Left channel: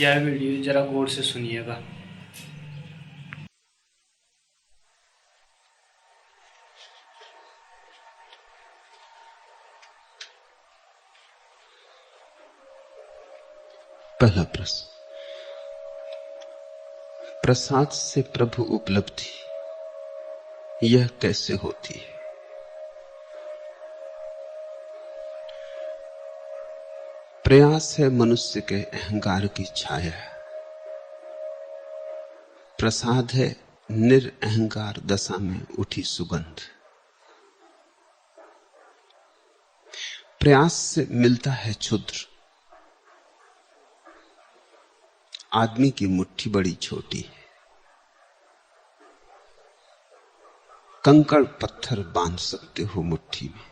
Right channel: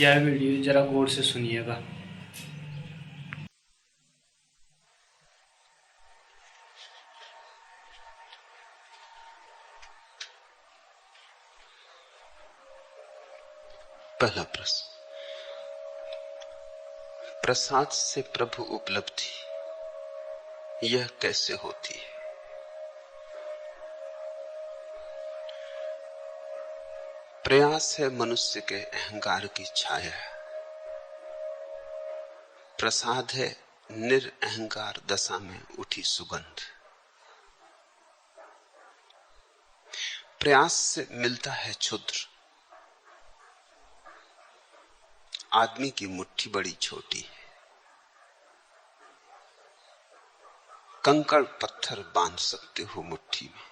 यह वीडियो जरा गौर से सुनिएगा। पहला प्रश्न, प्रसाद से प्रभु उपलब्धि यह कैसे होती है? प्रयास है मनुष्य के अहंकार की छाया, प्रसाद है निरअहंकार दशा में उठी सुगंध। प्रयास से मिलता है क्षुद्र, आदमी की मुट्ठी बड़ी छोटी है। कंकड़ पत्थर बांध सकते हो मुट्ठी में,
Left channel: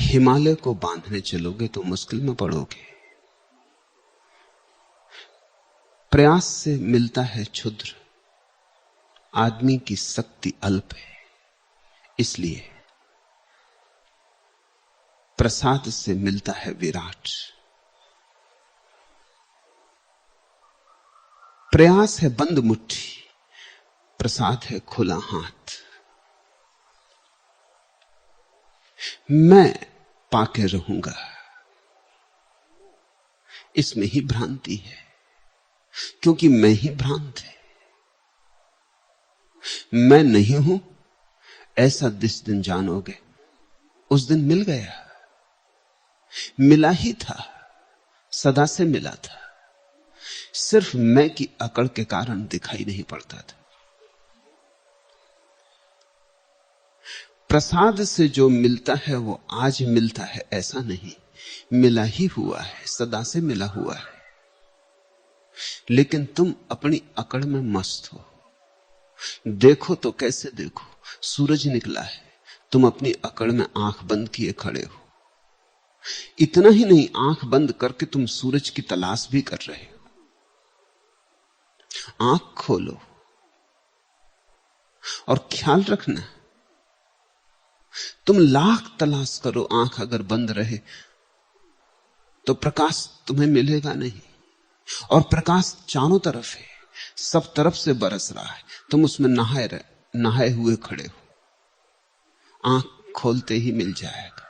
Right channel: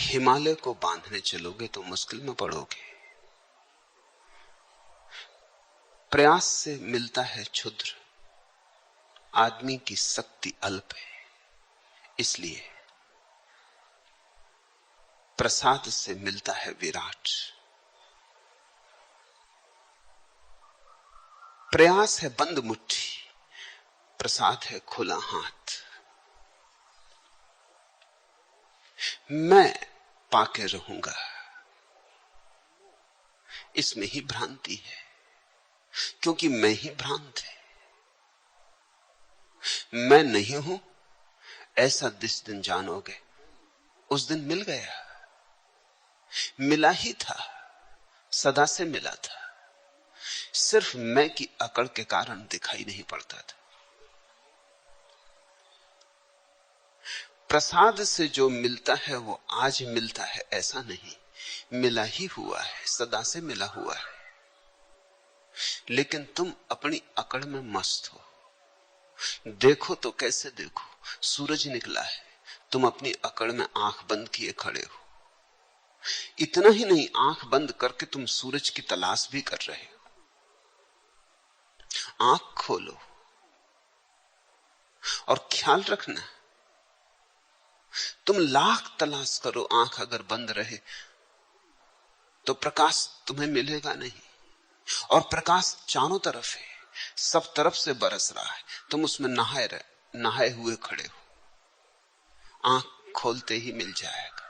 हिमालय को बांधने चलोगे तो मुश्किल में पड़ोगे। प्रयास से मिलता है क्षुद्र, आदमी की शक्ति अल्प है, इसलिए प्रसाद से मिलता है विराट। प्रयास है बंद मुट्ठी, प्रसाद है खुला हाथ। मैं पाके रहूंगा, इसमें ही भ्रांति है, क्योंकि मैं ही भ्रांत है। मैं नहीं हूं ऐसा जिस दिन जानोगे उस दिन मिल गया, मिला ही था, सदा से मिला था, सिर्फ मैं की अकड़ के कारण दिखाई नहीं पड़ता था। प्रसाद से जो मिलता है वो आज मिलता है ऐसा नहीं, मिला ही हुआ है, सदा से मिला हुआ है। लेकिन तुम अपनी अकड़ में मस्त हो। देखो तो कैसे देखो, सूरज निकला है, तुम अपनी अकड़ में आंख बंद किए खड़े हो। इतना ही नहीं, आंख बंद करके तुम सूरज की तलाश भी कर रहे हो। आंख खोलो और ख्याल रखना, तुम लाख तलाश करो, आंख अगर बंद रहे तो प्रकाश तुम्हें मिलेगा नहीं। और प्रकाश चारों तरफ है, सब तरफ से बरस रहा है, तुम उसमें नहाए हुए खड़े हो। आंख खोलते ही मिल जाएगा।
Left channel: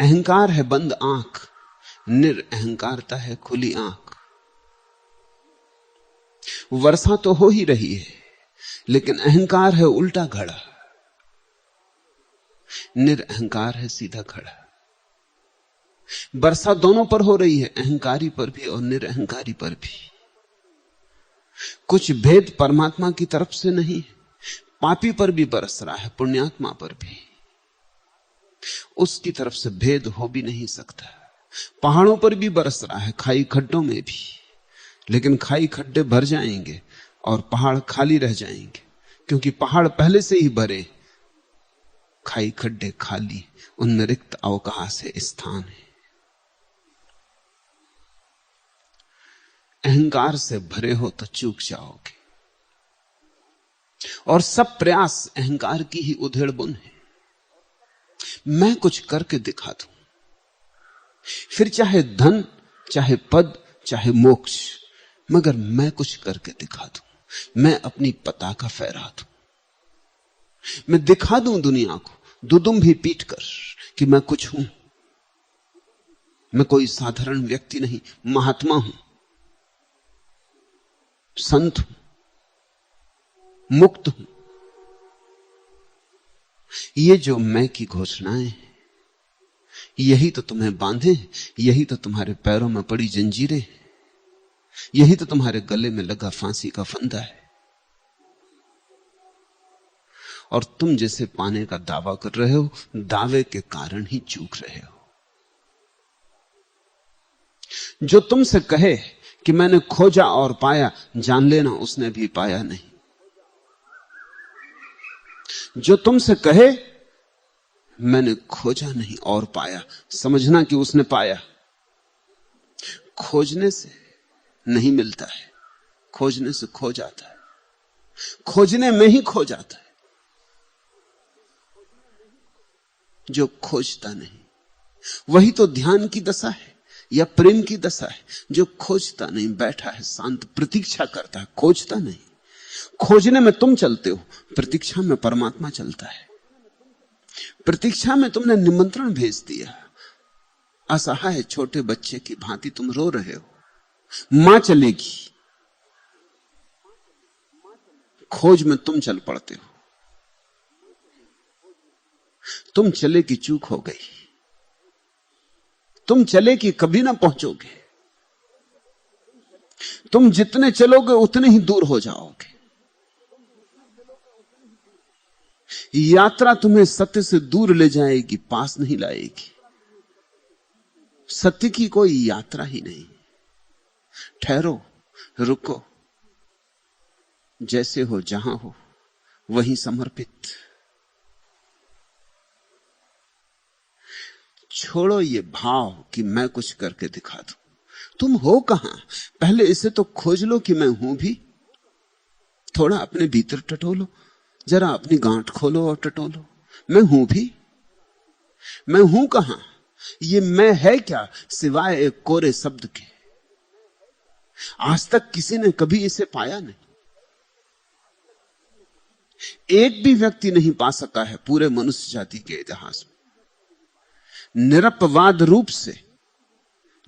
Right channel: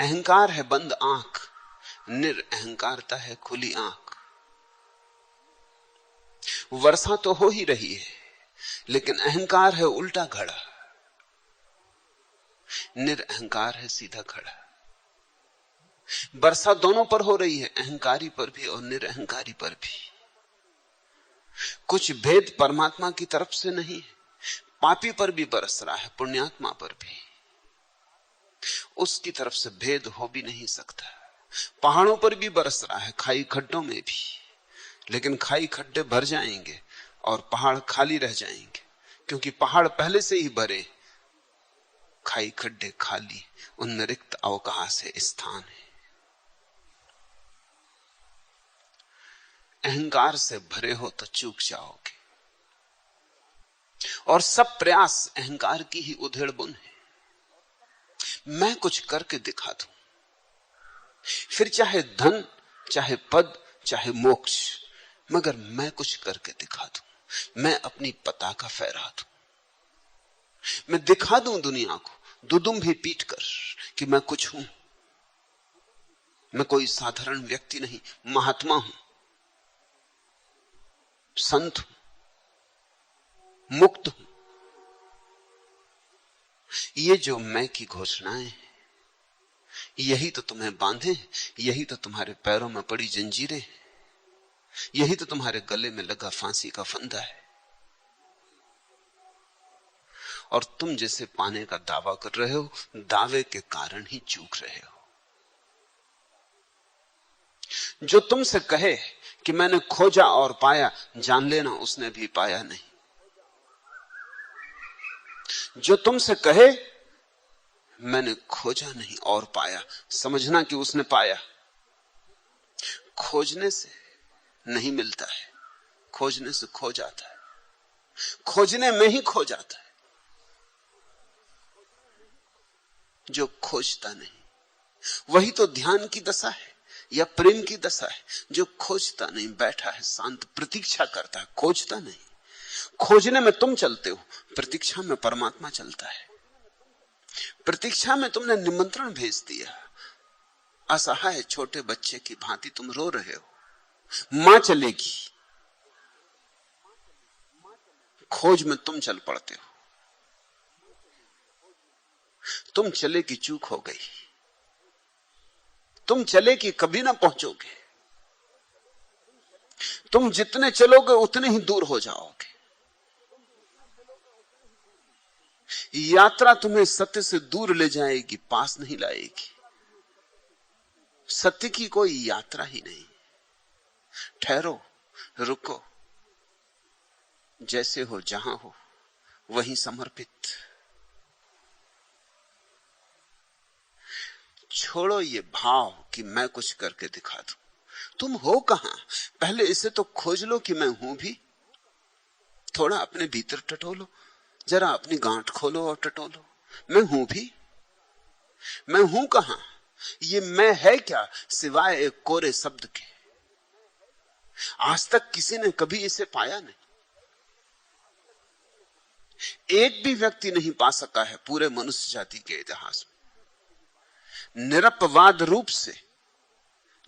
अहंकार है बंद आंख, निरअहंकारता है खुली आंख। वर्षा तो हो ही रही है, लेकिन अहंकार है उल्टा खड़ा, निरअहंकार है सीधा खड़ा। वर्षा दोनों पर हो रही है, अहंकारी पर भी और निरअहंकारी पर भी। कुछ भेद परमात्मा की तरफ से नहीं, पापी पर भी बरस रहा है, पुण्यात्मा पर भी। उसकी तरफ से भेद हो भी नहीं सकता। पहाड़ों पर भी बरस रहा है, खाई खड्डों में भी, लेकिन खाई खड्डे भर जाएंगे और पहाड़ खाली रह जाएंगे, क्योंकि पहाड़ पहले से ही भरे, खाई खड्डे खाली, उनमें रिक्त अवकाश है, स्थान है। अहंकार से भरे हो तो चूक जाओगे, और सब प्रयास अहंकार की ही उधेड़ बुन है। मैं कुछ करके दिखा दूं, फिर चाहे धन, चाहे पद, चाहे मोक्ष, मगर मैं कुछ करके दिखा दूं, मैं अपनी पताका फहरा दूं, मैं दिखा दूं दुनिया को दुदुम भी पीट कर कि मैं कुछ हूं। मैं कोई साधारण व्यक्ति नहीं, महात्मा हूं, संत हूं, मुक्त हूं। ये जो मैं की घोषणाएं, यही तो तुम्हें बांधे, यही तो तुम्हारे पैरों में पड़ी जंजीरें, यही तो तुम्हारे गले में लगा फांसी का फंदा है। और तुम जैसे पाने का दावा कर रहे हो, दावे के कारण ही चूक रहे हो। जो तुमसे कहे कि मैंने खोजा और पाया, जान लेना उसने भी पाया नहीं। जो तुमसे कहे मैंने खोजा नहीं और पाया, समझना कि उसने पाया। खोजने से नहीं मिलता है, खोजने से खो जाता है, खोजने में ही खो जाता है। जो खोजता नहीं, वही तो ध्यान की दशा है। या प्रेम की दशा है जो खोजता नहीं, बैठा है शांत, प्रतीक्षा करता है, खोजता नहीं। खोजने में तुम चलते हो, प्रतीक्षा में परमात्मा चलता है। प्रतीक्षा में तुमने निमंत्रण भेज दिया, असहाय छोटे बच्चे की भांति तुम रो रहे हो, मां चलेगी। खोज में तुम चल पड़ते हो, तुम चले की चूक हो गई, तुम चले कि कभी ना पहुंचोगे। तुम जितने चलोगे उतने ही दूर हो जाओगे। यात्रा तुम्हें सत्य से दूर ले जाएगी, पास नहीं लाएगी। सत्य की कोई यात्रा ही नहीं। ठहरो, रुको, जैसे हो जहां हो वहीं समर्पित। छोड़ो ये भाव कि मैं कुछ करके दिखा दूं। तुम हो कहां, पहले इसे तो खोज लो कि मैं हूं भी। थोड़ा अपने भीतर टटोलो, जरा अपनी गांठ खोलो और टटोलो। मैं हूं भी, मैं हूं कहां? ये मैं है क्या सिवाय एक कोरे शब्द के? आज तक किसी ने कभी इसे पाया नहीं। एक भी व्यक्ति नहीं पा सका है पूरे मनुष्य जाति के इतिहास में। निरपवाद रूप से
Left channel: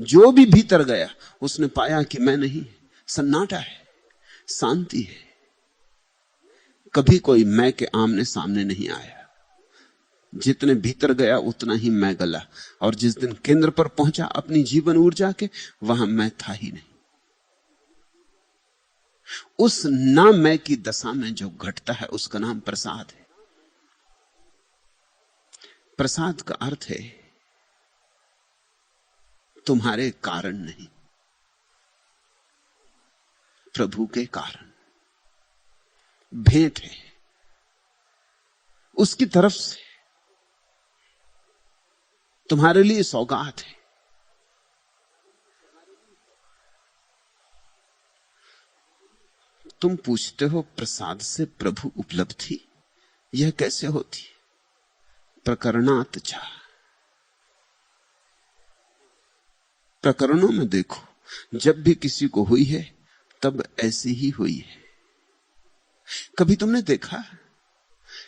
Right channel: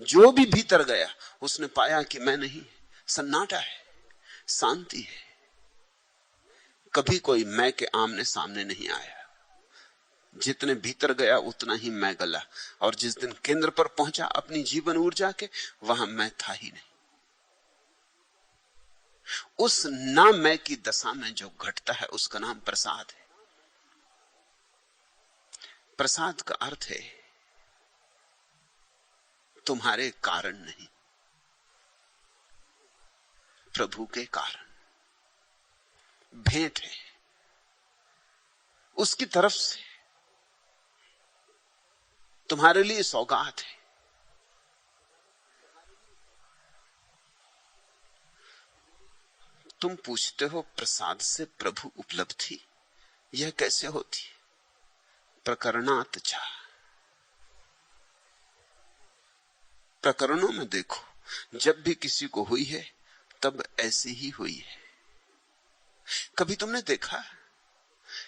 जो भी भीतर गया उसने पाया कि मैं नहीं, सन्नाटा है, शांति है। कभी कोई मैं के आमने सामने नहीं आया। जितने भीतर गया उतना ही मैं गला, और जिस दिन केंद्र पर पहुंचा अपनी जीवन ऊर्जा के, वहां मैं था ही नहीं। उस ना मैं की दशा में जो घटता है उसका नाम प्रसाद है। प्रसाद का अर्थ है तुम्हारे कारण नहीं, प्रभु के कारण। भेंट है उसकी तरफ से, तुम्हारे लिए सौगात है। तुम पूछते हो प्रसाद से प्रभु उपलब्धि यह कैसे होती? प्रकरणात च, प्रकरणों में देखो, जब भी किसी को हुई है तब ऐसी ही हुई है। कभी तुमने देखा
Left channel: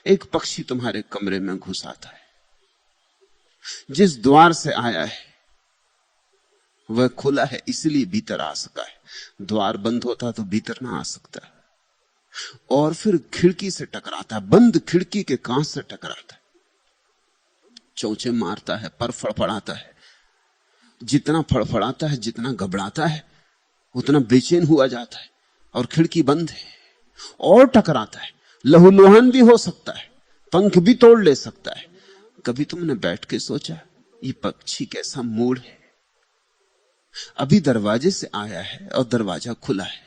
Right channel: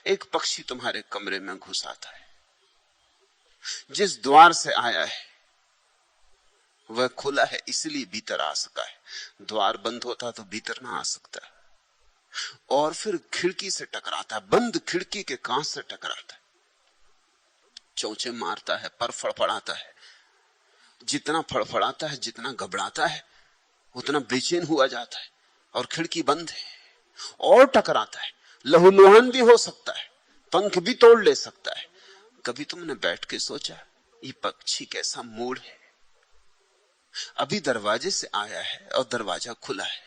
एक पक्षी तुम्हारे कमरे में घुस आता है, जिस द्वार से आया है वह खुला है इसलिए भीतर आ सका है, द्वार बंद होता तो भीतर ना आ सकता। और फिर खिड़की से टकराता, बंद खिड़की के कांच से टकराता, चौंचे मारता है, पर फड़फड़ाता है। जितना फड़फड़ाता है, जितना घबराता है, उतना बेचैन हुआ जाता है। और खिड़की बंद है, और टकराता है, लहूलुहान भी हो सकता है, पंख भी तोड़ ले सकता है। कभी तुमने बैठ के सोचा ये पक्षी कैसा मूड है? अभी दरवाजे से आया है और दरवाजा खुला है,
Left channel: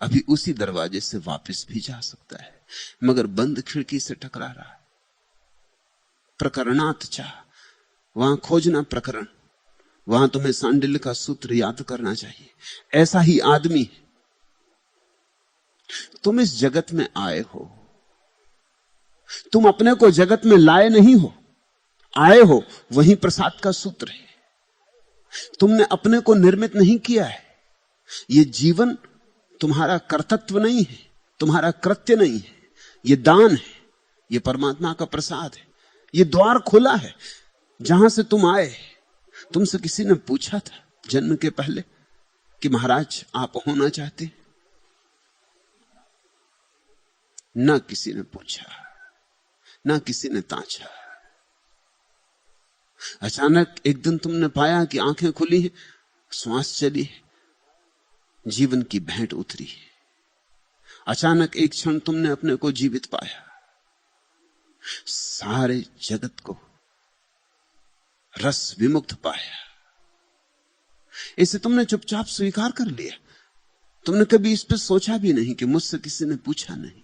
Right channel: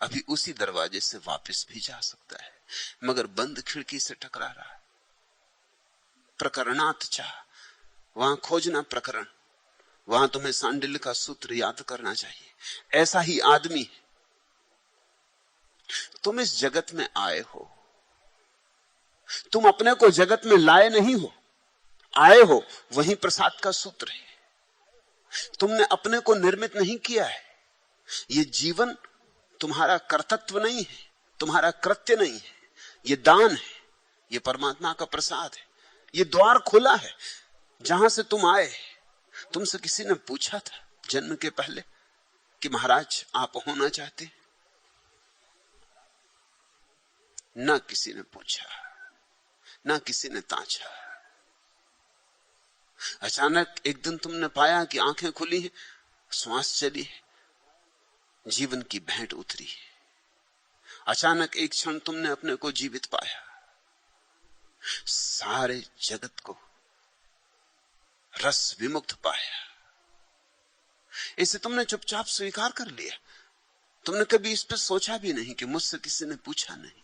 अभी उसी दरवाजे से वापस भी जा सकता है, मगर बंद खिड़की से टकरा रहा है। प्रकरणात चा, वहां खोजना प्रकरण, वहां तुम्हें सांडिल्य का सूत्र याद करना चाहिए। ऐसा ही आदमी है। तुम इस जगत में आए हो, तुम अपने को जगत में लाए नहीं हो, आए हो, वही प्रसाद का सूत्र है। तुमने अपने को निर्मित नहीं किया है। ये जीवन तुम्हारा कर्तव्य नहीं है, तुम्हारा कृत्य नहीं है, ये दान है, ये परमात्मा का प्रसाद है। ये द्वार खुला है जहां से तुम आए। तुमसे किसी ने पूछा था जन्म के पहले कि महाराज आप होना चाहते? ना किसी ने पूछा, ना किसी ने ताचा। अचानक एक दिन तुमने पाया कि आंखें खुली हैं, श्वास चली, जीवन की भेंट उतरी। अचानक एक क्षण तुमने अपने को जीवित पाया, सारे जगत को रस विमुक्त पाया। इसे तुमने चुपचाप स्वीकार कर लिया। तुमने कभी इस पर सोचा भी नहीं कि मुझसे किसी ने पूछा नहीं,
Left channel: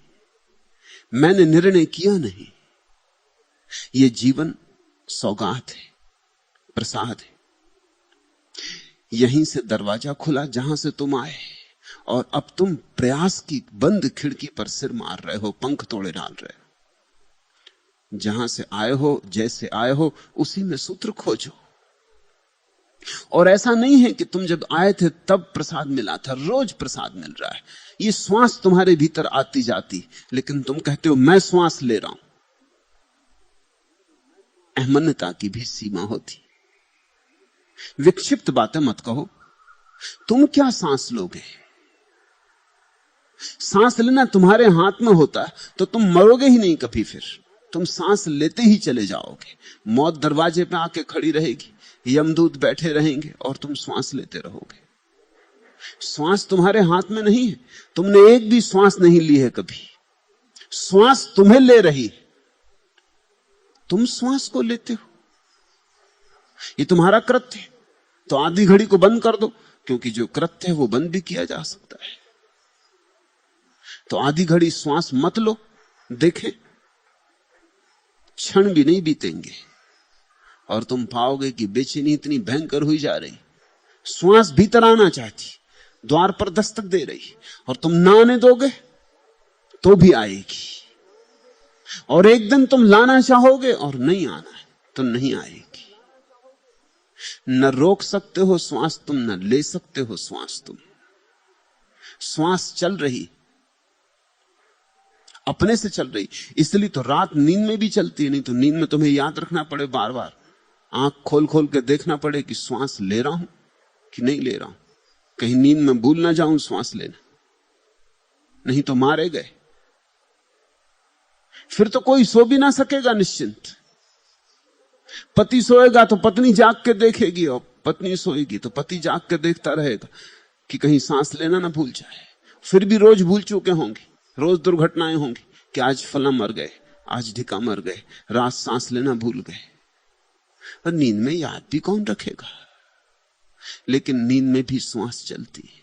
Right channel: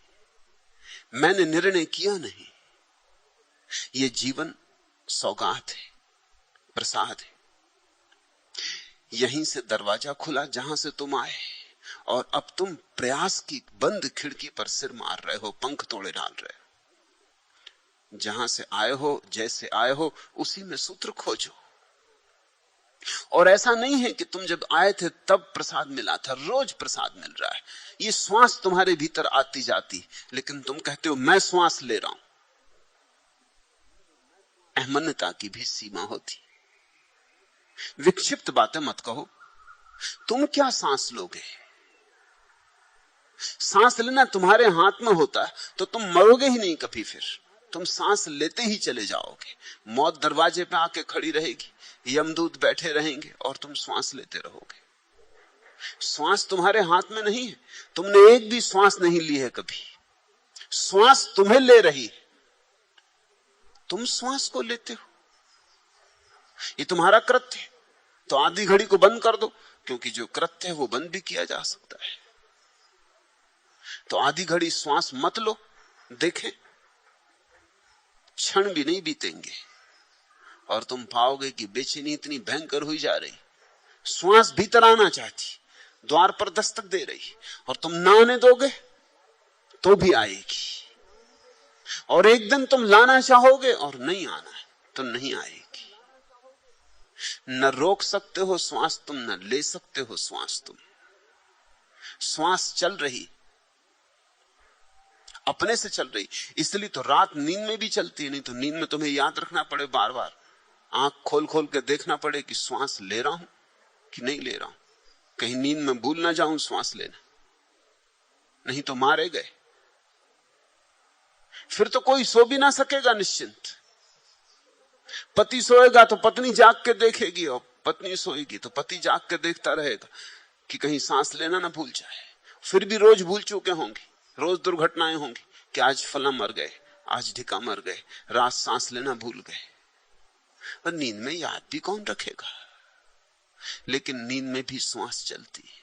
मैंने निर्णय किया नहीं। यह जीवन सौगात है, प्रसाद है। यहीं से दरवाजा खुला जहां से तुम आए, और अब तुम प्रयास की बंद खिड़की पर सिर मार रहे हो, पंख तोड़े डाल रहे हो। जहां से आए हो, जैसे आए हो, उसी में सूत्र खोजो। और ऐसा नहीं है कि तुम जब आए थे तब प्रसाद मिला था, रोज प्रसाद मिल रहा है। ये श्वास तुम्हारे भीतर आती जाती, लेकिन तुम कहते हो मैं श्वास ले रहा हूं। अहमन्यता की भी सीमा होती। विक्षिप्त बातें मत कहो। तुम क्या सांस लोगे? सांस लेना तुम्हारे हाथ में होता तो तुम मरोगे ही नहीं कभी। फिर तुम सांस लेते ही चले जाओगे। मौत दरवाजे पे आके खड़ी रहेगी, यमदूत बैठे रहेंगे और तुम श्वास लेते रहोगे। श्वास तुम्हारे हाथ में नहीं है। तुमने एक भी श्वास नहीं ली है कभी। श्वास तुम्हें ले रही है, तुम श्वास को लेते हो। ये तुम्हारा कृत्य है। तो आधी घड़ी को बंद कर दो, क्योंकि जो कृत्य है वो बंद भी किया जा सकता है। तो आधी घड़ी श्वास मत लो, देखे क्षण भी नहीं बीतेंगे और तुम पाओगे कि बेचैनी इतनी भयंकर हुई जा रही। श्वास भीतर आना चाहती, द्वार पर दस्तक दे रही, और तुम ना आने दोगे तो भी आएगी। और एक दिन तुम लाना चाहोगे और नहीं आना तो नहीं आएगी। न रोक सकते हो श्वास तुम, न ले सकते हो श्वास तुम। श्वास चल रही, अपने से चल रही। इसलिए तो रात नींद में भी चलती है। नहीं तो नींद में तुम्हें याद रखना पड़े, बार बार आंख खोल खोल के देखना पड़े कि श्वास ले रहा हूं कि नहीं ले रहा हूं। कहीं नींद में भूल ना जाऊं श्वास लेना, नहीं तो मारे गए। फिर तो कोई सो भी ना सकेगा निश्चिंत। पति सोएगा तो पत्नी जाग के देखेगी, और पत्नी सोएगी तो पति जाग के देखता रहेगा कि कहीं सांस लेना ना भूल जाए। फिर भी रोज भूल चुके होंगे, रोज दुर्घटनाएं होंगी कि आज फला मर गए, आज ढिका मर गए, रात सांस लेना भूल गए। पर नींद में याद भी कौन रखेगा? लेकिन नींद में भी श्वास चलती है।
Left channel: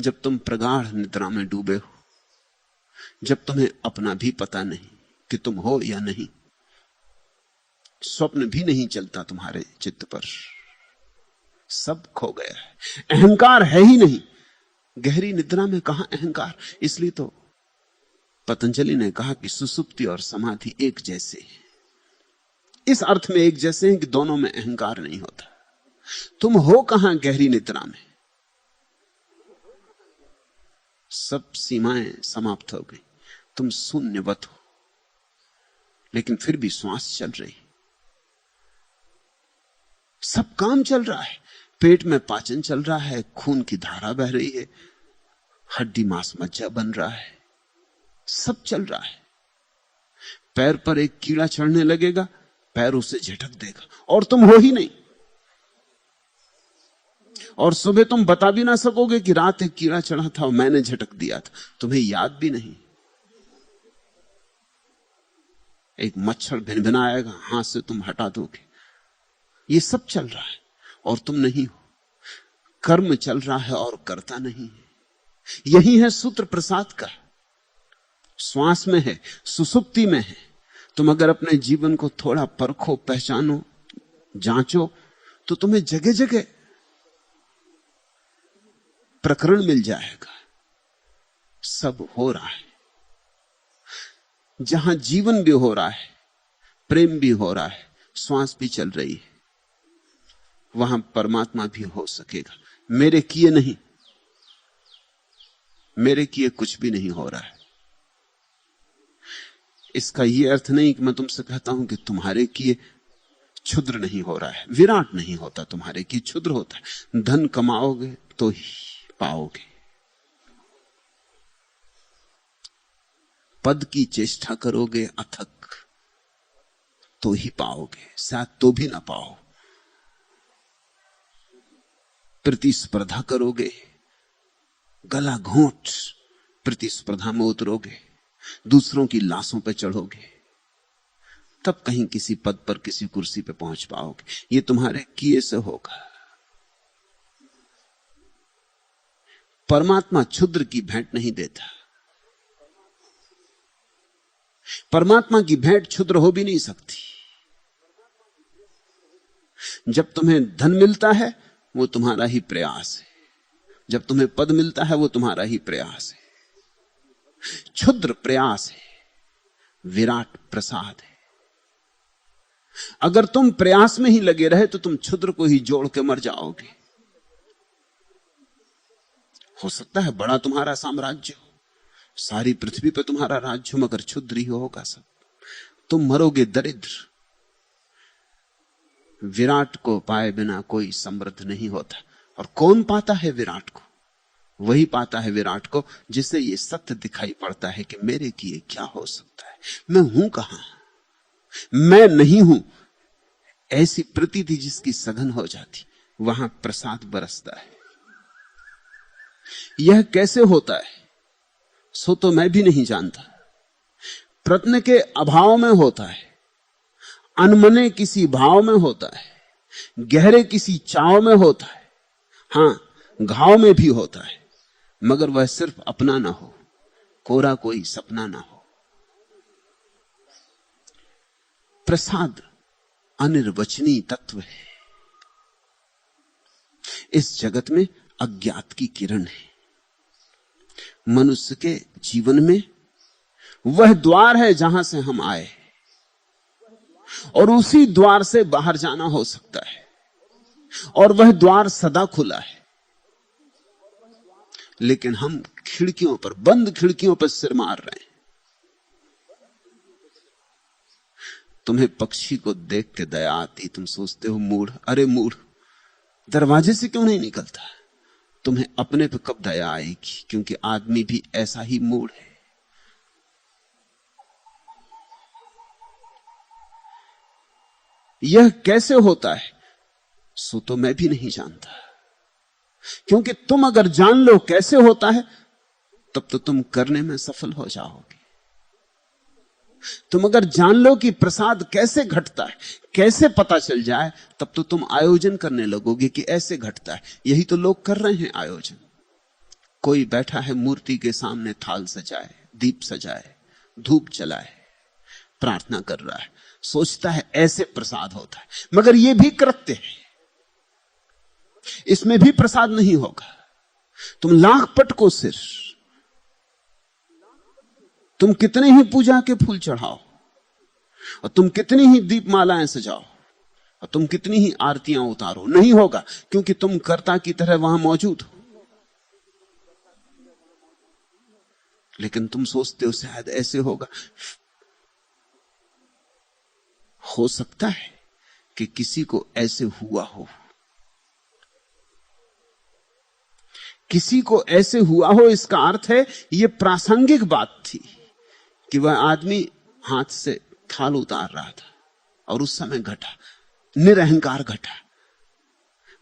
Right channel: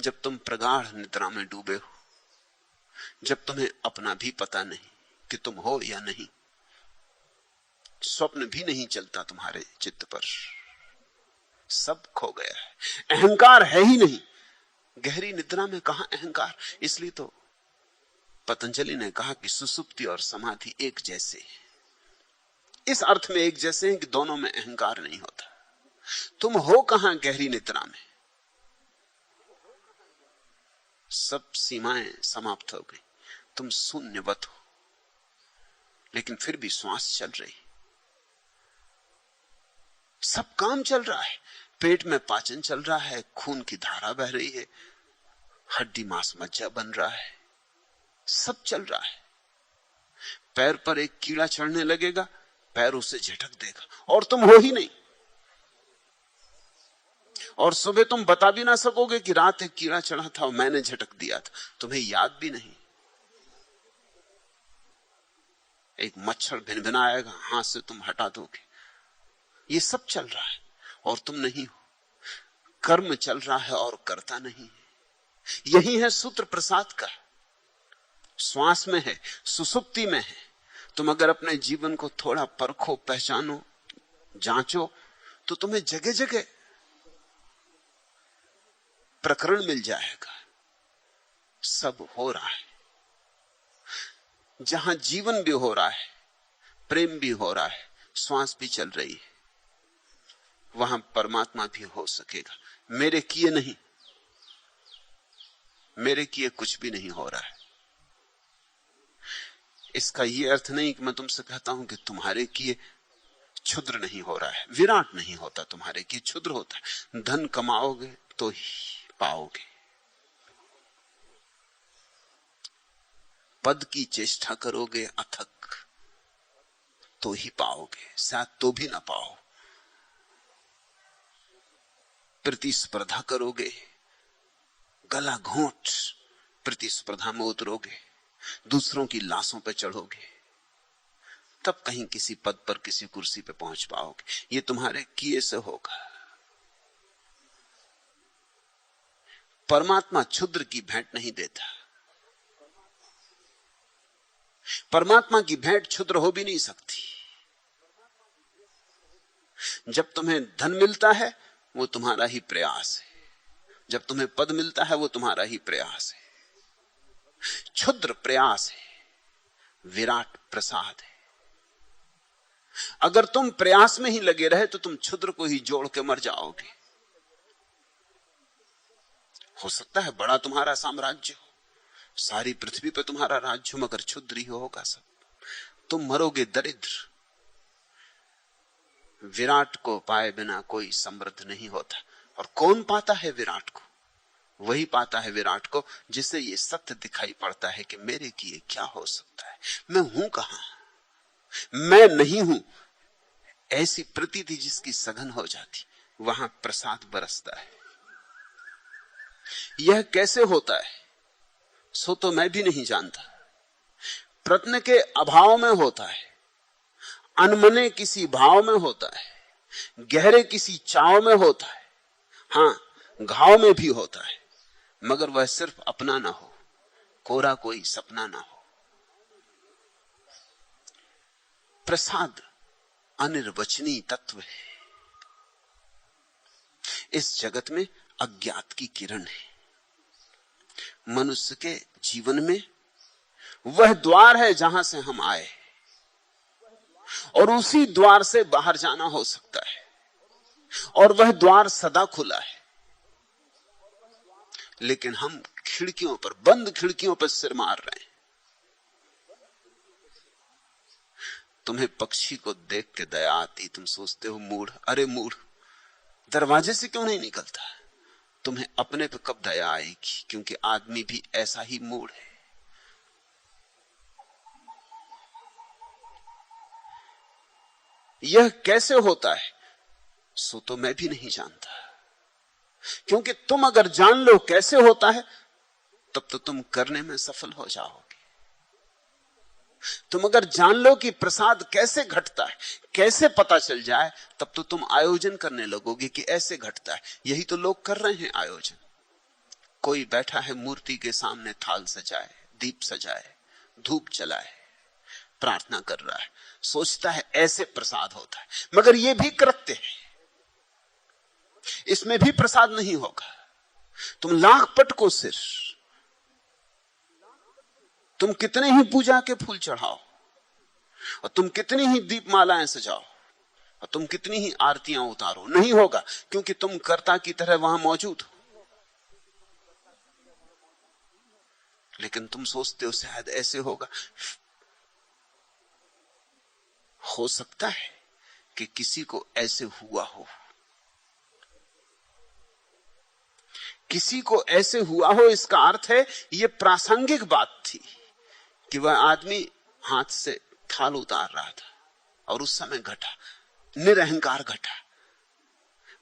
जब तुम प्रगाढ़ निद्रा में डूबे हो, जब तुम्हें अपना भी पता नहीं कि तुम हो या नहीं, स्वप्न भी नहीं चलता तुम्हारे चित्त पर, सब खो गया है, अहंकार है ही नहीं। गहरी निद्रा में कहां अहंकार? इसलिए तो पतंजलि ने कहा कि सुसुप्ति और समाधि एक जैसे हैं। इस अर्थ में एक जैसे हैं कि दोनों में अहंकार नहीं होता। तुम हो कहां गहरी निद्रा में? सब सीमाएं समाप्त हो गई, तुम शून्यवत हो। लेकिन फिर भी श्वास चल रही, सब काम चल रहा है। पेट में पाचन चल रहा है, खून की धारा बह रही है, हड्डी मांस मज्जा बन रहा है, सब चल रहा है। पैर पर एक कीड़ा चढ़ने लगेगा, पैर उसे झटक देगा और तुम हो ही नहीं। और सुबह तुम बता भी ना सकोगे कि रात एक कीड़ा चढ़ा था और मैंने झटक दिया था, तुम्हें याद भी नहीं। एक मच्छर भिनभिनाएगा, हाथ से तुम हटा दोगे। ये सब चल रहा है और तुम नहीं हो। कर्म चल रहा है और करता नहीं है। यही है सूत्र प्रसाद का। श्वास में है, सुसुप्ति में है। तुम अगर अपने जीवन को थोड़ा परखो, पहचानो, जांचो, तो तुम्हें जगह जगह प्रकरण मिल जाएगा। सब हो रहा है। जहां जीवन भी हो रहा है, प्रेम भी हो रहा है, श्वास भी चल रही है, वहां परमात्मा भी हो सकेगा। मेरे किए नहीं, मेरे किए कुछ भी नहीं हो रहा है। इसका यह अर्थ नहीं कि मैं तुमसे कहता हूं कि तुम्हारे किए क्षुद्र नहीं हो रहा है। विराट नहीं होता, तुम्हारे किए क्षुद्र होता है। धन कमाओगे तो ही पाओगे, पद की चेष्टा करोगे अथक तो ही पाओगे, शायद तो भी ना पाओ। प्रतिस्पर्धा करोगे, गला घोंट प्रतिस्पर्धा में उतरोगे, दूसरों की लाशों पर चढ़ोगे, तब कहीं किसी पद पर, किसी कुर्सी पर पहुंच पाओगे। ये तुम्हारे किए से होगा। परमात्मा क्षुद्र की भेंट नहीं देता। परमात्मा की भेंट क्षुद्र हो भी नहीं सकती। जब तुम्हें धन मिलता है वो तुम्हारा ही प्रयास है, जब तुम्हें पद मिलता है वो तुम्हारा ही प्रयास है। क्षुद्र प्रयास है, विराट प्रसाद है। अगर तुम प्रयास में ही लगे रहे तो तुम क्षुद्र को ही जोड़ के मर जाओगे। हो सकता है बड़ा तुम्हारा साम्राज्य हो, सारी पृथ्वी पर तुम्हारा राज्य, मगर क्षुद्र ही होगा सब। तुम मरोगे दरिद्र। विराट को पाए बिना कोई समृद्ध नहीं होता। और कौन पाता है विराट को? वही पाता है विराट को जिसे ये सत्य दिखाई पड़ता है कि मेरे किए क्या हो सकता है, मैं हूं कहां, मैं नहीं हूं। ऐसी प्रतीति जिसकी सघन हो जाती, वहां प्रसाद बरसता है। यह कैसे होता है सो तो मैं भी नहीं जानता। प्रत्न के अभाव में होता है, अनमने किसी भाव में होता है, गहरे किसी चाव में होता है, हां घाव में भी होता है, मगर वह सिर्फ अपना ना हो, कोरा कोई सपना ना हो। प्रसाद अनिर्वचनीय तत्व है। इस जगत में अज्ञात की किरण है। मनुष्य के जीवन में वह द्वार है जहां से हम आए, और उसी द्वार से बाहर जाना हो सकता है, और वह द्वार सदा खुला है। लेकिन हम खिड़कियों पर, बंद खिड़कियों पर सिर मार रहे हैं। तुम्हें पक्षी को देख के दया आती, तुम सोचते हो मूढ़, अरे मूढ़, दरवाजे से क्यों नहीं निकलता? तुम्हें अपने पे कब दया आएगी? क्योंकि आदमी भी ऐसा ही मूढ़ है। यह कैसे होता है सो तो मैं भी नहीं जानता। क्योंकि तुम अगर जान लो कैसे होता है, तब तो तुम करने में सफल हो जाओगे। तुम अगर जान लो कि प्रसाद कैसे घटता है, कैसे पता चल जाए, तब तो तुम आयोजन करने लगोगे कि ऐसे घटता है। यही तो लोग कर रहे हैं आयोजन। कोई बैठा है मूर्ति के सामने, थाल सजाए, दीप सजाए, धूप जलाए, प्रार्थना कर रहा है, सोचता है ऐसे प्रसाद होता है। मगर यह भी कृत्य है, इसमें भी प्रसाद नहीं होगा। तुम लाख पटको सिर, तुम कितने ही पूजा के फूल चढ़ाओ, और तुम कितनी ही दीपमालाएं सजाओ, और तुम कितनी ही आरतियां उतारो, नहीं होगा। क्योंकि तुम कर्ता की तरह वहां मौजूद हो। लेकिन तुम सोचते हो शायद ऐसे होगा। हो सकता है कि किसी को ऐसे हुआ हो, किसी को ऐसे हुआ हो। इसका अर्थ है यह प्रासंगिक बात थी कि वह आदमी हाथ से थाल उतार रहा था और उस समय घटा, निरअहंकार घटा।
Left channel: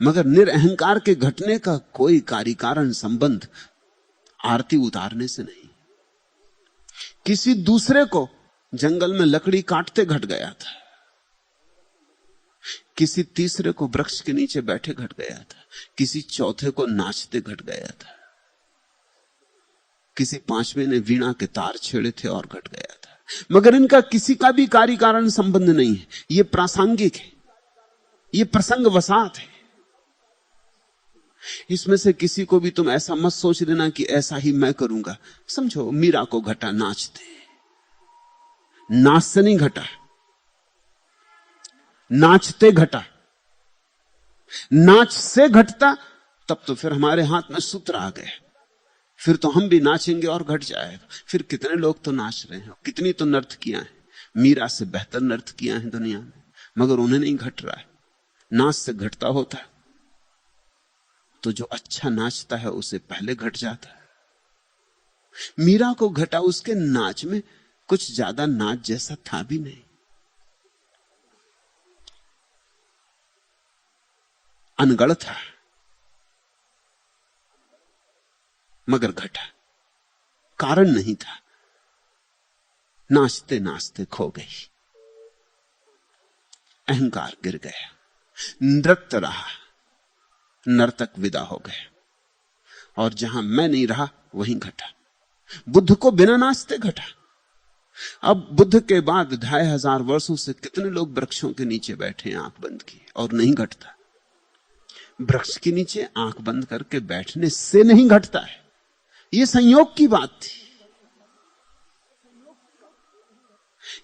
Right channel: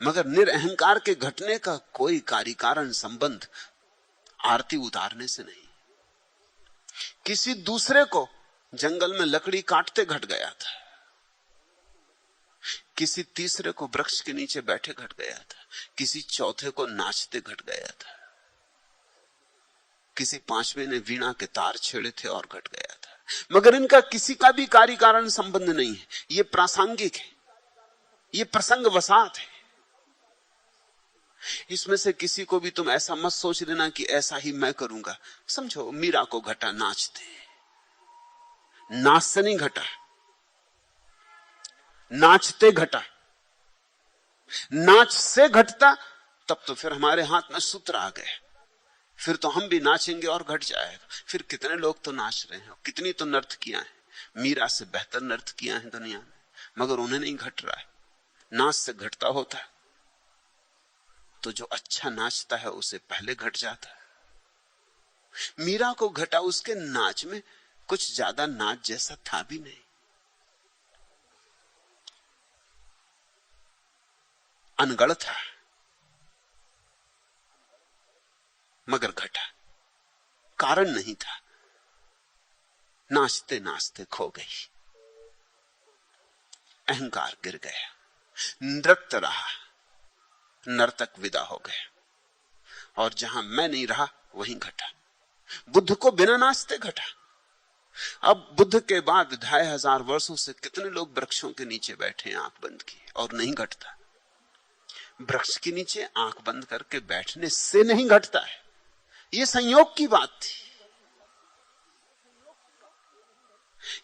मगर निरअहंकार के घटने का कोई कार्य कारण संबंध आरती उतारने से नहीं। किसी दूसरे को जंगल में लकड़ी काटते घट गया था, किसी तीसरे को वृक्ष के नीचे बैठे घट गया था, किसी चौथे को नाचते घट गया था, किसी पांचवें ने वीणा के तार छेड़े थे और घट गया था। मगर इनका किसी का भी कार्य कारण संबंध नहीं है। यह प्रासंगिक है, यह प्रसंग वसात है। इसमें से किसी को भी तुम ऐसा मत सोच लेना कि ऐसा ही मैं करूंगा। समझो मीरा को घटा नाचते, नाच से नहीं घटा, नाचते घटा। नाच से घटता तब तो फिर हमारे हाथ में सूत्र आ गए, फिर तो हम भी नाचेंगे और घट जाएगा। फिर कितने लोग तो नाच रहे हैं, कितनी तो नर्तकियां हैं, मीरा से बेहतर नर्तकियां हैं दुनिया में, मगर उन्हें नहीं घट रहा है। नाच से घटता होता है तो जो अच्छा नाचता है उसे पहले घट जाता है। मीरा को घटा, उसके नाच में कुछ ज्यादा नाच जैसा था भी नहीं, अनगढ़ था, मगर घटा, कारण नहीं था। नाचते नाचते खो गई, अहंकार गिर गया, नृत्य रहा, नर्तक विदा हो गया, और जहां मैं नहीं रहा वहीं घटा। बुद्ध को बिना नाचते घटा। अब बुद्ध के बाद 2500 वर्षों से कितने लोग वृक्षों के नीचे बैठे आंख बंद की और नहीं घटता। वृक्ष के नीचे आंख बंद करके बैठने से नहीं घटता है, यह संयोग की बात थी।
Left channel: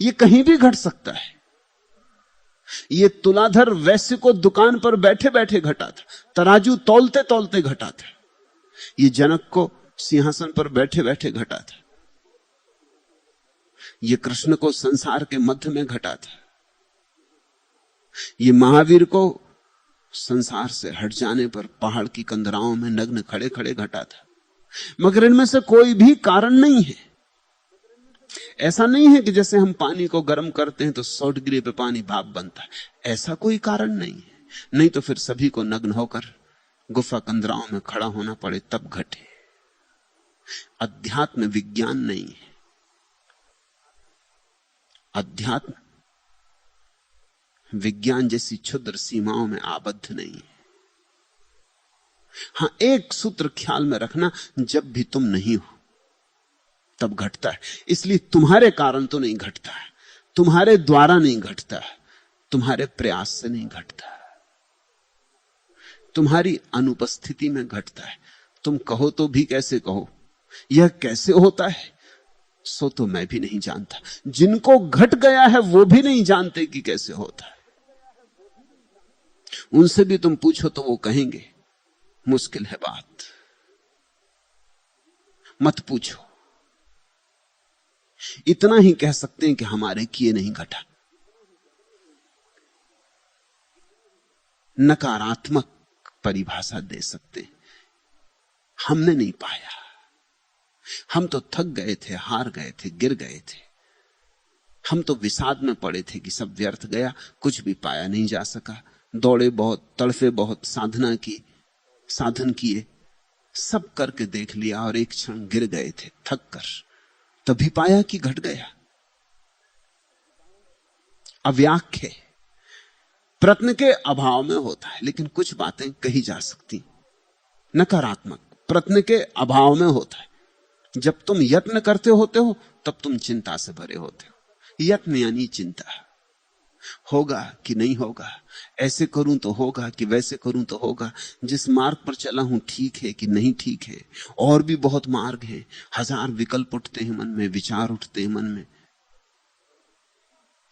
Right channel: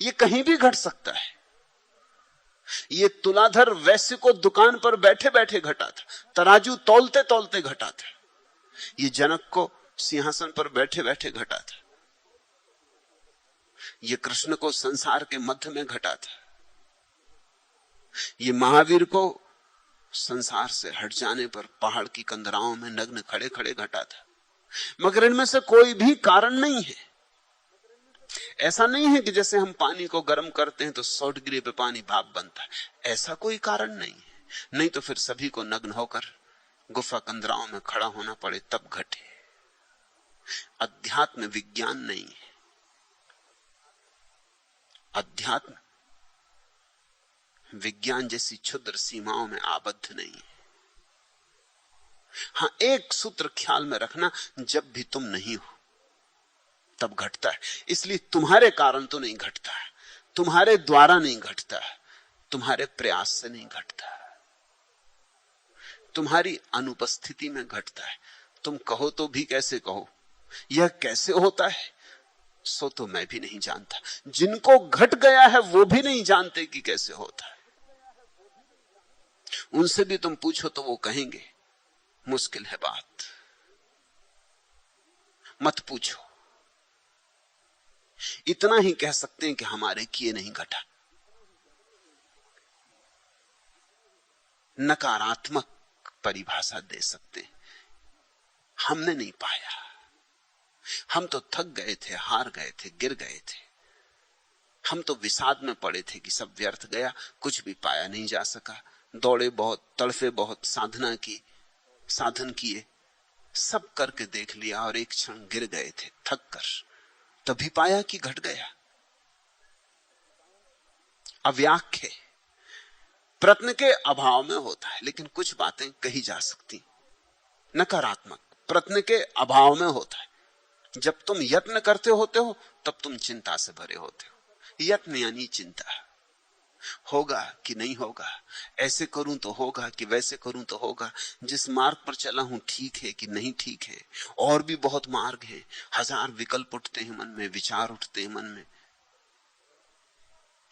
यह कहीं भी घट सकता है। ये तुलाधर वैश्य को दुकान पर बैठे बैठे घटा था, तराजू तौलते तौलते घटा था। ये जनक को सिंहासन पर बैठे बैठे घटा था। ये कृष्ण को संसार के मध्य में घटा था। ये महावीर को संसार से हट जाने पर पहाड़ की कंदराओं में नग्न खड़े खड़े घटा था। मगर इनमें से कोई भी कारण नहीं है। ऐसा नहीं है कि जैसे हम पानी को गर्म करते हैं तो 100 डिग्री पे पानी भाप बनता है, ऐसा कोई कारण नहीं। नहीं तो फिर सभी को नग्न होकर गुफा कंदराओं में खड़ा होना पड़े तब घटे। अध्यात्म विज्ञान नहीं है। अध्यात्म विज्ञान जैसी क्षुद्र सीमाओं में आबद्ध नहीं है। हां, एक सूत्र ख्याल में रखना, जब भी तुम नहीं हो तब घटता है। इसलिए तुम्हारे कारण तो नहीं घटता है, तुम्हारे द्वारा नहीं घटता है, तुम्हारे प्रयास से नहीं घटता, तुम्हारी अनुपस्थिति में घटता है। तुम कहो तो भी कैसे कहो, यह कैसे होता है सो तो मैं भी नहीं जानता। जिनको घट गया है वो भी नहीं जानते कि कैसे होता है। उनसे भी तुम पूछो तो वो कहेंगे मुश्किल है बात, मत पूछो। इतना ही कह सकते हैं कि हमारे किए नहीं घटा। नकारात्मक परिभाषा दे सकते हैं, हमने नहीं पाया। हम तो थक गए थे, हार गए थे, गिर गए थे। हम तो विषाद में पड़े थे कि सब व्यर्थ गया, कुछ भी पाया नहीं जा सका। दौड़े बहुत, तड़फे बहुत, साधना की, साधन किए, सब करके देख लिया और एक क्षण गिर गए थे थक कर। तभी पाया कि घट गया। अव्याख्य प्रश्न के अभाव में होता है, लेकिन कुछ बातें कही जा सकती। नकारात्मक प्रश्न के अभाव में होता है। जब तुम यत्न करते होते हो तब तुम चिंता से भरे होते हो। यत्न यानी चिंता, होगा कि नहीं होगा, ऐसे करूं तो होगा कि वैसे करूं तो होगा, जिस मार्ग पर चला हूं ठीक है कि नहीं ठीक है, और भी बहुत मार्ग है। हजार विकल्प उठते हैं मन में, विचार उठते हैं मन में।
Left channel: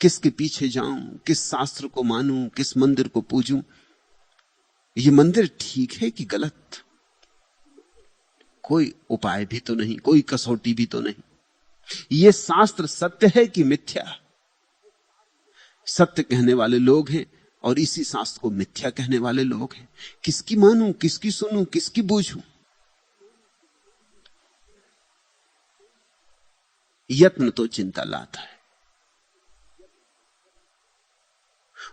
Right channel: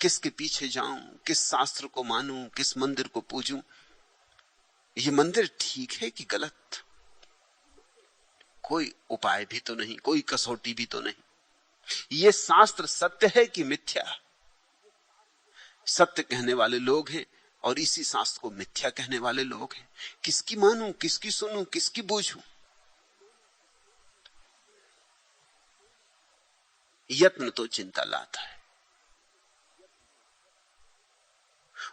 किसके पीछे जाऊं, किस शास्त्र को मानूं, किस मंदिर को पूजूं, ये मंदिर ठीक है कि गलत, कोई उपाय भी तो नहीं, कोई कसौटी भी तो नहीं। ये शास्त्र सत्य है कि मिथ्या, सत्य कहने वाले लोग हैं और इसी शास्त्र को मिथ्या कहने वाले लोग हैं। किसकी मानूं, किसकी सुनूं, किसकी बूझूं? यत्न तो चिंता लाता है,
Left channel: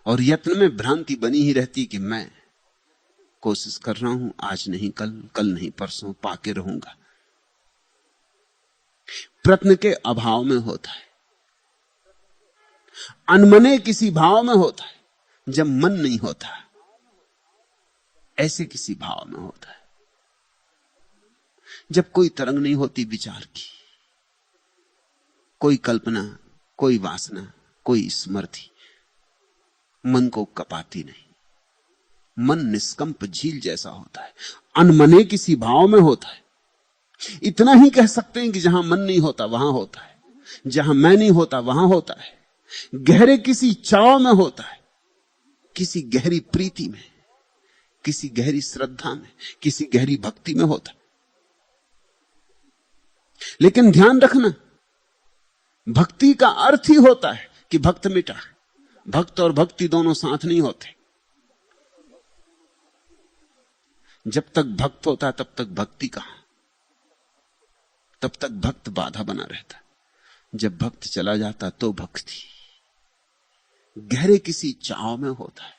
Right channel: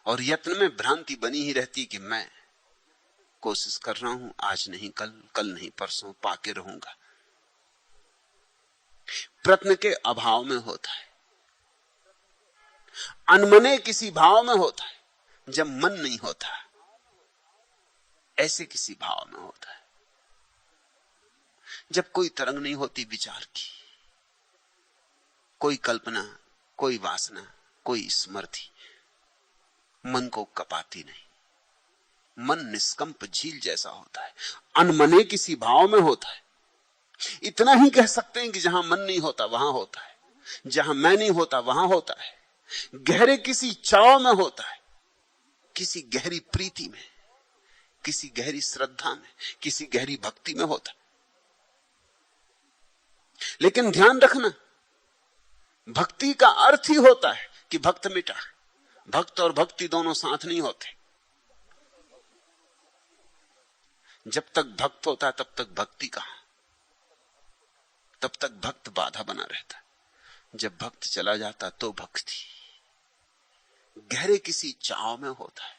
और यत्न में भ्रांति बनी ही रहती कि मैं कोशिश कर रहा हूं, आज नहीं कल, कल नहीं परसों पाके रहूंगा। प्रश्न के अभाव में होता है, अनमने किसी भाव में होता है। जब मन नहीं होता, ऐसे किसी भाव में होता है। जब कोई तरंग नहीं होती विचार की, कोई कल्पना, कोई वासना, कोई स्मृति मन को कपाती नहीं। मन निष्कंप झील जैसा होता है, अनमने किसी भाव में होता है। इतना ही कह सकते हैं कि जहां मन नहीं होता वहां होता है, जहां मैं नहीं होता वहां होता है। गहरे किसी चाव में होता है, किसी गहरी प्रीति में, किसी गहरी श्रद्धा में, किसी गहरी भक्ति में होता है। लेकिन ध्यान रखना, भक्ति का अर्थ ही होता है कि भक्त मिटा है। भक्त और भक्ति दोनों साथ नहीं होते। जब तक भक्त होता है तब तक भक्ति कहां, तब तक भक्त बाधा बना रहता है। जब भक्त चला जाता तो भक्ति गहरे किसी चाव में होता है।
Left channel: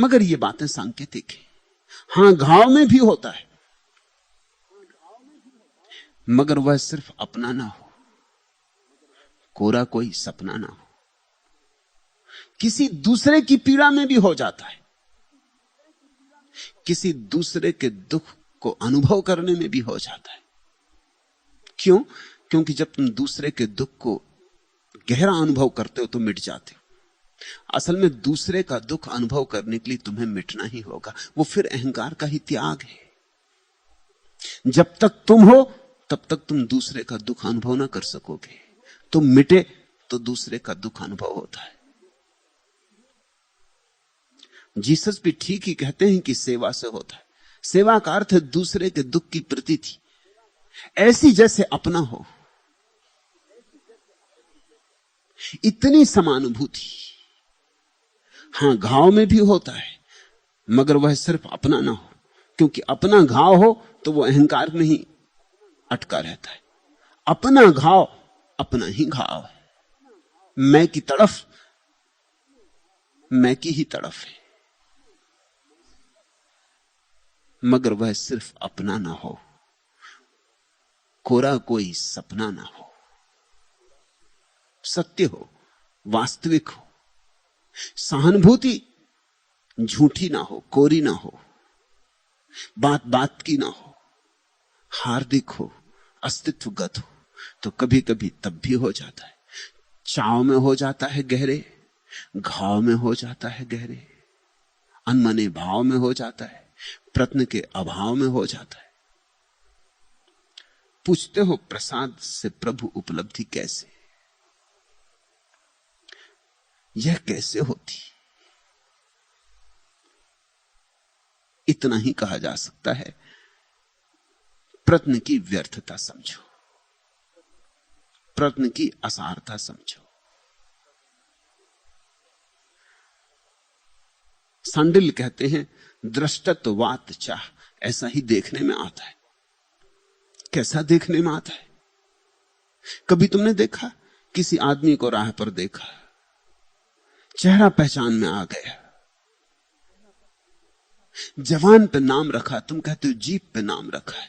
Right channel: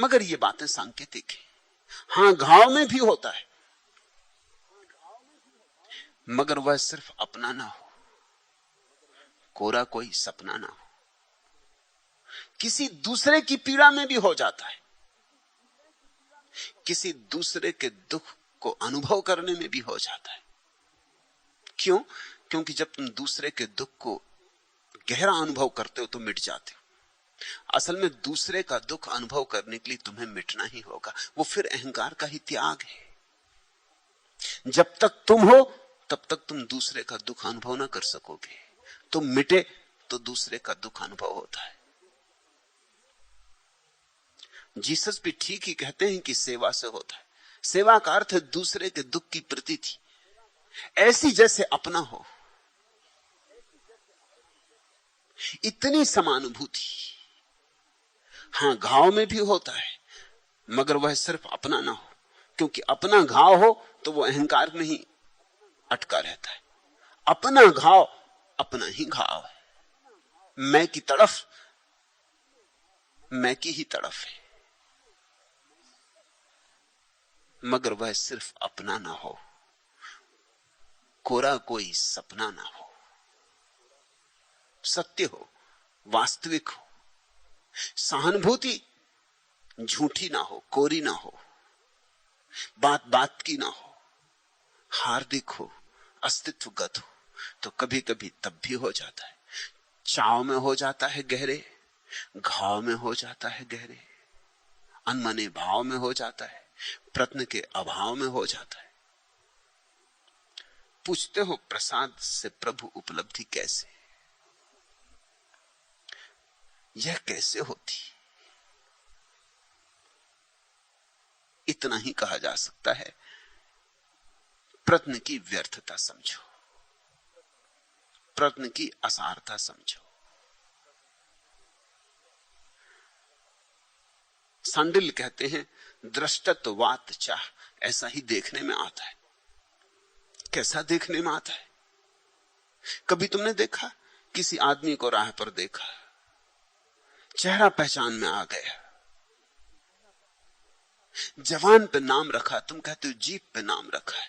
मगर ये बातें सांकेतिक है। हां, घाव में भी होता है, मगर वह सिर्फ अपना ना हो, कोरा कोई सपना ना हो। किसी दूसरे की पीड़ा में भी हो जाता है, किसी दूसरे के दुख को अनुभव करने में भी हो जाता है। क्यों? क्योंकि जब तुम दूसरे के दुख को गहरा अनुभव करते हो तो मिट जाते हो। असल में दूसरे का दुख अनुभव करने के लिए तुम्हें मिटना ही होगा। वो फिर अहंकार का ही त्याग है। जब तक तुम हो तब तक तुम दूसरे का दुख अनुभव ना कर सकोगे। तुम मिटे तो दूसरे का दुख अनुभव होता है। जीसस भी ठीक ही कहते हैं कि सेवा से होता है। सेवा का अर्थ है दूसरे के दुख की प्रतीति, ऐसी जैसे अपना हो, इतनी समानुभूति। हाँ, घाव में भी होता है, मगर वह सिर्फ अपना ना हो, क्योंकि अपना घाव हो तो वो अहंकार में ही अटका रहता है। अपना घाव अपना ही घाव, मैं की तरफ, मैं की ही तरफ है, मगर वह सिर्फ अपना ना हो, कोरा कोई सपना ना हो, सत्य हो, वास्तविक हो, सहानुभूति झूठी ना हो, कोरी ना हो, बात बात की ना हो, हार्दिक हो, अस्तित्वगत हो। तो कभी कभी तब भी हो जाता है, चाव में हो जाता है गहरे, घाव में हो जाता है गहरे, अनमने भाव में हो जाता है, प्रत्न के अभाव में हो जाता है। पूछते हो प्रसाद से प्रभु उपलब्धि कैसे, यह कैसे होती? इतना ही कहा जा सकता है, प्रत्न की व्यर्थता समझो, प्रत्न की असारता समझो। सांडिल कहते हैं दृष्टत्ववात चाह, ऐसा ही देखने में आता है। कैसा देखने में आता है? कभी तुमने देखा किसी आदमी को राह पर देखा, चेहरा पहचान में आ गया, जवान पे नाम रखा, तुम कहते हो जीप पे नाम रखा है,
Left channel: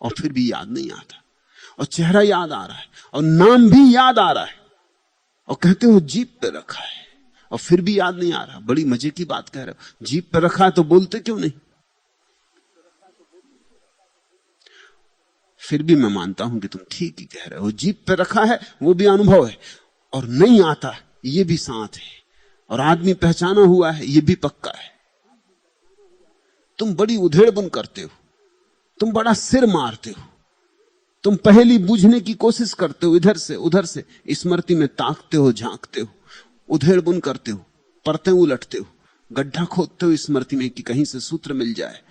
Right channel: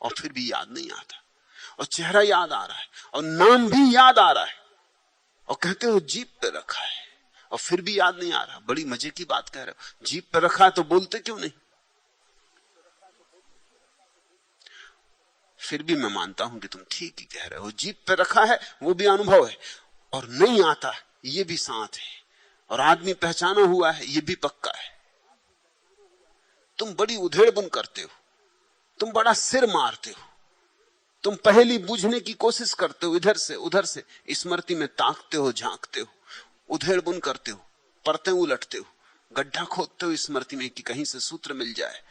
और फिर भी याद नहीं आता, और चेहरा याद आ रहा है और नाम भी याद आ रहा है, और कहते हो जीप पे रखा है, और फिर भी याद नहीं आ रहा। बड़ी मजे की बात कह रहे हो, जीप पे रखा है तो बोलते क्यों नहीं? फिर भी मैं मानता हूं कि तुम ठीक ही कह रहे हो, जीप पे रखा है वो भी अनुभव है, और नहीं आता ये भी साथ है, और आदमी पहचाना हुआ है ये भी पक्का है। तुम बड़ी उधेड़बुन करते हो, तुम बड़ा सिर मारते हो, तुम पहेली बूझने की कोशिश करते हो, इधर से उधर से स्मृति में ताकते हो, झांकते हो, उधेड़बुन करते हो, परतें उलटते हो, गड्ढा खोदते हो स्मृति में कि कहीं से सूत्र मिल जाए,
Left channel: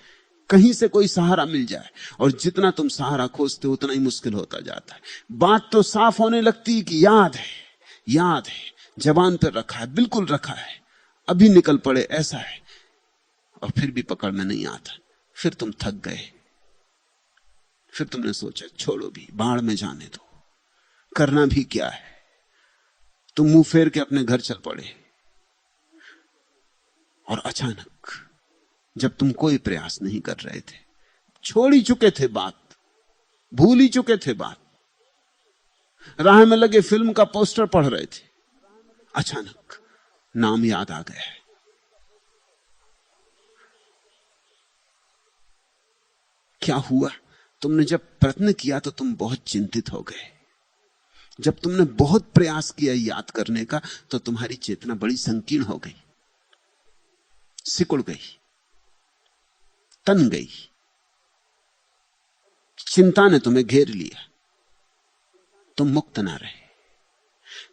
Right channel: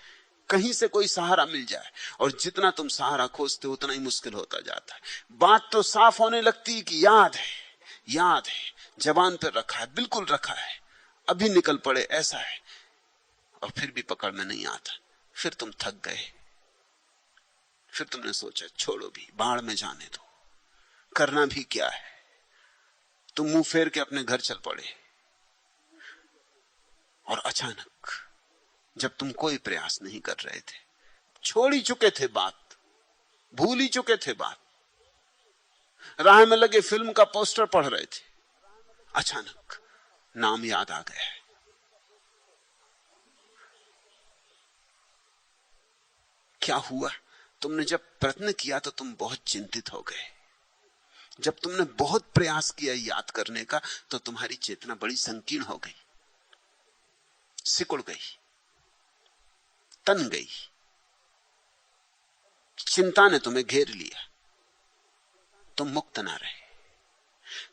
कहीं से कोई सहारा मिल जाए, और जितना तुम सहारा खोजते हो उतना ही मुश्किल होता जाता है। बात तो साफ होने लगती है कि याद है, याद है, जबान पर रखा है, बिल्कुल रखा है, अभी निकल पड़े ऐसा है, और फिर भी पकड़ में नहीं आता। फिर तुम थक गए, फिर तुमने सोचा छोड़ो भी, बाढ़ में जाने दो, करना भी क्या है। तुम मुंह फेर के अपने घर चल पड़े, और अचानक जब तुम कोई प्रयास नहीं कर रहे थे, छोड़ ही चुके थे बात, भूल ही चुके थे बात, राह में लगे फिल्म का पोस्टर पढ़ रहे थे, अचानक नाम याद आ गया। क्या हुआ? तुमने जब प्रयत्न किया तो तुम बहुत चिंतित हो गए, जब तुमने बहुत प्रयास किया याद करने का तो तुम्हारी चेतना बड़ी संकीर्ण हो गई, सिकुड़ गई, तन गई, चिंता ने तुम्हें घेर लिया, तुम मुक्त ना रहे।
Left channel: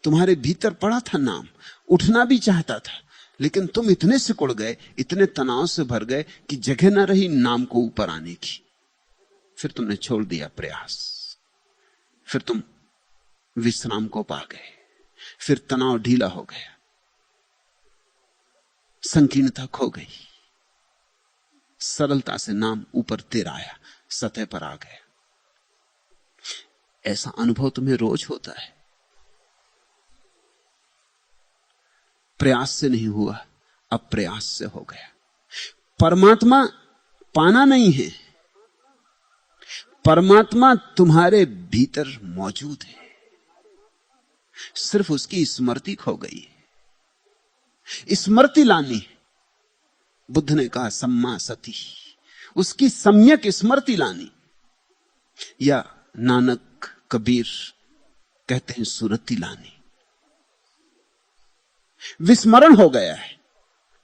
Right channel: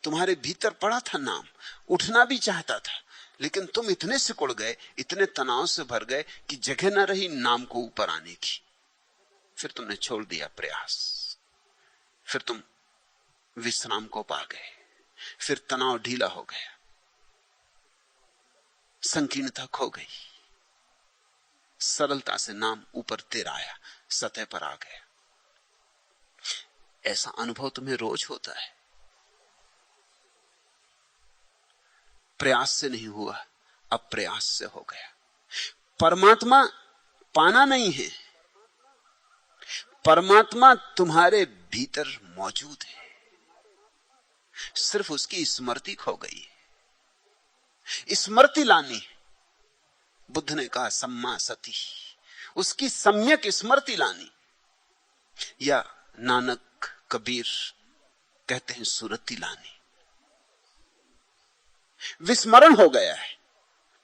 तुम्हारे भीतर पड़ा था नाम, उठना भी चाहता था, लेकिन तुम इतने सिकुड़ गए, इतने तनाव से भर गए कि जगह ना रही नाम को ऊपर आने की। फिर तुमने छोड़ दिया प्रयास, फिर तुम विश्राम को पा गए, फिर तनाव ढीला हो गया, संकीर्णता खो गई, सरलता से नाम ऊपर तिर आया, सतह पर आ गया। ऐसा अनुभव तुम्हें रोज होता है। प्रयास से नहीं हुआ, अब प्रयास से हो गया। परमात्मा पाना नहीं है, परमात्मा तुम्हारे भीतर मौजूद है, सिर्फ उसकी स्मृति खो गई है। स्मृति लानी, बुद्ध ने कहा सम्मा सती, उसकी सम्यक स्मृति लानी, या नानक कबीर कहते हैं सुरति लानी। विस्मरण हो गया है,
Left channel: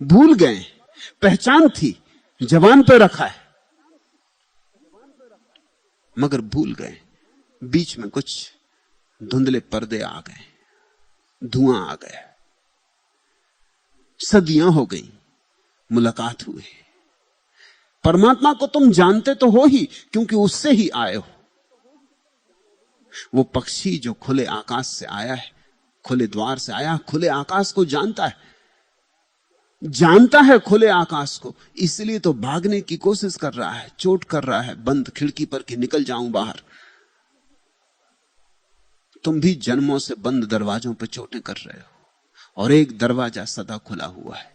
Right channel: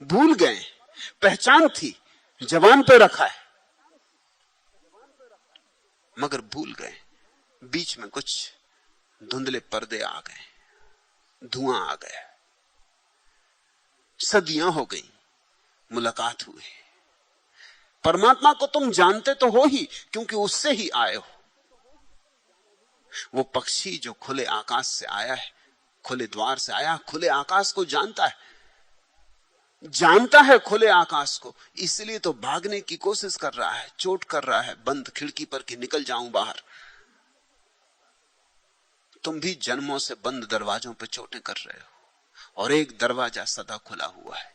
भूल गए, पहचान थी, जबान पे रखा है, मगर भूल गए, बीच में कुछ धुंधले पर्दे आ गए, धुआं आ गया, सदियां हो गई, मुलाकात हुई। परमात्मा को तुम जानते तो हो ही, क्योंकि उससे ही आए हो। वो पक्षी जो खुले आकाश से आया है, खुले द्वार से आया, खुले आकाश को जानता है, जानता है खुले आकाश को, इसलिए तो भागने की कोशिश कर रहा है, चोट कर रहा है बंद खिड़की पर कि निकल जाऊं बाहर। तुम भी जन्मों से बंद दरवाजों पर चोटें कर रहे हो, और एक दरवाजा सदा खुला हुआ है।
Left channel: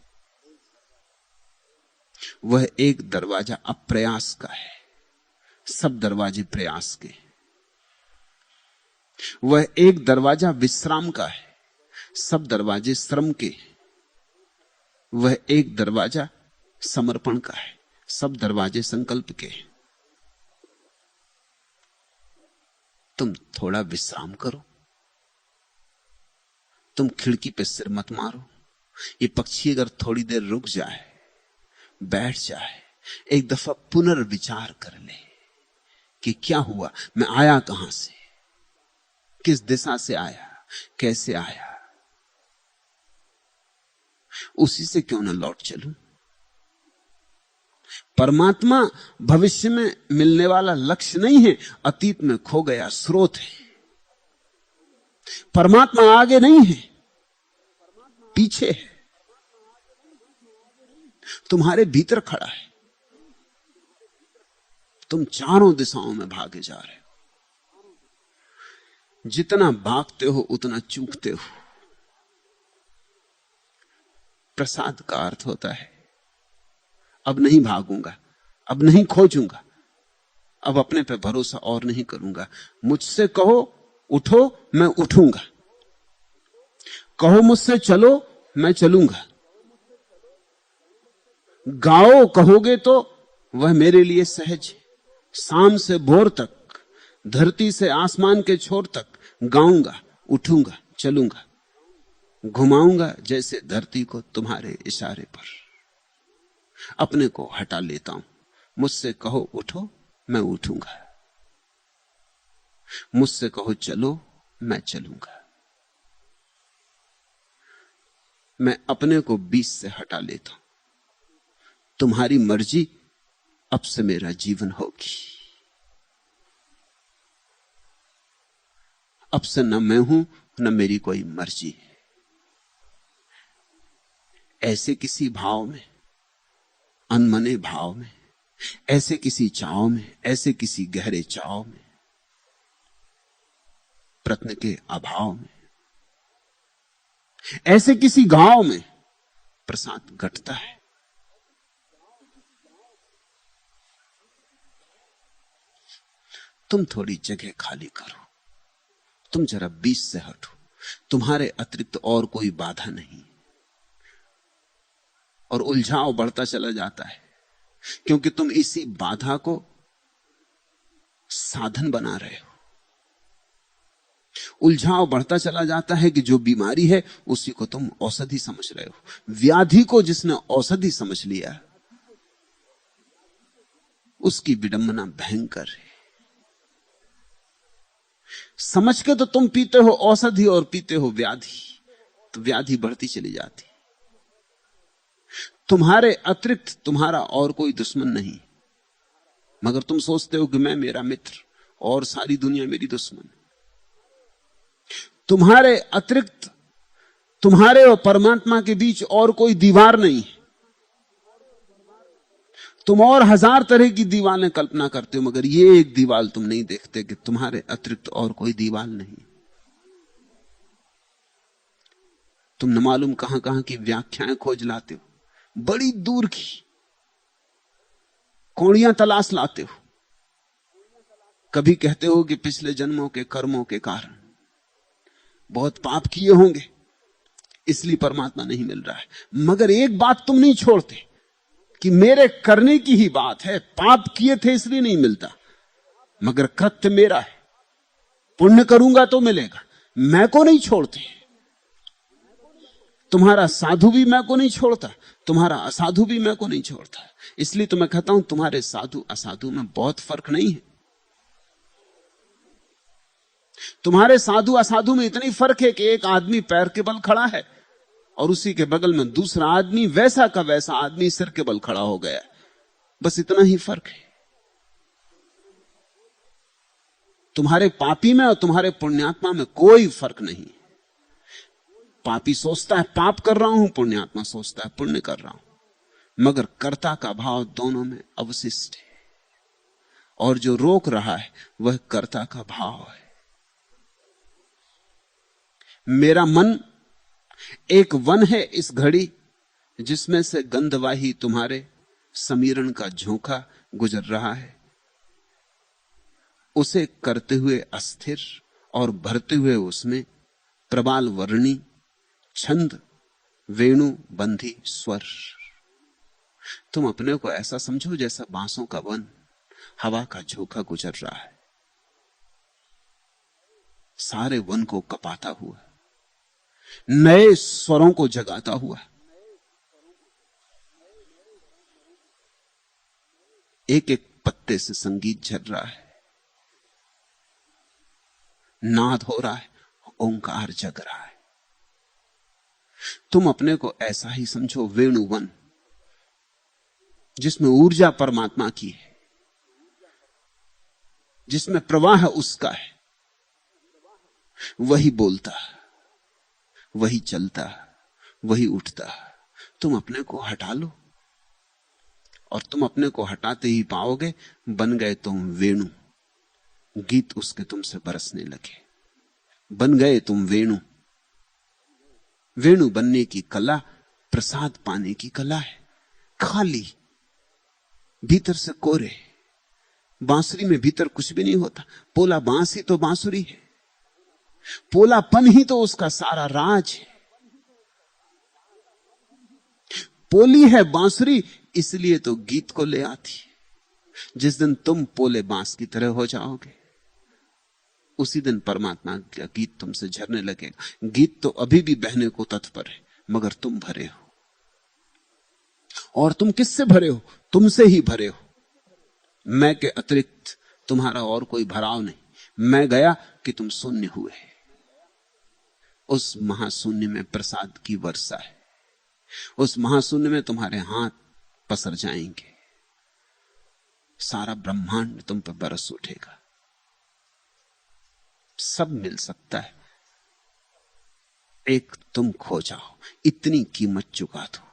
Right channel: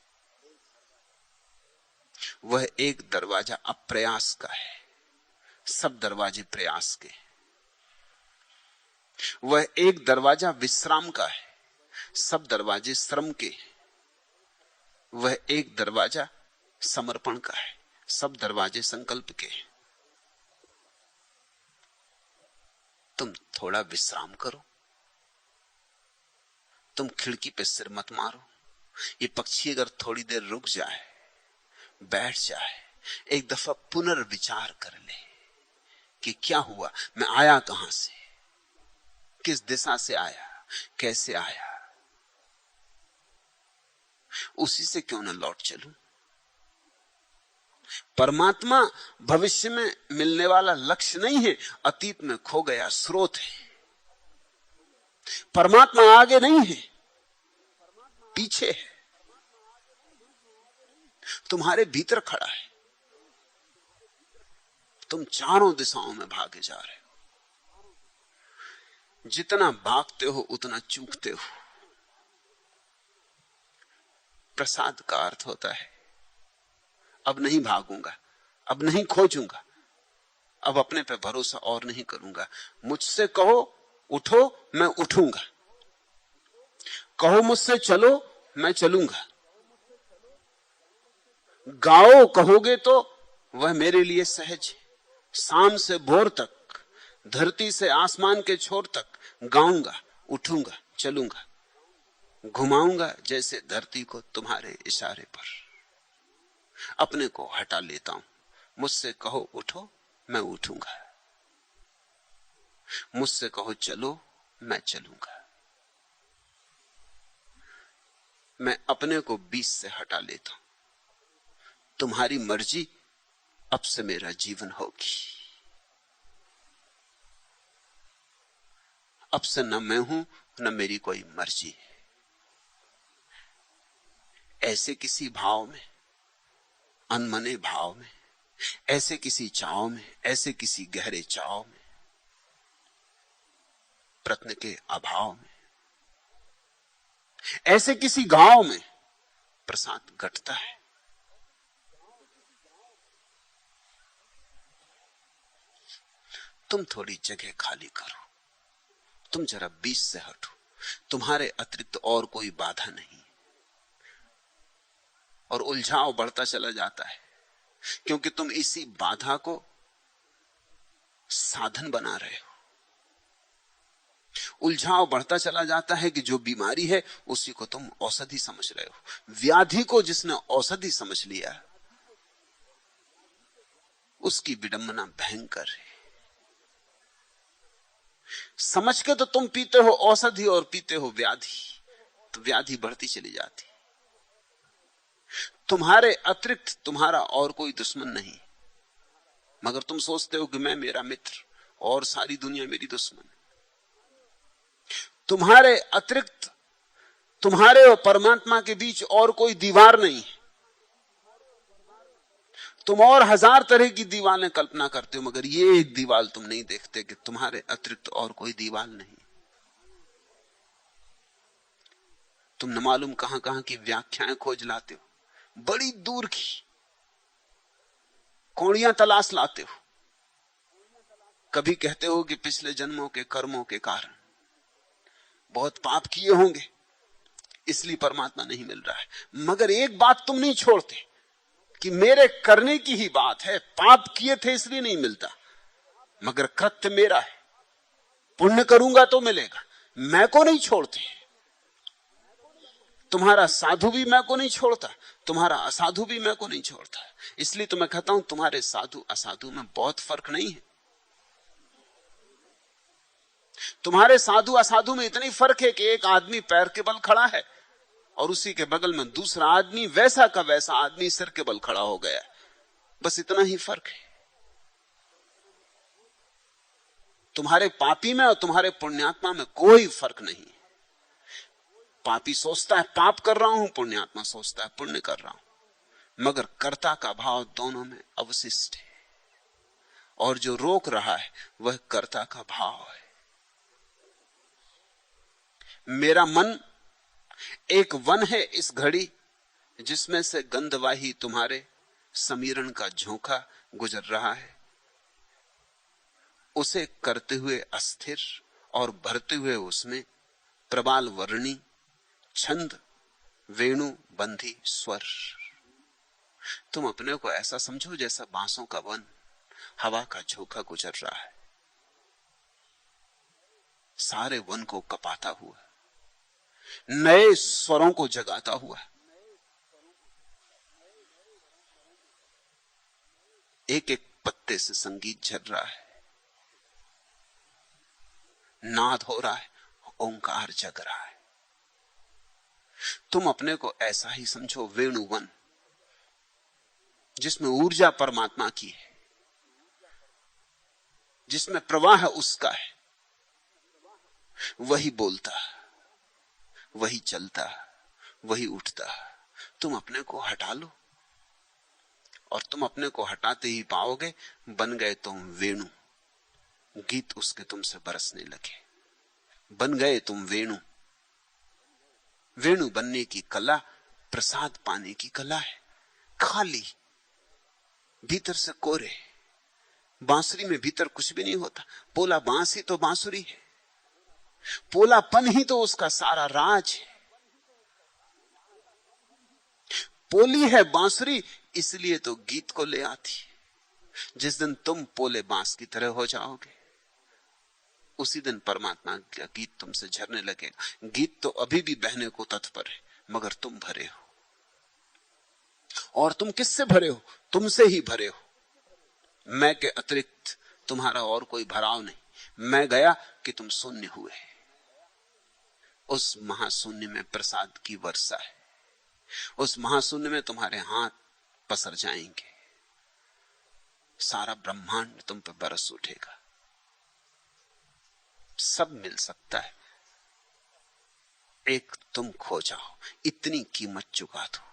वह एक दरवाजा अप्रयास का है, सब दरवाजे प्रयास के। वह एक दरवाजा विश्राम का है, सब दरवाजे श्रम के। वह एक दरवाजा समर्पण का है, सब दरवाजे संकल्प के। तुम थोड़ा विश्राम करो, तुम खिड़की पे सिर मत मारो। ये पक्षी अगर थोड़ी देर रुक जाए, बैठ जाए, एक दफा पुनर्विचार कर ले कि क्या हुआ, मैं आया कहां से, किस दिशा से आया, कैसे आया, उसी से क्यों न लौट चलूं। परमात्मा भविष्य में मिलने वाला लक्ष्य नहीं है, अतीत में खो गया स्रोत है। परमात्मा आगे नहीं है, पीछे है, तुम्हारे भीतर खड़ा है। तुम चारों दिशाओं में भागे जा रहे हो। जितना भागते हो उतना चूकते हो। प्रसाद का अर्थ होता है अब नहीं भागूंगा, अब नहीं खोजूंगा, अब अपने पे भरोसा और नहीं करूंगा। मुझसे कहो उठो, मैं उठूंगा। कहो मुझसे चलो, मैं चलूंगा। गाओ कहोगे तो वह मेरे लिए सहज है। शाम से भोर तक, धरती से आसमान के छोर तक गाऊंगा, उठूंगा, चलूंगा, घुमाऊंगा जैसे धरती को तुम्हारे इशारे पर। अपने को हटा लेता हूं। मुझसे कहो उठो, मैं उठूंगा। मुझसे कहो चलो, मैं चलूंगा। मैं अपने को बीच से हटा लेता हूं। तुम्हारी मर्जी अब से मेरा जीवन होगी। अब से न मैं हूं, न मेरी कोई मर्जी। ऐसे किसी भाव में, अनमने भाव में, ऐसे किसी चाव में, ऐसे किसी गहरे चाव में, प्रत्न के अभाव में, ऐसे किसी गांव में प्रसाद घटता है। तुम थोड़ी जगह खाली करो, तुम जरा बीच से हटो। तुम्हारे अतिरिक्त और कोई बाधा नहीं। और उलझाव बढ़ता चला जाता है, क्योंकि तुम इसी बाधा को साधन बना रहे हो। उलझाव बढ़ता चला जाता है कि जो बीमारी है उसी को तुम औषधि समझ रहे हो। व्याधि को जिसने औषधि समझ लिया, उसकी विडंबना भयंकर है। समझ के तो तुम पीते हो औषधि और पीते हो व्याधि, तो व्याधि बढ़ती चली जाती। तुम्हारे अतिरिक्त तुम्हारा और कोई दुश्मन नहीं, मगर तुम सोचते हो कि मैं मेरा मित्र और सारी दुनिया मेरी दुश्मन। तुम्हारे अतिरिक्त तुम्हारे और परमात्मा के बीच और कोई दीवार नहीं। तुम और हजार तरह की दीवारें कल्पना करते हो, मगर ये एक दीवार तुम नहीं देखते कि तुम्हारे अतिरिक्त और कोई दीवार नहीं। तुम न मालूम कहां कहां की व्याख्याएं खोज लाते हो, बड़ी दूर की कौड़ियां तलाश लाते हो। कभी कहते हो कि पिछले जन्मों के कर्मों के कारण बहुत पाप किए होंगे, इसलिए परमात्मा नहीं मिल रहा है। मगर एक बात तुम नहीं छोड़ते कि मेरे करने की ही बात है। पाप किए थे इसलिए नहीं मिलता, मगर कृत्य मेरा है। पुण्य करूंगा तो मिलेगा। मैं को नहीं छोड़ते। तुम्हारा साधु भी मैं को नहीं छोड़ता, तुम्हारा असाधु भी मैं को नहीं छोड़ता। इसलिए तो मैं कहता हूं तुम्हारे साधु असाधु में बहुत फर्क नहीं है। तुम्हारे साधु असाधु में इतनी फर्क है कि एक आदमी पैर के बल खड़ा है और उसी के बगल में दूसरा आदमी, वैसा का वैसा आदमी, सिर के बल खड़ा हो गया। बस इतना ही फर्क है। तुम्हारे पापी में और तुम्हारे पुण्यात्मा में कोई फर्क नहीं। पापी सोचता है पाप कर रहा हूं, पुण्यात्मा सोचता है पुण्य कर रहा हूं, मगर कर्ता का भाव दोनों में अवशिष्ट है। और जो रोक रहा है वह कर्ता का भाव है। मेरा मन एक वन है इस घड़ी, जिसमें से गंधवाही तुम्हारे समीरण का झोंका गुजर रहा है। उसे करते हुए अस्थिर और भरते हुए उसमें प्रबाल वर्णी छंद वेणु बंधी स्वर। तुम अपने को ऐसा समझो जैसा बांसों का वन हवा का झोंका गुजर रहा है, सारे वन को कपाता हुआ, नए स्वरों को जगाता हुआ। एक एक पत्ते से संगीत झर रहा है, नाद हो रहा है, ओंकार जग रहा है। तुम अपने को ऐसा ही समझो वेणुवन, जिसमें ऊर्जा परमात्मा की है, जिसमें प्रवाह उसका है। वही बोलता, वही चलता, वही उठता। तुम अपने को हटा लो और तुम अपने को हटाते ही पाओगे बन गए तुम वेणु। गीत उसके तुमसे बरसने लगे, बन गए तुम वेणु। वेणु बनने की कला प्रसाद पाने की कला है। खाली, भीतर से कोरे। बांसुरी में भीतर कुछ भी नहीं होता। पोला बांस ही तो बांसुरी है, पोलापन ही तो उसका सारा राज है। पोली है बांसुरी, इसलिए तो गीत को ले आती है। जिस दिन तुम पोले बांस की तरह हो जाओगे, उसी दिन परमात्मा का गीत तुमसे झरने लगेगा। गीत तो अभी भी बहने को तत्पर है, मगर तुम भरे हो। और तुम किससे भरे हो? तुमसे ही भरे हो। मैं के अतिरिक्त तुम्हारा और कोई भराव नहीं। मैं गया कि तुम शून्य हुए। उस महाशून्य में प्रसाद की वर्षा है। उस महाशून्य में तुम्हारे हाथ पसर जाएंगे, सारा ब्रह्मांड तुम पर बरस उठेगा। सब मिल सकता है, एक तुम खो जाओ। इतनी कीमत चुका दो।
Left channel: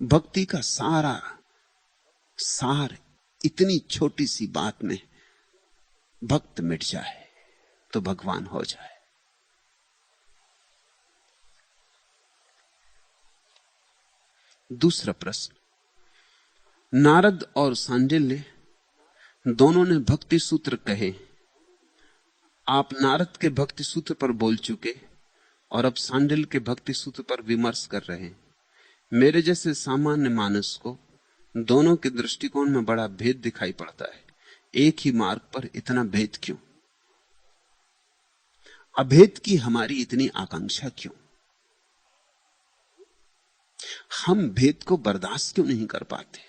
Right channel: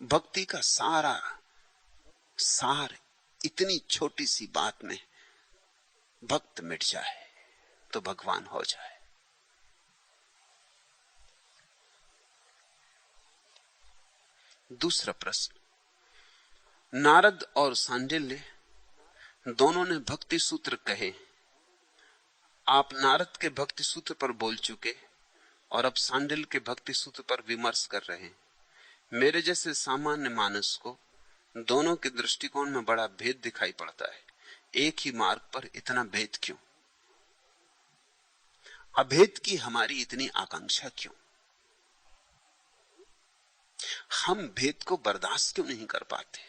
भक्ति का सारा सार इतनी छोटी सी बात में। भक्त मिट जाए तो भगवान हो जाए। दूसरा प्रश्न, नारद और सांडिल्य दोनों ने भक्ति सूत्र कहे। आप नारद के भक्ति सूत्र पर बोल चुके और अब सांडिल्य के भक्ति सूत्र पर विमर्श कर रहे हैं। मेरे जैसे सामान्य मानस को दोनों के दृष्टिकोण में बड़ा भेद दिखाई पड़ता है। एक ही मार्ग पर इतना भेद क्यों? अभेद की हमारी इतनी आकांक्षा क्यों? हम भेद को बर्दाश्त क्यों नहीं कर पाते?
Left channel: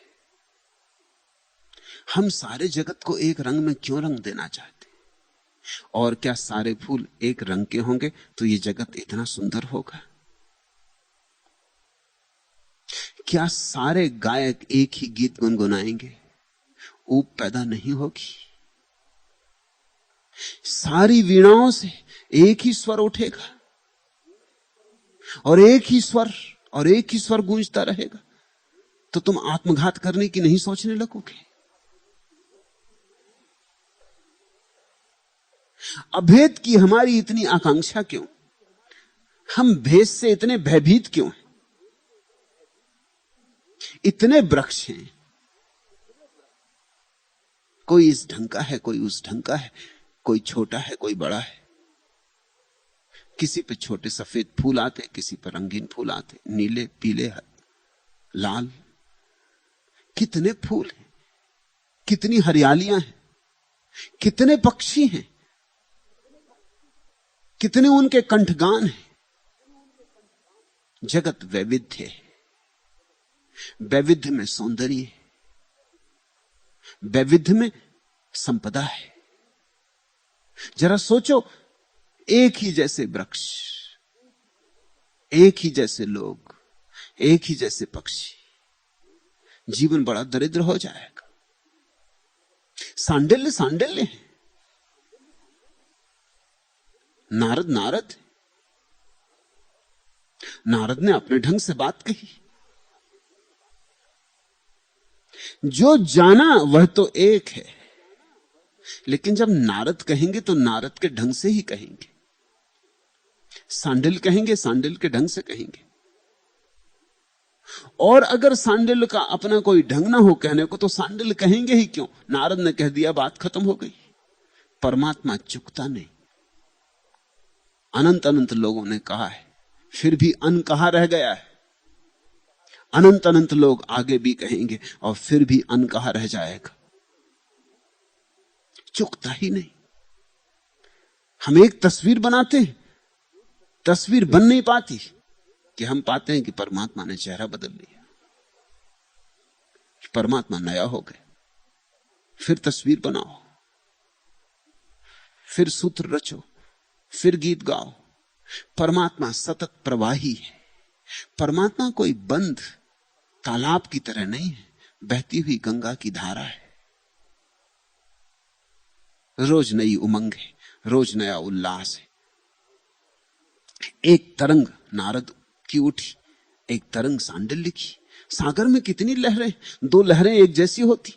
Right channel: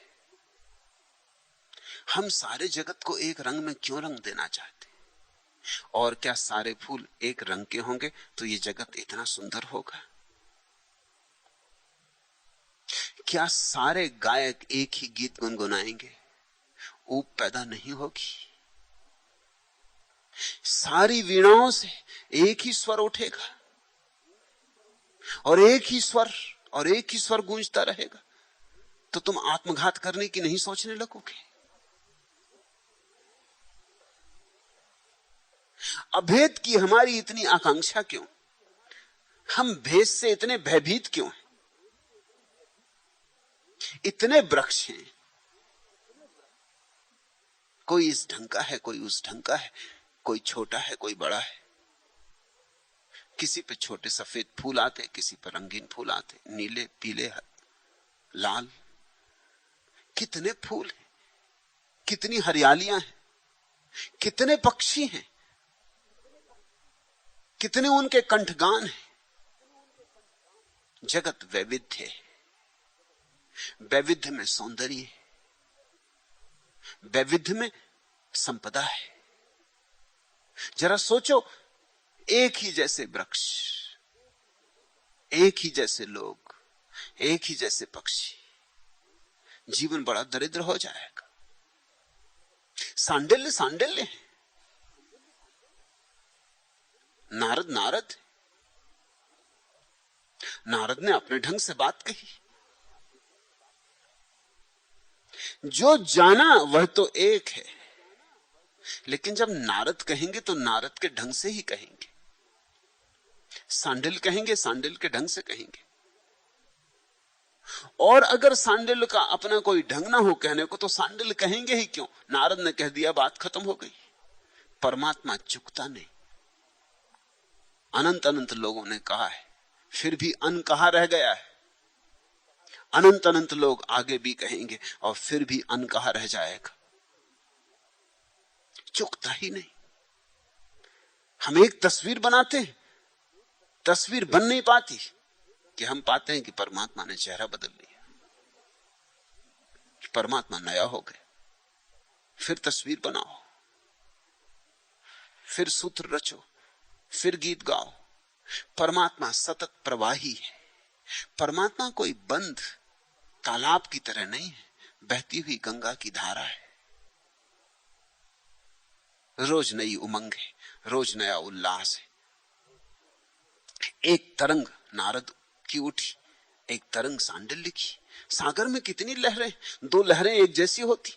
हम सारे जगत को एक रंग में क्यों रंग देना चाहते? और क्या सारे फूल एक रंग के होंगे तो ये जगत इतना सुंदर होगा? क्या सारे गायक एक ही गीत गुनगुनाएंगे? ऊब पैदा नहीं होगी। सारी वीणाओं से एक ही स्वर उठेगा और एक ही स्वर गूंजता रहेगा। तो तुम आत्मघात करने की नहीं सोचने लगोगे? अभेद की हमारी इतनी आकांक्षा क्यों? हम भेद से इतने भयभीत क्यों? इतने वृक्ष हैं, कोई इस ढंग का है, कोई उस ढंग का है, कोई छोटा है, कोई बड़ा है। किसी पे छोटे सफेद फूल आते, किसी पे रंगीन फूल आते, नीले, पीले, लाल। कितने फूल हैं, कितनी हरियालियां हैं, कितने पक्षी हैं, कितने उनके कंठगान हैं। जगत वैविध्य है। वैविध्य में सौंदर्य है, वैविध्य में संपदा है। जरा सोचो, एक ही जैसे वृक्ष, एक ही जैसे लोग, एक ही जैसे पक्षी, जीवन बड़ा दरिद्र हो जाएगा। सांडिल्य सांडिल्य है, नारद नारद, नारद ने अपने ढंग से बात कही। जो जाना वह तो एक है, लेकिन जब नारद कहेंगे तो नारद के ढंग से ही कहेंगे। सांडिल कहेंगे सांडिल के ढंग से कहेंगे। और अगर सांडिल का अपना कोई ढंग ना हो कहने को तो सांडिल कहेंगे ही क्यों? नारद ने कह दिया, बात खत्म हो गई। परमात्मा चुकता नहीं। अनंत अनंत लोगों ने कहा है, फिर भी अनकहा रह गया है। अनंत अनंत लोग आगे भी कहेंगे और फिर भी अनकहा रह जाएगा। चुकता ही नहीं। हम एक तस्वीर बनाते हैं, तस्वीर बन नहीं पाती कि हम पाते हैं कि परमात्मा ने चेहरा बदल लिया, परमात्मा नया हो गए। फिर तस्वीर बनाओ, फिर सूत्र रचो, फिर गीत गाओ। परमात्मा सतत प्रवाही है। परमात्मा कोई बंद तालाब की तरह नहीं है, बहती हुई गंगा की धारा है। रोज नई उमंग है, रोज नया उल्लास है। एक तरंग नारद की उठी, एक तरंग सांडिल्य की। सागर में कितनी लहरें, दो लहरें एक जैसी होती,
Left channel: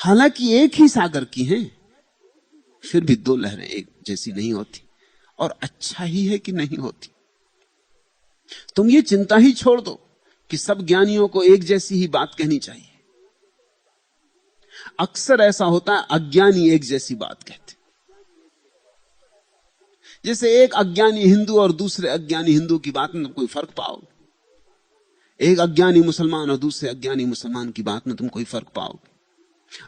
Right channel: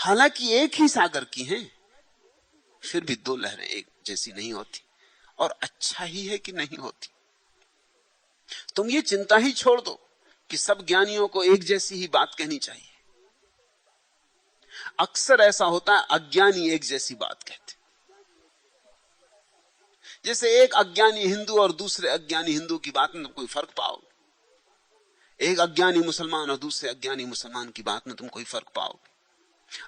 हालांकि एक ही सागर की हैं, फिर भी दो लहरें एक जैसी नहीं होती। और अच्छा ही है कि नहीं होती। तुम ये चिंता ही छोड़ दो कि सब ज्ञानियों को एक जैसी ही बात कहनी चाहिए। अक्सर ऐसा होता है, अज्ञानी एक जैसी बात कहते। जैसे एक अज्ञानी हिंदू और दूसरे अज्ञानी हिंदू की बात में तुम कोई फर्क पाओगे, एक अज्ञानी मुसलमान और दूसरे अज्ञानी मुसलमान की बात में तुम कोई फर्क पाओगे।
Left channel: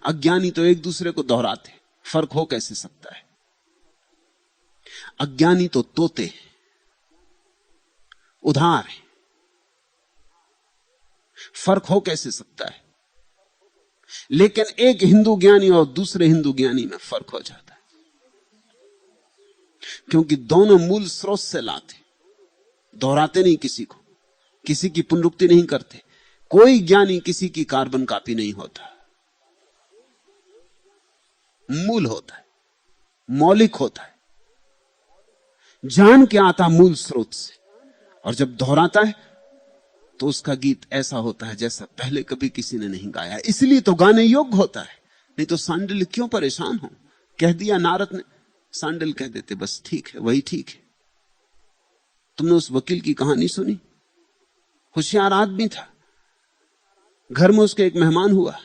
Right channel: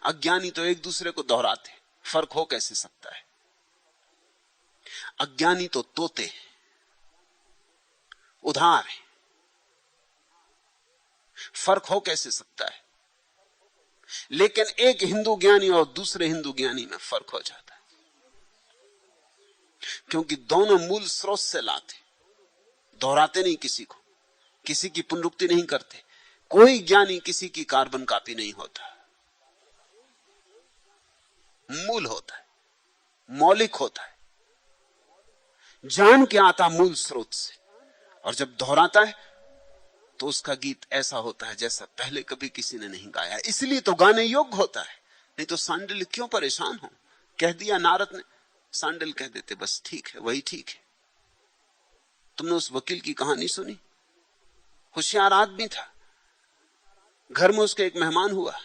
अज्ञानी तो एक दूसरे को दोहराते, फर्क हो कैसे सकता है? अज्ञानी तो तोते हैं, उधार है, फर्क हो कैसे सकता है? लेकिन एक हिंदू ज्ञानी और दूसरे हिंदू ज्ञानी में फर्क हो जाता है, क्योंकि दोनों मूल स्रोत से लाते, दोहराते नहीं किसी को, किसी की पुनरुक्ति नहीं करते। कोई ज्ञानी किसी की कार्बन कॉपी नहीं होता है, मूल होता है, मौलिक होता है, जान के आता मूल स्रोत से। और जब दोहराता है तो उसका गीत ऐसा होता है जैसा पहले कभी किसी ने नहीं गाया। इसलिए तो गाने योग्य होता है, नहीं तो सांडिल क्यों परेशान हो? कह दिया नारद ने, सांडिल कह देते बस ठीक है, वही ठीक है। तुमने उस वकील की कहानी सुनी? होशियार आदमी था, घर में उसका एक मेहमान हुआ,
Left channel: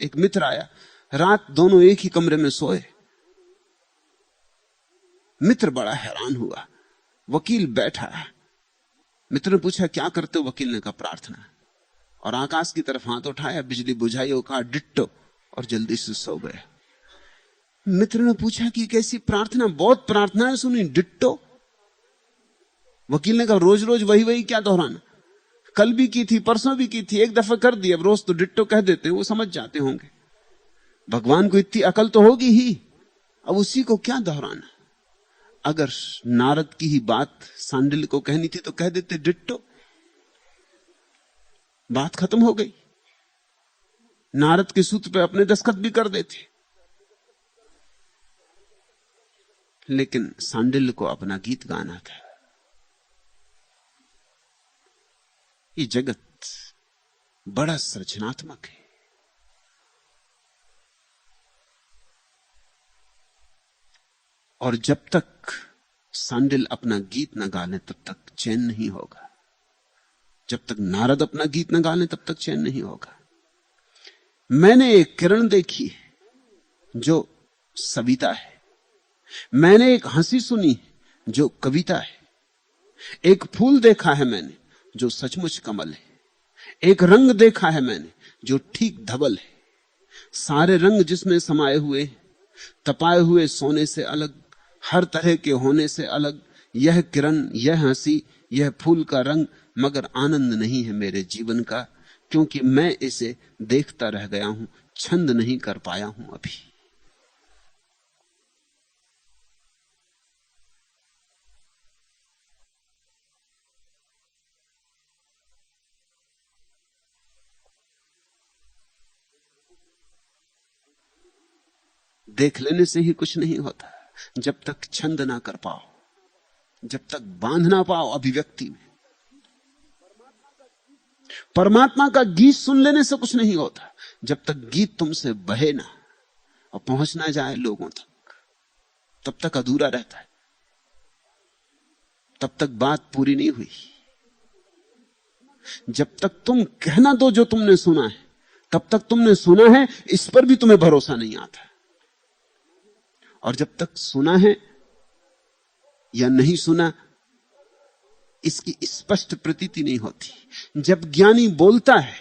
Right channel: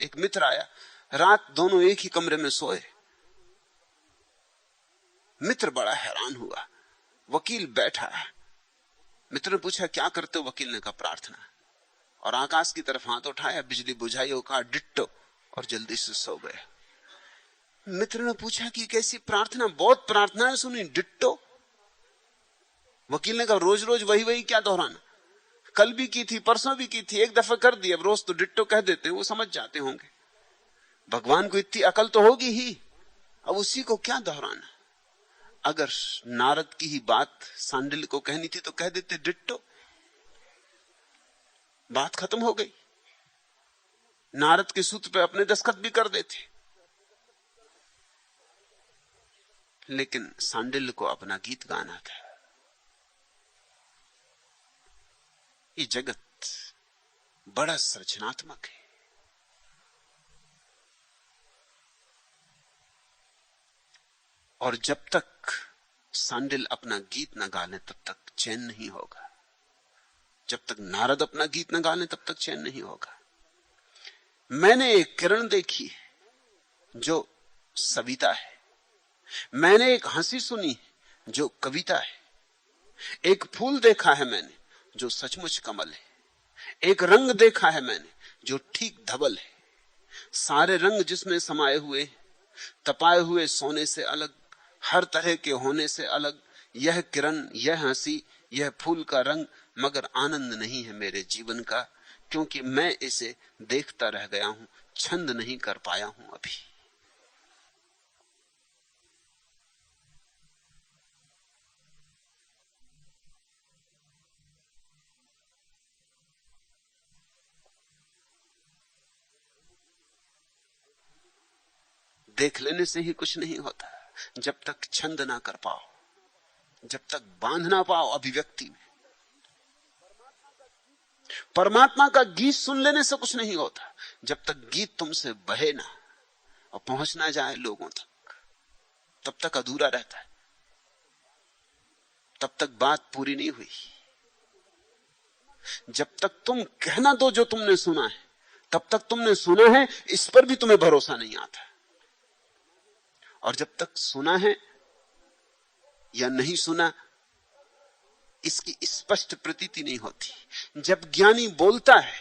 एक मित्र आया, रात दोनों एक ही कमरे में सोए। मित्र बड़ा हैरान हुआ, वकील बैठा है। मित्र ने पूछा क्या करते हो? वकील ने कहा प्रार्थना। और आकाश की तरफ हाथ उठाया, बिजली बुझाई और कहा डिट्टो, और जल्दी से सो गए। मित्र ने पूछा कि कैसी प्रार्थना? बहुत प्रार्थनाएं सुनी, डिट्टो। वकील ने कहा रोज रोज वही वही क्या दोहराना? कल भी की थी, परसों भी की थी, एक दफा कर दी, अब रोज तो डिट्टो कह देते हैं, वो समझ जाते होंगे। भगवान को इतनी अकल तो होगी ही, अब उसी को क्या दोहराना? अगर नारद की ही बात सांडिल को कहनी थी तो कह देते डिट्टो, बात खत्म हो गई। नारद के सूत्र पे अपने दस्तखत भी कर देते। लेकिन सांडिल को अपना गीत गाना था। ये जगत बड़ा सृजनात्मक है। और जब तक सांडिल अपना गीत न गाने तब तक चैन नहीं होगा। जब तक नारद अपना गीत न गाने तब तक चैन नहीं होगा। मैंने एक किरण देखी जो सविता है, मैंने एक हंसी सुनी जो कविता है, एक फूल देखा है मैंने जो सचमुच कमल है, एक रंग देखा है मैंने जो ठीक धवल है। सारे रंग जिसमें समाये हुए, तपाए हुए सोने से अलग, हर तरह के होने से अलग। यह किरण, यह हंसी, यह फूल का रंग, मगर आनंद नहीं है मेरे जीवन का, क्योंकि मैं इसे देखता रह गया हूं, छंद नहीं कर पाया हूं अभी। देख लेने से ही कुछ नहीं होता। जब तक छंद ना कर पाओ, जब तक बांध ना पाओ अभिव्यक्ति में। परमात्मा का गीत सुन लेने से कुछ नहीं होता। जब तक गीत तुमसे बहे ना और पहुंच ना जाए लोगों तक, तब तक अधूरा रहता है, तब तक बात पूरी नहीं हुई। जब तक तुम कहना दो जो तुमने सुना है, तब तक तुमने सुना है, इस पर भी तुम्हें भरोसा नहीं आता। और जब तक सुना है या नहीं सुना, इसकी स्पष्ट प्रतीति नहीं होती। जब ज्ञानी बोलता है,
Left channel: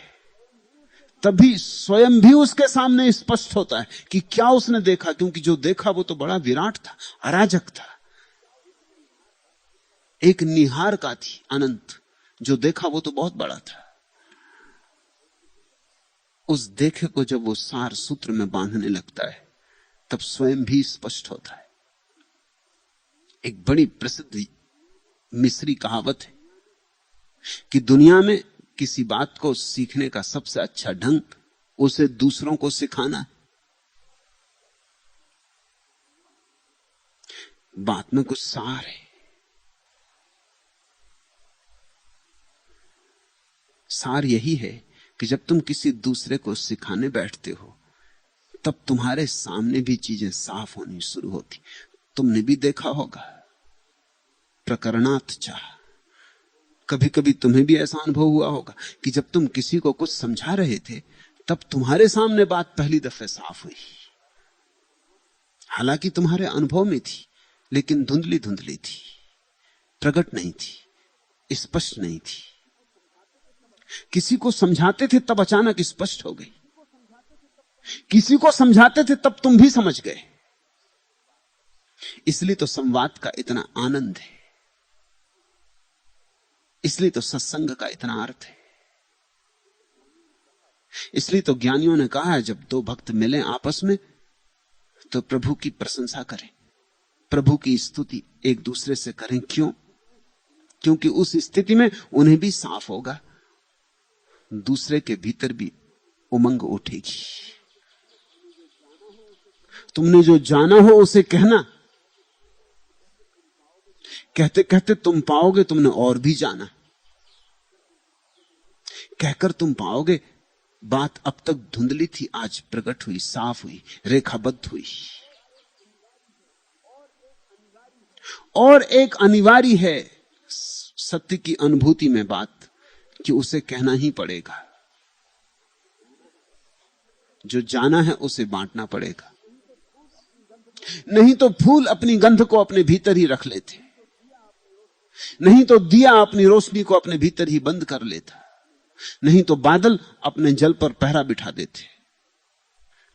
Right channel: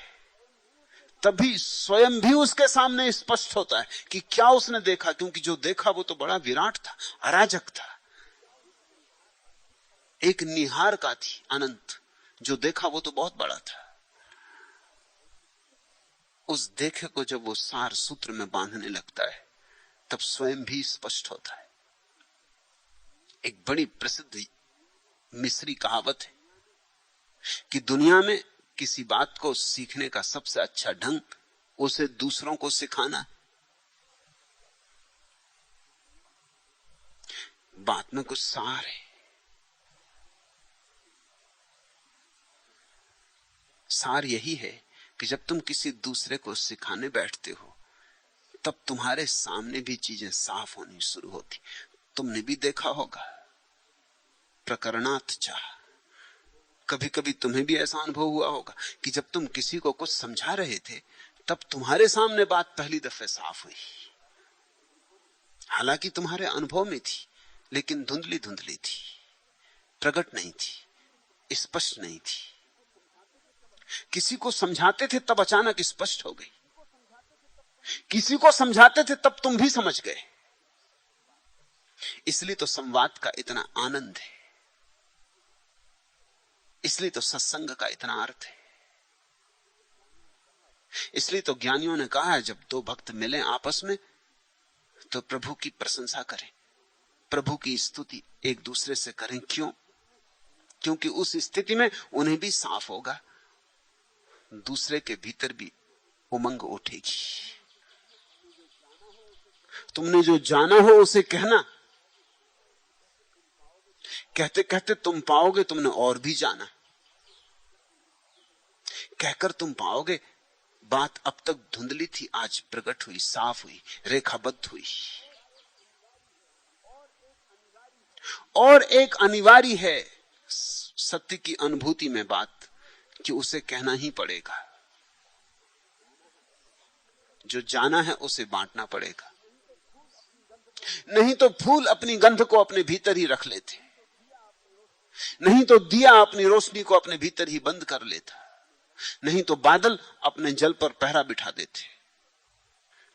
तभी स्वयं भी उसके सामने स्पष्ट होता है कि क्या उसने देखा, क्योंकि जो देखा वो तो बड़ा विराट था, अराजक था, एक निहार का थी अनंत। जो देखा वो तो बहुत बड़ा था। उस देखे को जब वो सार सूत्र में बांधने लगता है, तब स्वयं भी स्पष्ट होता है। एक बड़ी प्रसिद्ध मिस्री कहावत है कि दुनिया में किसी बात को सीखने का सबसे अच्छा ढंग उसे दूसरों को सिखाना। बात में कुछ सार है। सार यही है कि जब तुम किसी दूसरे को सिखाने बैठते हो, तब तुम्हारे सामने भी चीजें साफ होनी शुरू होती। तुमने भी देखा होगा, प्रकरणात चाह, कभी कभी तुम्हें भी ऐसा अनुभव हुआ होगा कि जब तुम किसी को कुछ समझा रहे थे, तब तुम्हारे सामने बात पहली दफे साफ हुई। हालांकि तुम्हारे अनुभव में थी, लेकिन धुंधली धुंधली थी, प्रकट नहीं थी, स्पष्ट नहीं थी। किसी को समझाते थे तब अचानक स्पष्ट हो गई, किसी को समझाते थे तब तुम भी समझ गए। इसलिए तो संवाद का इतना आनंद है, इसलिए तो सत्संग का इतना अर्थ है। इसलिए तो ज्ञानियों ने कहा है, जब दो भक्त मिले आपस में तो प्रभु की प्रशंसा करें, प्रभु की स्तुति एक दूसरे से करें। क्यों? क्योंकि उस स्थिति में उन्हें भी साफ होगा, दूसरे के भीतर भी उमंग उठेगी। तुमने जो जाना है उसे कहना, कहते कहते तुम पाओगे तुमने और भी जाना। कहकर तुम पाओगे बात अब तक धुंधली थी, आज प्रकट हुई, साफ हुई, रेखाबद्ध हुई। और एक अनिवार्य है सत्य की अनुभूति में बात, कि उसे कहना ही पड़ेगा। जो जाना है उसे बांटना पड़ेगा। नहीं तो फूल अपनी गंध को अपने भीतर ही रख लेते, नहीं तो दिया अपनी रोशनी को अपने भीतर ही बंद कर लेता, नहीं तो बादल अपने जल पर पहरा बिठा देते।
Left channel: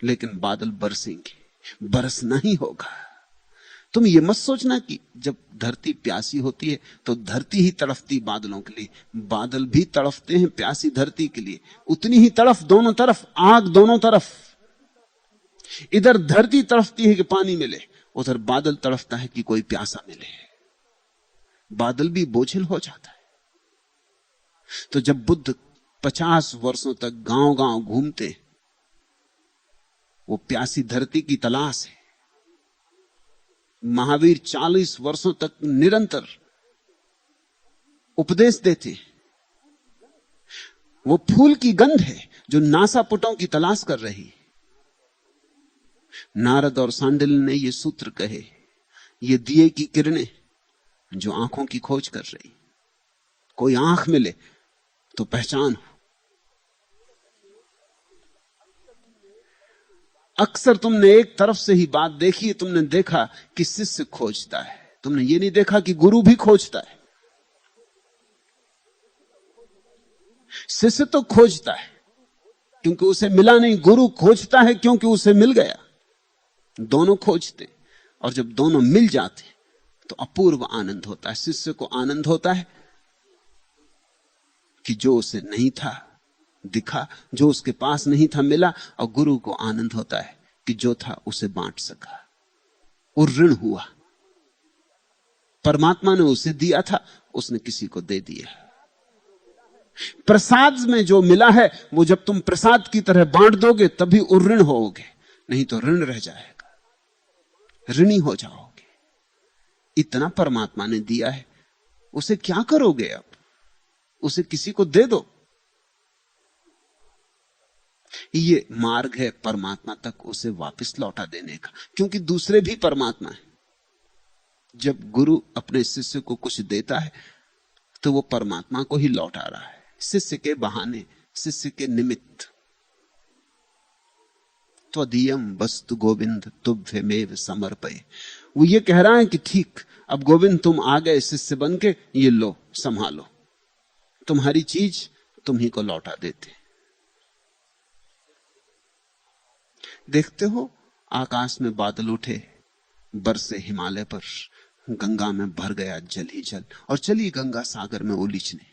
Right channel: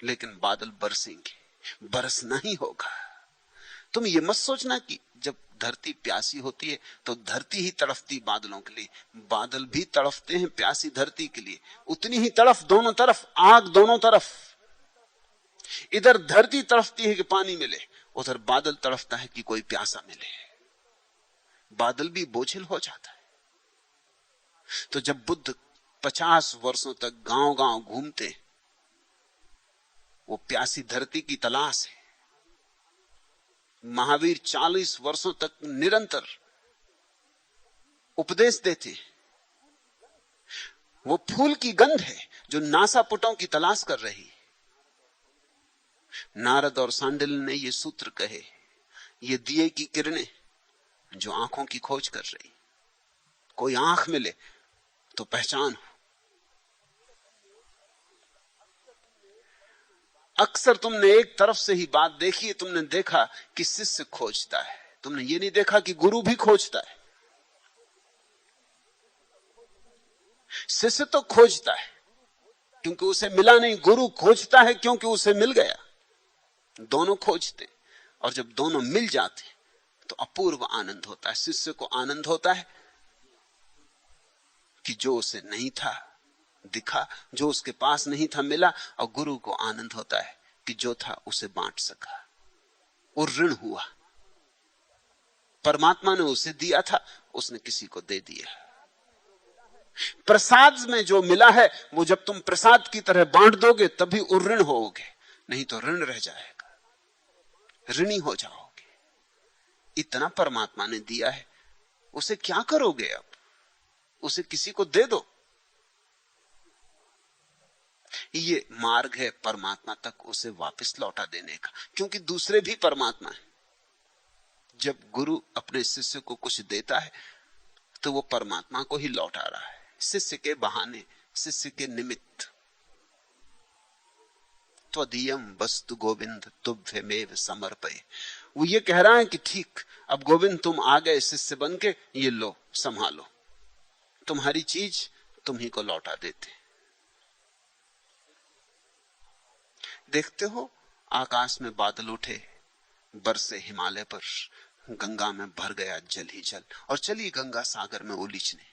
लेकिन बादल बरसेंगे, बरसना ही होगा। तुम ये मत सोचना कि जब धरती प्यासी होती है तो धरती ही तड़फती बादलों के लिए, बादल भी तड़फते हैं प्यासी धरती के लिए। उतनी ही तड़फ दोनों तरफ, आग दोनों तरफ। इधर धरती तड़फती है कि पानी मिले, उधर बादल तड़फता है कि कोई प्यासा मिले। बादल भी बोझिल हो जाता है। तो जब बुद्ध 50 वर्षों तक गांव गांव घूमते, वो प्यासी धरती की तलाश है। महावीर 40 वर्षों तक निरंतर उपदेश देते, वो फूल की गंध है जो नासापुटों की तलाश कर रही। नारद और सांडिल्य ने ये सूत्र कहे, ये दिए की किरणें जो आंखों की खोज कर रही। कोई आंख मिले तो पहचान। अक्सर तुमने एक तरफ से ही बात देखी है। तुमने देखा कि शिष्य खोजता है, तुमने ये नहीं देखा कि गुरु भी खोजता है। शिष्य तो खोजता है क्योंकि उसे मिला नहीं, गुरु खोजता है क्योंकि उसे मिल गया। दोनों खोजते, और जब दोनों मिल जाते तो अपूर्व आनंद होता है। शिष्य को आनंद होता है कि जो उसे नहीं था दिखा, जो उसके पास नहीं था मिला, और गुरु को आनंद होता है कि जो था उसे बांट सका, वो ऋण हुआ। परमात्मा ने उसे दिया था, उसने किसी को दे दिया। प्रसाद में जो मिला है वो जब तुम प्रसाद की तरह बांट दोगे तभी उऋण होगे, नहीं तो ऋण रह जाएगा। ऋणी हो जाओगे। इतना परमात्मा ने दिया है, उसे क्या करोगे? अब उसे किसी को दे दो। ये मार्ग है परमात्मा तक उसे वापस लौटा देने का, क्योंकि दूसरे भी परमात्मा है। जब गुरु अपने शिष्य को कुछ देता है तो वो परमात्मा को ही लौटा रहा है, शिष्य के बहाने, शिष्य के निमित्त। त्वदीयम वस्तु गोविंद तुभ्यमेव समर्पये। वो ये कह रहा है कि ठीक, अब गोविंद तुम आ गए शिष्य बन के, ये लो संभालो, तुम्हारी चीज तुम ही को लौटा देते। देखते हो आकाश में बादल उठे, बरसे हिमालय पर, गंगा में भर गया जल ही जल, और चली गंगा सागर में उलीचने।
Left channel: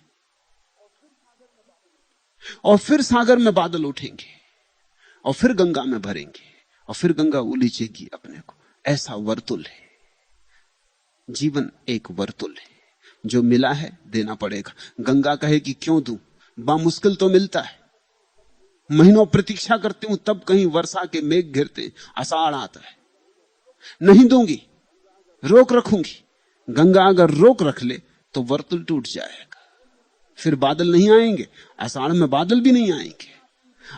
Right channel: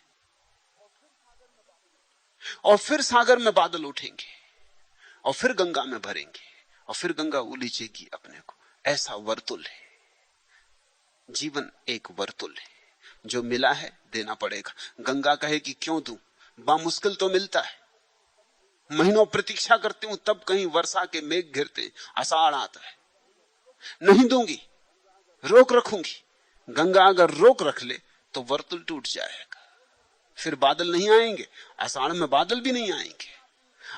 और फिर सागर में बादल उठेंगे और फिर गंगा में भरेंगे और फिर गंगा उलीचेगी अपने को। ऐसा वर्तुल है जीवन, एक वर्तुल है। जो मिला है देना पड़ेगा। गंगा कहे कि क्यों दूं, बामुश्किल तो मिलता है, महीनों प्रतीक्षा करती हूं तब कहीं वर्षा के मेघ गिरते, आषाढ़ आता है, नहीं दूंगी, रोक रखूंगी। गंगा अगर रोक रख ले तो वर्तुल टूट जाएगा, फिर बादल नहीं आएंगे। आषाढ़ में बादल भी नहीं आएंगे।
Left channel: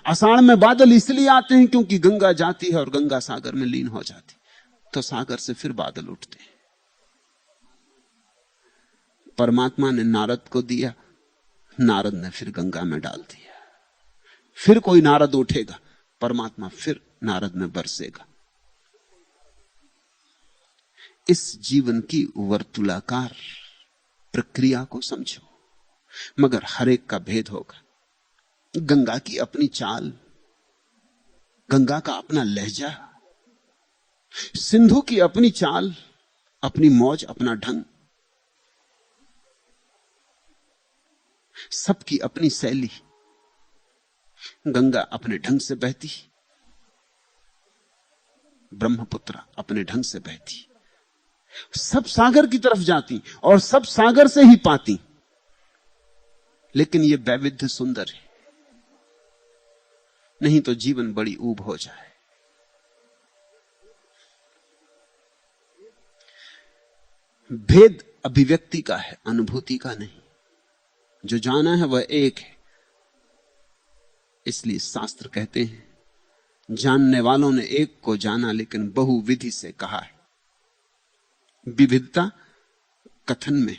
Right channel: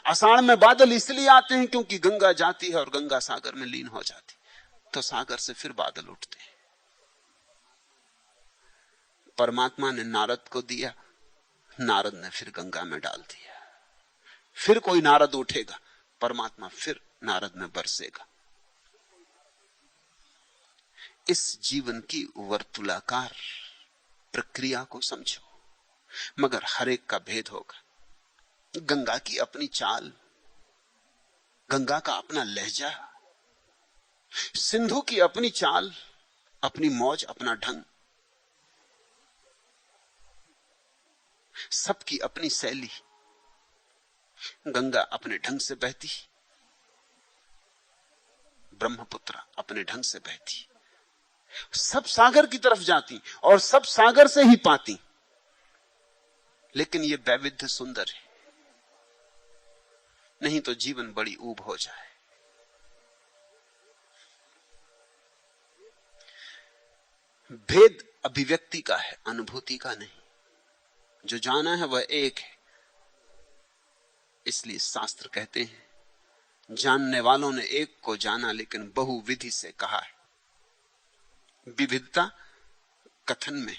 आषाढ़ में बादल इसलिए आते हैं क्योंकि गंगा जाती है और गंगा सागर में लीन हो जाती, तो सागर से फिर बादल उठते हैं। परमात्मा ने नारद को दिया, नारद ने फिर गंगा में डाल दिया। फिर कोई नारद उठेगा, परमात्मा फिर नारद में बरसेगा। इस जीवन की वर्तुलाकार प्रक्रिया को समझो, मगर हर एक का भेद होगा। गंगा की अपनी चाल, गंगा का अपना लहजा, सिंधु की अपनी चाल, अपनी मौज, अपना ढंग, सबकी अपनी शैली। गंगा अपने ढंग से बहती, ब्रह्मपुत्र अपने ढंग से बहती, सब सागर की तरफ जाती और सब सागर से ही पाती। लेकिन यह वैविध्य सुंदर है, नहीं तो जीवन बड़ी ऊब हो जाए। भेद अभिव्यक्ति का है, अनुभूति का नहीं। जो जाना है वह एक है। इसलिए शास्त्र कहते हैं, जानने वालों ने एक को जाना लेकिन बहुविधि से कहा है। विविधता कथन में।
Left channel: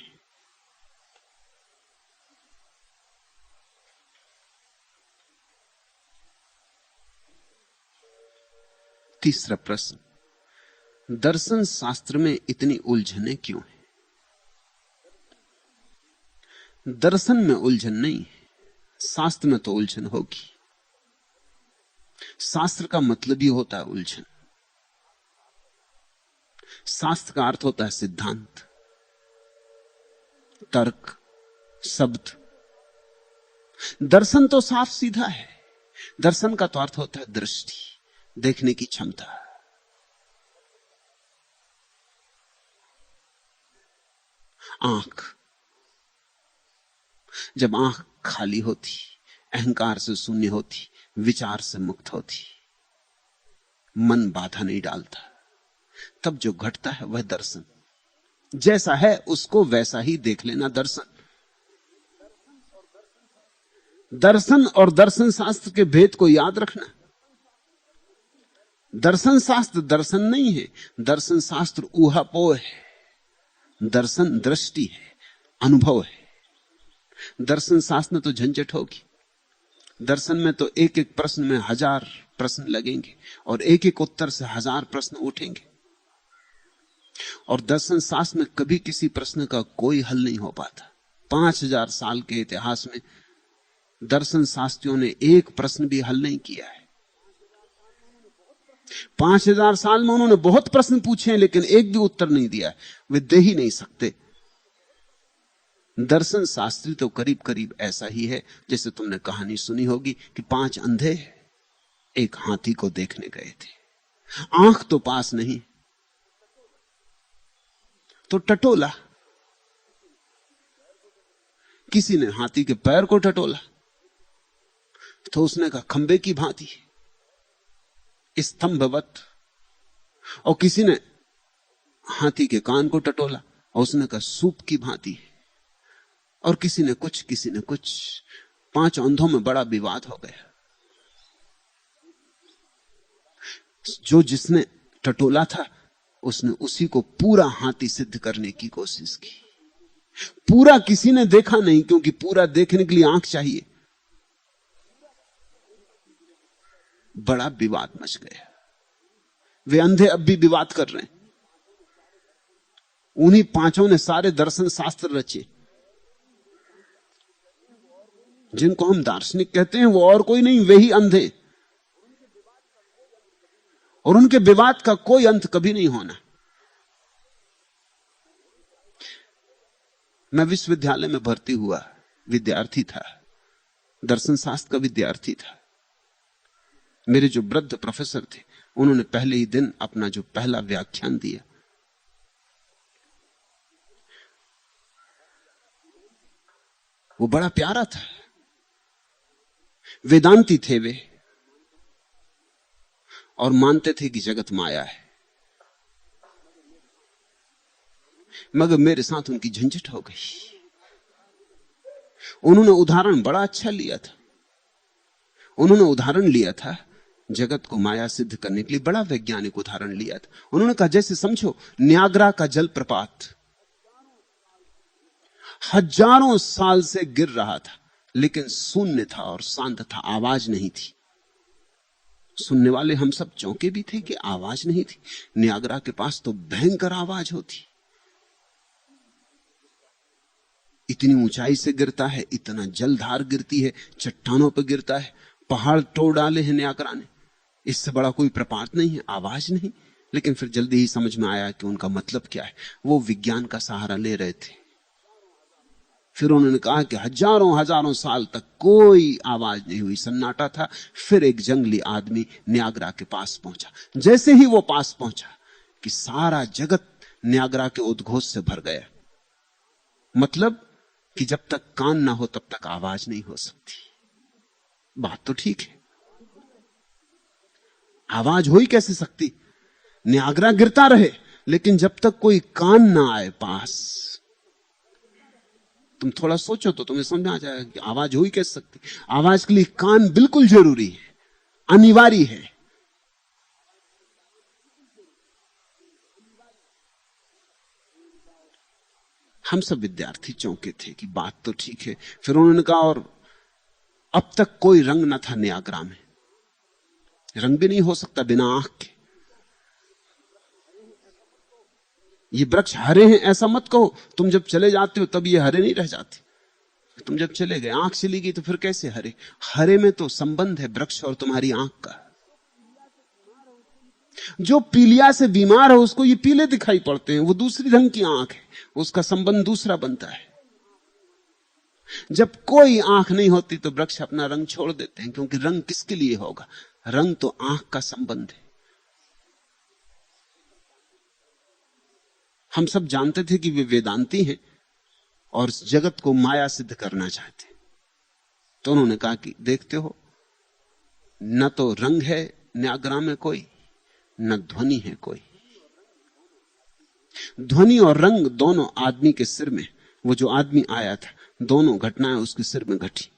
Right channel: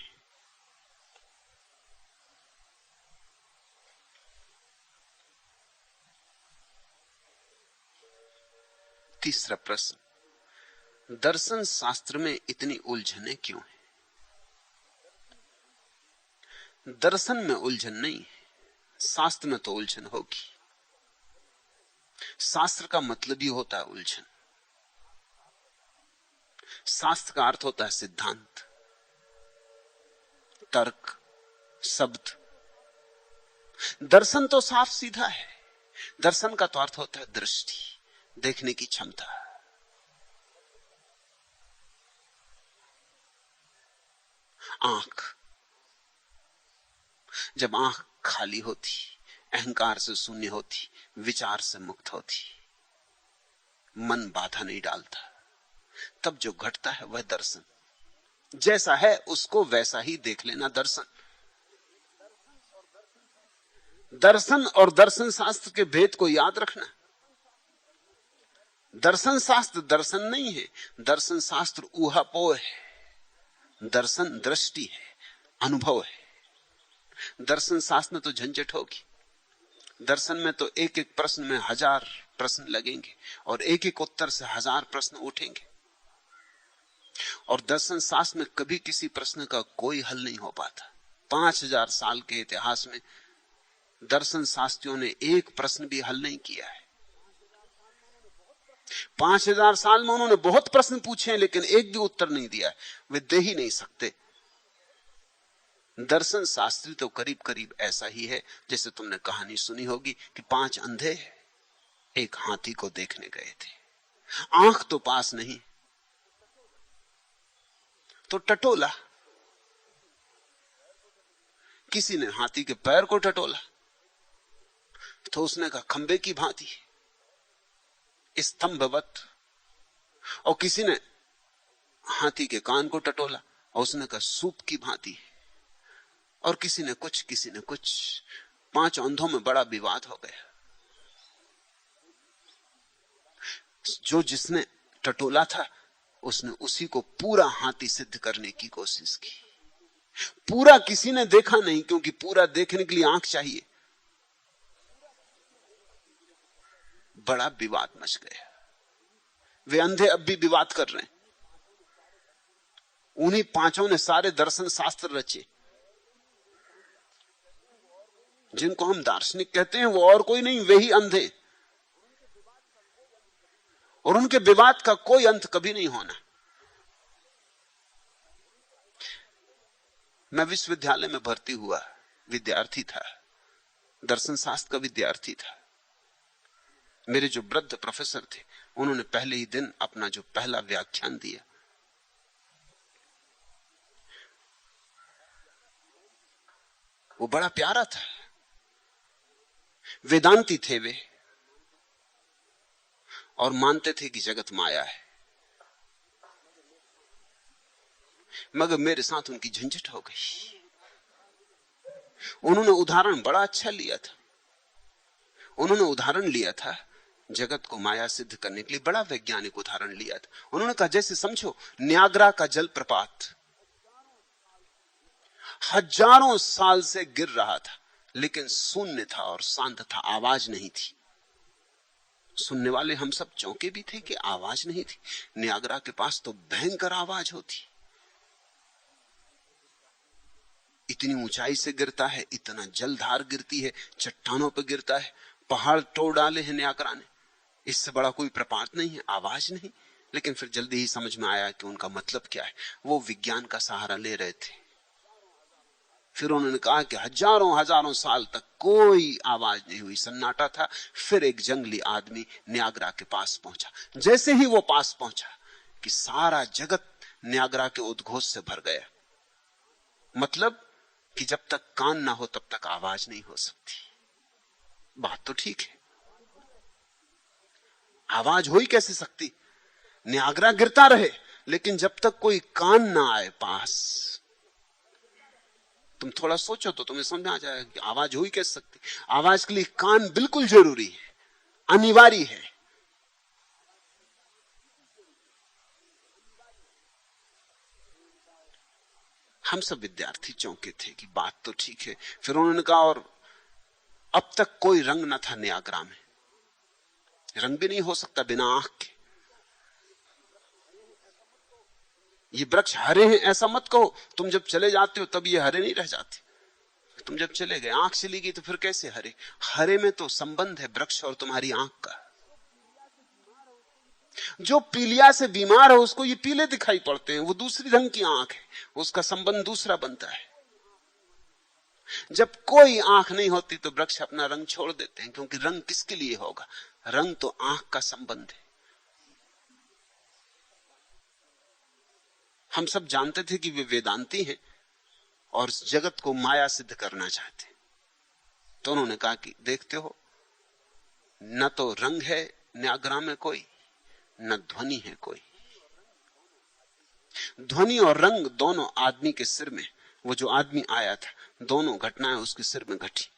तीसरा प्रश्न, दर्शन शास्त्र में इतनी उलझने क्यों है? दर्शन में उलझन नहीं, शास्त्र में तो उलझन होगी। शास्त्र का मतलब ही होता है उलझन। शास्त्र का अर्थ होता है सिद्धांत, तर्क, शब्द। दर्शन तो साफ सीधा है। दर्शन का तो अर्थ होता है दृष्टि, देखने की क्षमता। आंख, जब आंख खाली होती, अहंकार से शून्य होती, विचार से मुक्त होती, मन बाधा नहीं डालता, तब जो घटता है वह दर्शन। जैसा है उसको वैसा ही देख लेना दर्शन। दर्शन और दर्शन शास्त्र के भेद को याद रखना। दर्शन शास्त्र दर्शन नहीं है, दर्शन शास्त्र ऊहापोह है। दर्शन दृष्टि है, अनुभव है। दर्शन शास्त्र में तो झंझट होगी। दर्शन में तो एक एक प्रश्न में 1000 प्रश्न लगेंगे और एक एक उत्तर से 1000 प्रश्न उठेंगे। और दर्शन शास्त्र में कभी किसी प्रश्न का कोई हल नहीं हो पाता। 5000 साल के इतिहास में दर्शन शास्त्रियों ने एक प्रश्न भी हल नहीं किया है। 5000 साल में उन्होंने बहुत प्रश्न पूछे हैं, लेकिन एक भी उत्तर नहीं दिया है। वे दे ही नहीं सकते। दर्शन शास्त्री तो करीब करीब ऐसा ही है जैसे तुमने कहानी सुनी होगी कि 5 अंधे एक हाथी को देखने गए थे। आंख तो पास नहीं, तो टटोला। किसी ने हाथी के पैर को टटोला तो उसने कहा खंबे की भांति, स्तंभवत। और किसी ने हाथी के कान को टटोला और उसने कहा सूप की भांति। और किसी ने कुछ 5 अंधों में बड़ा विवाद हो गया। जो जिसने टटोला था उसने उसी को पूरा हाथी सिद्ध करने की कोशिश की। पूरा किसी ने देखा नहीं, क्योंकि पूरा देखने के लिए आंख चाहिए। बड़ा विवाद मच गया। वे अंधे अब भी विवाद कर रहे हैं। उन्हीं 5 ने सारे दर्शन शास्त्र रचे। जिनको हम दार्शनिक कहते हैं वो और कोई नहीं, वे ही अंधे। और उनके विवाद का कोई अंत कभी नहीं होना। मैं विश्वविद्यालय में भर्ती हुआ विद्यार्थी था, दर्शन शास्त्र का विद्यार्थी था। मेरे जो वृद्ध प्रोफेसर थे उन्होंने पहले ही दिन अपना जो पहला व्याख्यान दिया, वो बड़ा प्यारा था। वेदांती थे वे और मानते थे कि जगत माया है। मगर मेरे साथ उनकी झंझट हो गई। उन्होंने उदाहरण बड़ा अच्छा लिया था। उन्होंने उदाहरण लिया था जगत को माया सिद्ध करने के लिए, बड़ा वैज्ञानिक उदाहरण लिया था। उन्होंने कहा जैसे समझो न्यागरा का जलप्रपात हजारों साल से गिर रहा था, लेकिन शून्य था और शांत था, आवाज नहीं थी। सुनने वाले हम सब चौंके भी थे कि आवाज नहीं थी। न्यागरा के पास तो भयंकर आवाज होती। इतनी ऊंचाई से गिरता है, इतना जलधार गिरती है, चट्टानों पर गिरता है, पहाड़ तोड़ डाले हैं न्यागरा ने। इससे बड़ा कोई प्रपात नहीं है, आवाज नहीं। लेकिन फिर जल्दी ही समझ में आया कि उनका मतलब क्या है। वो विज्ञान का सहारा ले रहे थे। फिर उन्होंने कहा कि हजारों साल तक कोई आवाज नहीं हुई, सन्नाटा था। फिर एक जंगली आदमी न्यागरा के पास पहुंचा। जैसे ही वो पास पहुंचा कि सारा जगत न्यागरा के उद्घोष से भर गया। मतलब कि जब तक कान ना हो तब तक आवाज नहीं हो सकती। बात तो ठीक है, आवाज हो ही कैसे सकती? न्यागरा गिरता रहे, लेकिन जब तक कोई कान ना आए पास, तुम थोड़ा सोचो तो तुम्हें समझ में आ जाएगा कि आवाज हो ही कैसे सकती। आवाज के लिए कान बिल्कुल जरूरी है, अनिवार्य है। हम सब विद्यार्थी चौंके थे कि बात तो ठीक है। फिर उन्होंने कहा और अब तक कोई रंग न था न्यागरा में। रंग भी नहीं हो सकता बिना आंख के। ये वृक्ष हरे हैं ऐसा मत कहो। तुम जब चले जाते हो तब ये हरे नहीं रह जाते। तुम जब चले गए, आंख चली गई, तो फिर कैसे हरे? हरे में तो संबंध है वृक्ष और तुम्हारी आंख का। जो पीलिया से बीमार है उसको ये पीले दिखाई पड़ते हैं, वो दूसरी रंग की आंख है, उसका संबंध दूसरा बनता है। जब कोई आंख नहीं होती तो वृक्ष अपना रंग छोड़ देते हैं, क्योंकि रंग किसके लिए होगा? रंग तो आंख का संबंध है। हम सब जानते थे कि वे वेदांती हैं और इस जगत को माया सिद्ध करना चाहते हैं। तो उन्होंने कहा कि देखते हो, न तो रंग है न्यागरा में कोई, न ध्वनि है कोई। ध्वनि और रंग दोनों आदमी के सिर में। वो जो आदमी आया था, दोनों घटनाएं उसके सिर में घटी।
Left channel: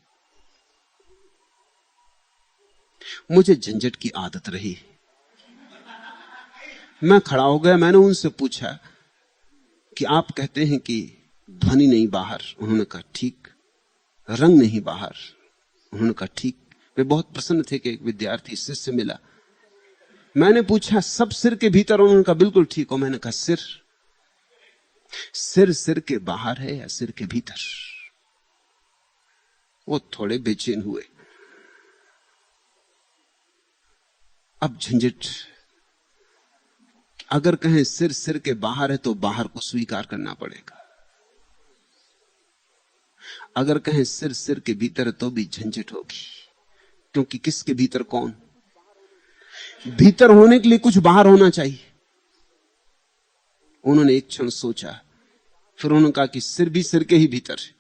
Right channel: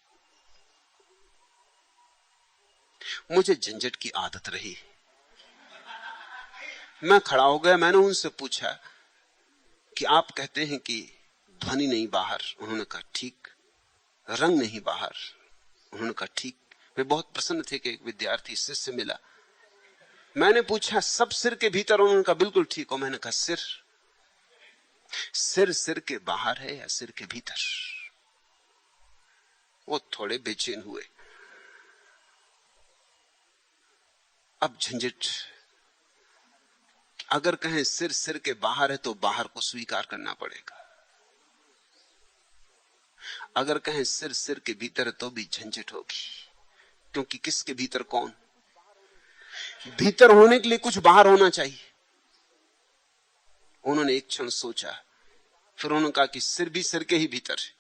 मुझे झंझट की आदत रही। मैं खड़ा हो गया, मैंने उनसे पूछा कि आप कहते हैं कि ध्वनि नहीं बाहर। उन्होंने कहा ठीक। रंग नहीं बाहर। उन्होंने कहा ठीक। वे बहुत प्रसन्न थे कि एक विद्यार्थी शिष्य मिला। मैंने पूछा सब सिर के भीतर? उन्होंने कहा बिल्कुल ठीक हो। मैंने कहा सिर सिर के बाहर है या सिर के भीतर? वो थोड़े बेचैन हुए। अब झंझट। अगर कहें सिर के बाहर है तो बाहर को स्वीकार करना पड़ेगा। अगर कहें सिर के भीतर है तो भी झंझट होगी, क्योंकि किसके भीतर कौन? भीतर होने के लिए कुछ बाहर होना चाहिए। उन्होंने एक क्षण सोचा, फिर उन्होंने कहा कि सिर भी सिर के ही भीतर है।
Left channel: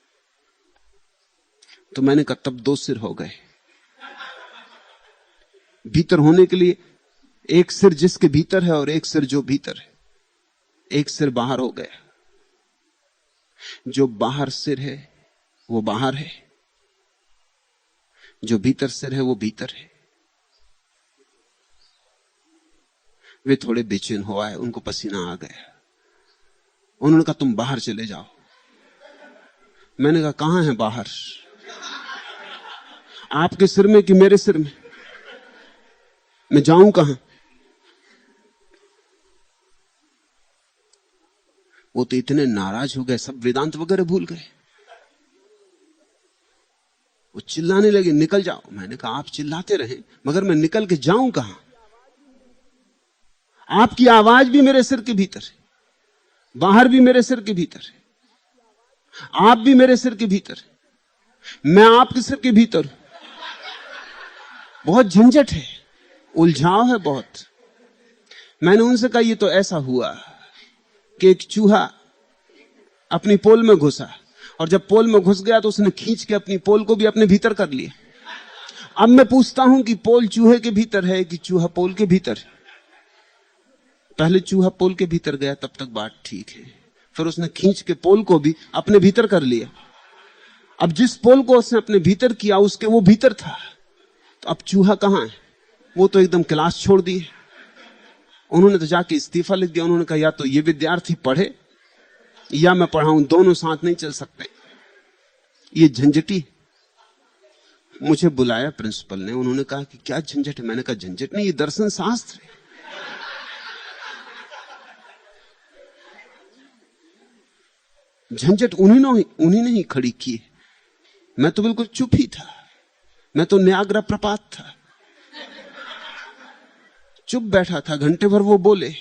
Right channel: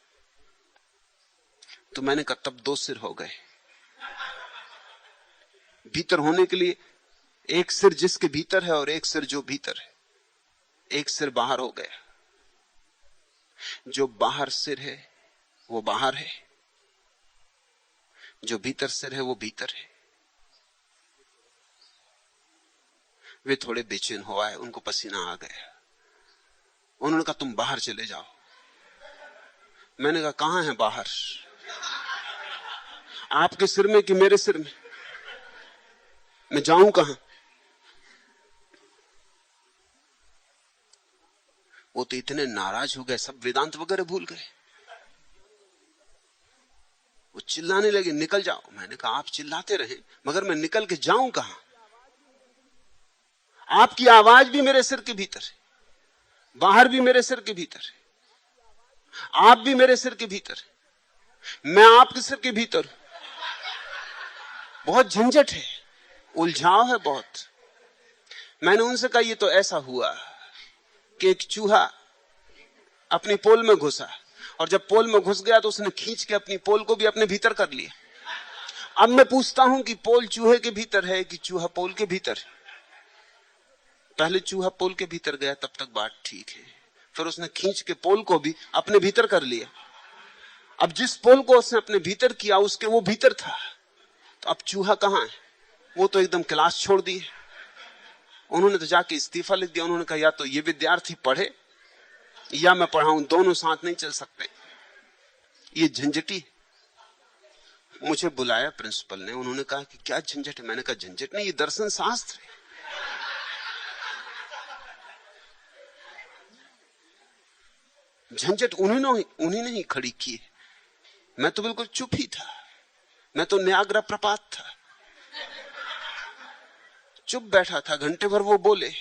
तो मैंने कहा तब 2 सिर हो गए। भीतर होने के लिए एक सिर जिसके भीतर है और एक सिर जो भीतर है। एक सिर बाहर हो गया। जो बाहर सिर है वो बाहर है, जो भीतर सिर है वो भीतर है। वे थोड़े बेचैन हो आए, उनको पसीना आ गया। उन्होंने कहा तुम बाहर चले जाओ। मैंने कहा कहां है बाहर? आपके सिर में कि मेरे सिर में? मैं जाऊं कहां? वो तो इतने नाराज हो गए, सब वेदांत वगैरह भूल गए। वो चिल्लाने लगे निकल जाओ। मैंने कहा आप चिल्लाते रहे, मगर मैं निकल के जाऊं कहां? आपकी आवाज भी मेरे सिर के भीतर है, बाहर भी मेरे सिर के भीतर है, आप भी मेरे सिर के भीतर है, मैं आपके सिर के भीतर हूं। बहुत झंझट है, उलझाव है बहुत। मैंने उनसे कहा ये तो ऐसा हुआ कि एक चूहा अपनी पोल में घुसा, और जब पोल में घुस गया तो उसने खींच के अपनी पोल को भी अपने भीतर कर लिया। अब मैं पूछता हूं कि पोल चूहे के भीतर है कि चूहा पोल के भीतर है? पहले चूहा पोल के भीतर गया, तब तक बात ठीक है। फिर उसने खींच के पोल को भी अपने भीतर कर लिया। अब जिस पोल को उसने अपने भीतर किया उसके वो भीतर था, तो अब चूहा कहां है? वो तो एकदम क्लास छोड़ दी। उन्होंने तो जाके इस्तीफा लिख दिया। उन्होंने कहा या तो ये विद्यार्थी पढ़े या मैं पढ़ाऊं, दोनों साथ नहीं चल सकते। ये झंझटी। मुझे बुलाया प्रिंसिपल ने, उन्होंने कहा कि क्या झंझट है? मैंने कहा झंझट नहीं, ये दर्शन शास्त्र है। झंझट उन्हीं ने ही खड़ी की। मैं तो बिल्कुल चुप ही था, मैं तो न्याग्रा प्रपात था, चुप बैठा था। घंटे भर वो बोले।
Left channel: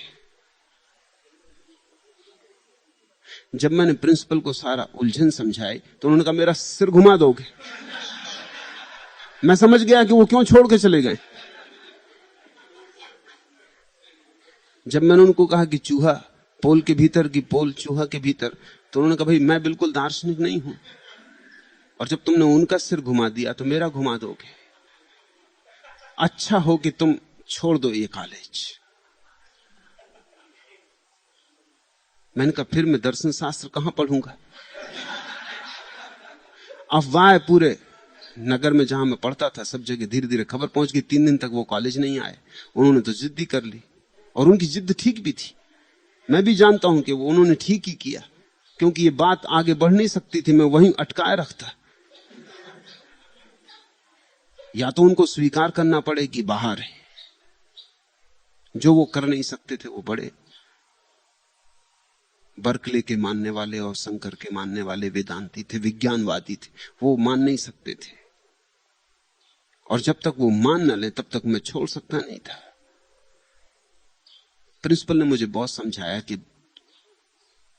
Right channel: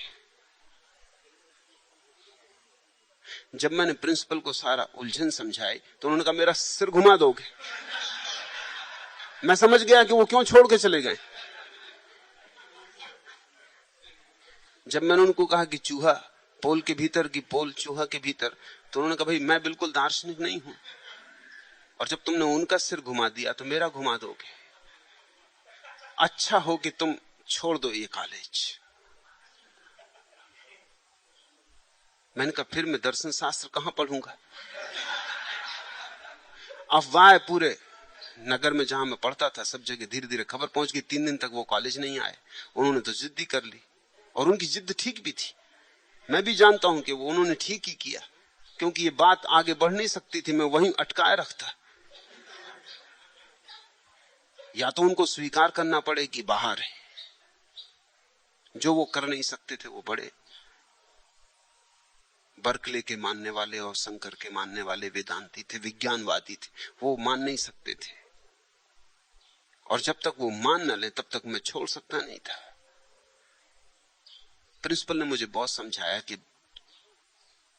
जब मैंने प्रिंसिपल को सारा उलझन समझाई तो उन्होंने कहा मेरा सिर घुमा दोगे? मैं समझ गया कि वो क्यों छोड़ के चले गए। जब मैंने उनको कहा कि चूहा पोल के भीतर की पोल चूहा के भीतर, तो उन्होंने कहा भाई मैं बिल्कुल दार्शनिक नहीं हूं, और जब तुमने उनका सिर घुमा दिया तो मेरा घुमा दोगे। अच्छा हो कि तुम छोड़ दो ये कॉलेज। मैंने कहा फिर मैं दर्शन शास्त्र कहां पढ़ूंगा? अफवाह पूरे नगर में जहां मैं पढ़ता था सब जगह धीरे धीरे खबर पहुंच गई। 3 दिन तक वो कॉलेज नहीं आए। उन्होंने तो जिद्दी कर ली, और उनकी जिद ठीक भी थी। मैं भी जानता हूं कि वो उन्होंने ठीक ही किया, क्योंकि ये बात आगे बढ़ नहीं सकती थी, मैं वहीं अटकाए रखता। या तो उनको स्वीकार करना पड़े कि बाहर है, जो वो कर नहीं सकते थे। वो बड़े बर्कले के मानने वाले और शंकर के मानने वाले वेदांती थे, विज्ञानवादी थे, वो मान नहीं सकते थे। और जब तक वो मान न ले तब तक मैं छोड़ सकता नहीं था। प्रिंसिपल ने मुझे बहुत समझाया कि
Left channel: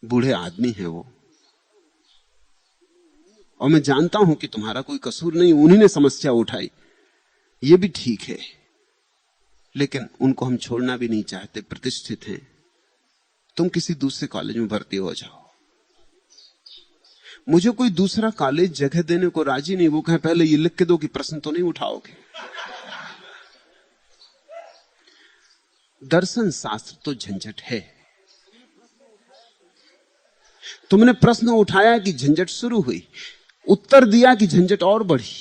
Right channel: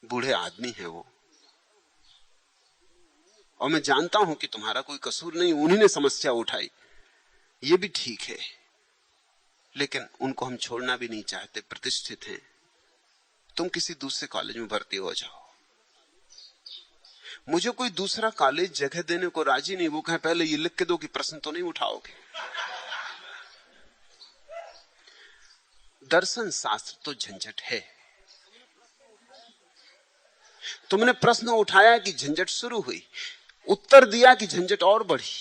बूढ़े आदमी है वो, और मैं जानता हूं कि तुम्हारा कोई कसूर नहीं, उन्हीं ने समस्या उठाई, ये भी ठीक है, लेकिन उनको हम छोड़ना भी नहीं चाहते, प्रतिष्ठित हैं। तुम किसी दूसरे कॉलेज में भर्ती हो जाओ। मुझे कोई दूसरा कॉलेज जगह देने को राजी नहीं। वो कहे पहले ये लिख के दो कि प्रश्न तो नहीं उठाओगे। दर्शन शास्त्र तो झंझट है। तुमने प्रश्न उठाया कि झंझट शुरू हुई, उत्तर दिया कि झंझट और बढ़ी,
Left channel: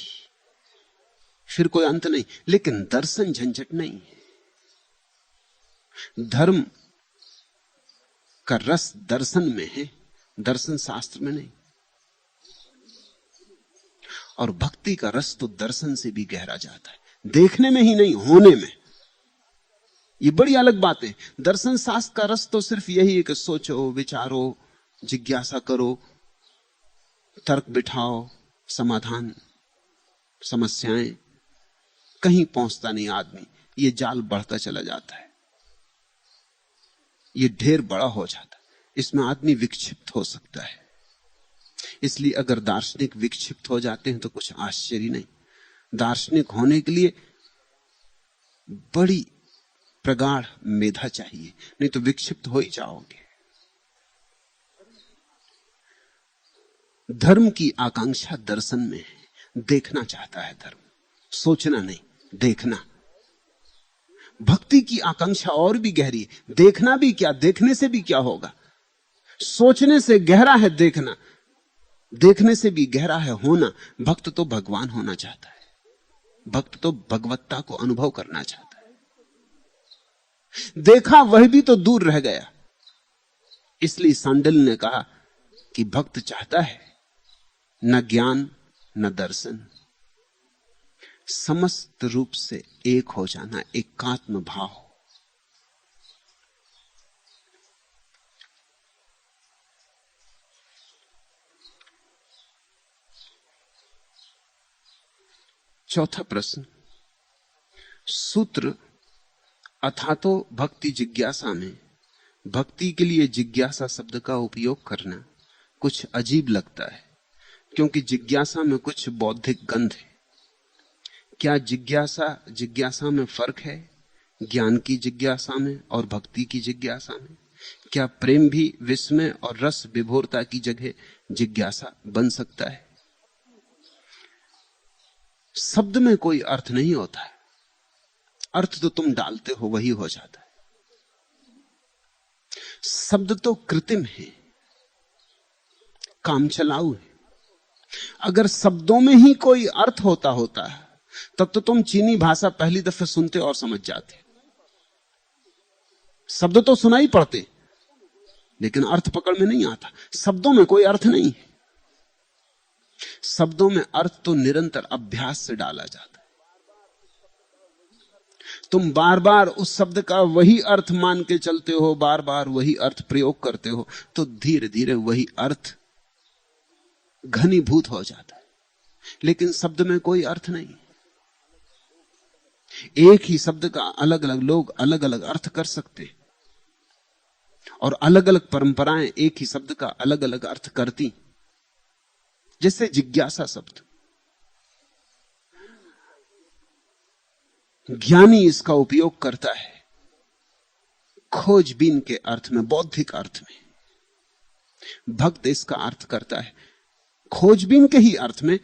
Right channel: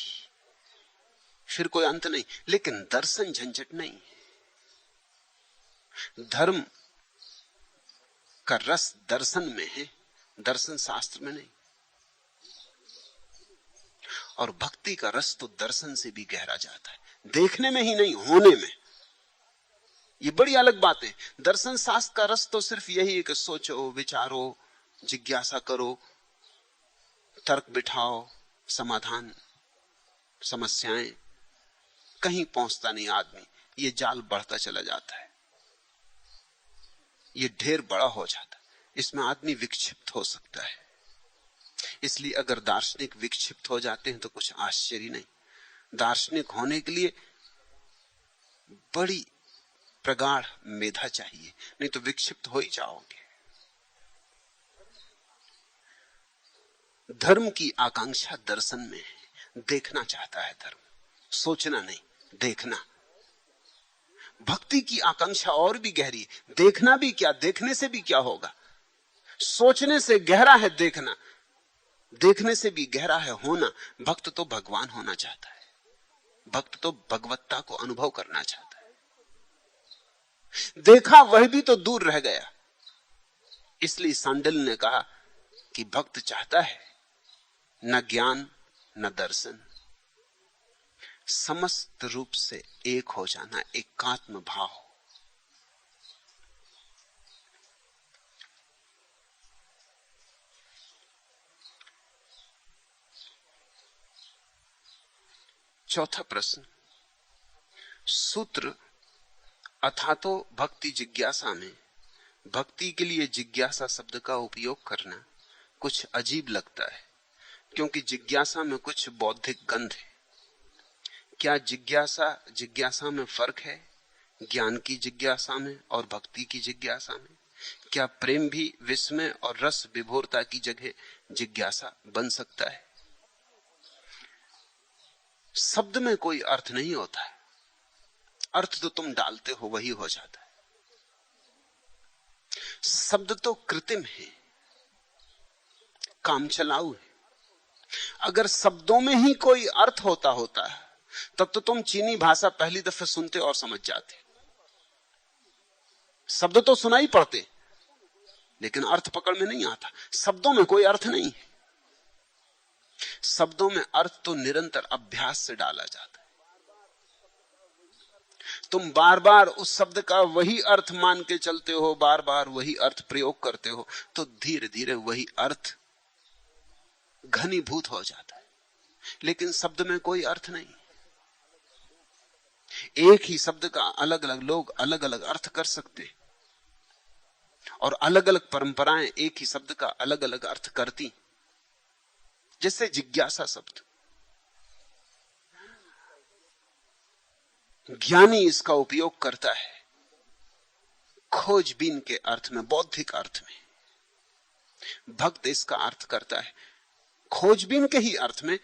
फिर कोई अंत नहीं। लेकिन दर्शन झंझट नहीं। धर्म का रस दर्शन में है, दर्शन शास्त्र में नहीं। और भक्ति का रस तो दर्शन से भी गहरा जाता है, देखने में ही नहीं, होने में। ये बड़ी अलग बात है। दर्शन शास्त्र का रस तो सिर्फ यही है कि सोचो, विचारो, जिज्ञासा करो, तर्क बिठाओ, समाधान, समस्याएं। कहीं पहुंचता नहीं आदमी, ये जाल बढ़ता चला जाता है, ये ढेर बड़ा हो जाता है, इसमें आदमी विक्षिप्त हो सकता है। इसलिए अगर दार्शनिक विक्षिप्त हो जाते हैं तो कुछ आश्चर्य नहीं। दार्शनिक होने के लिए बड़ी प्रगाढ़ मेधा चाहिए, नहीं तो विक्षिप्त हो ही जाओगे। धर्म की आकांक्षा दर्शन में है, देखना चाहता है धर्म, सोचना नहीं, देखना। भक्ति की आकांक्षा और भी गहरी है। देखना भी क्या, देखने से भी क्या होगा। सोचने से गहरा है देखना, देखने से भी गहरा है होना। भक्त तो भगवान होना चाहता है, भक्त तो भगवत्ता को अनुभव करना चाहता है। देखा वह भी तो दूर रह गया। इसलिए सांडिल ने कहा कि भक्त चाहता है न ज्ञान न दर्शन, समस्त रूप से एक हो जाना, एकात्म भाव। चौथा प्रश्न, सूत्र अथातो भक्ति जिज्ञासा में भक्ति के लिए जिज्ञासा शब्द का उपयोग करना कुछ अजीब लगता है, क्योंकि जिज्ञासा में कुछ बौद्धिक गंध है। क्या जिज्ञासा में फर्क है, ज्ञान की जिज्ञासा में और भक्ति की जिज्ञासा में? क्या प्रेम भी विस्मय और रस विभोरता की जगह जिज्ञासा बन सकता है? शब्द में कोई अर्थ नहीं होता, अर्थ तो तुम डालते हो वही हो जाता है। शब्द तो कृत्रिम है, काम चलाऊ है। अगर शब्दों में ही कोई अर्थ होता है तब तो तुम चीनी भाषा पहली दफे सुनते और समझ जाते। शब्द तो सुनाई पड़ते लेकिन अर्थ पकड़ में नहीं आता। शब्दों में कोई अर्थ नहीं, शब्दों में अर्थ तो निरंतर अभ्यास से डाला जाता है। तुम बार बार उस शब्द का वही अर्थ मान के चलते हो, बार बार वही अर्थ प्रयोग करते हो, तो धीरे धीरे वही अर्थ घनीभूत हो जाता है। लेकिन शब्द में कोई अर्थ नहीं। एक ही शब्द का अलग अलग लोग अलग अलग अर्थ कर सकते हैं, और अलग अलग परंपराएं एक ही शब्द का अलग अलग अर्थ करती। जैसे जिज्ञासा शब्द, ज्ञानी इसका उपयोग करता है खोजबीन के अर्थ में, बौद्धिक अर्थ में। भक्त इसका अर्थ करता है खोजबीन के ही अर्थ में,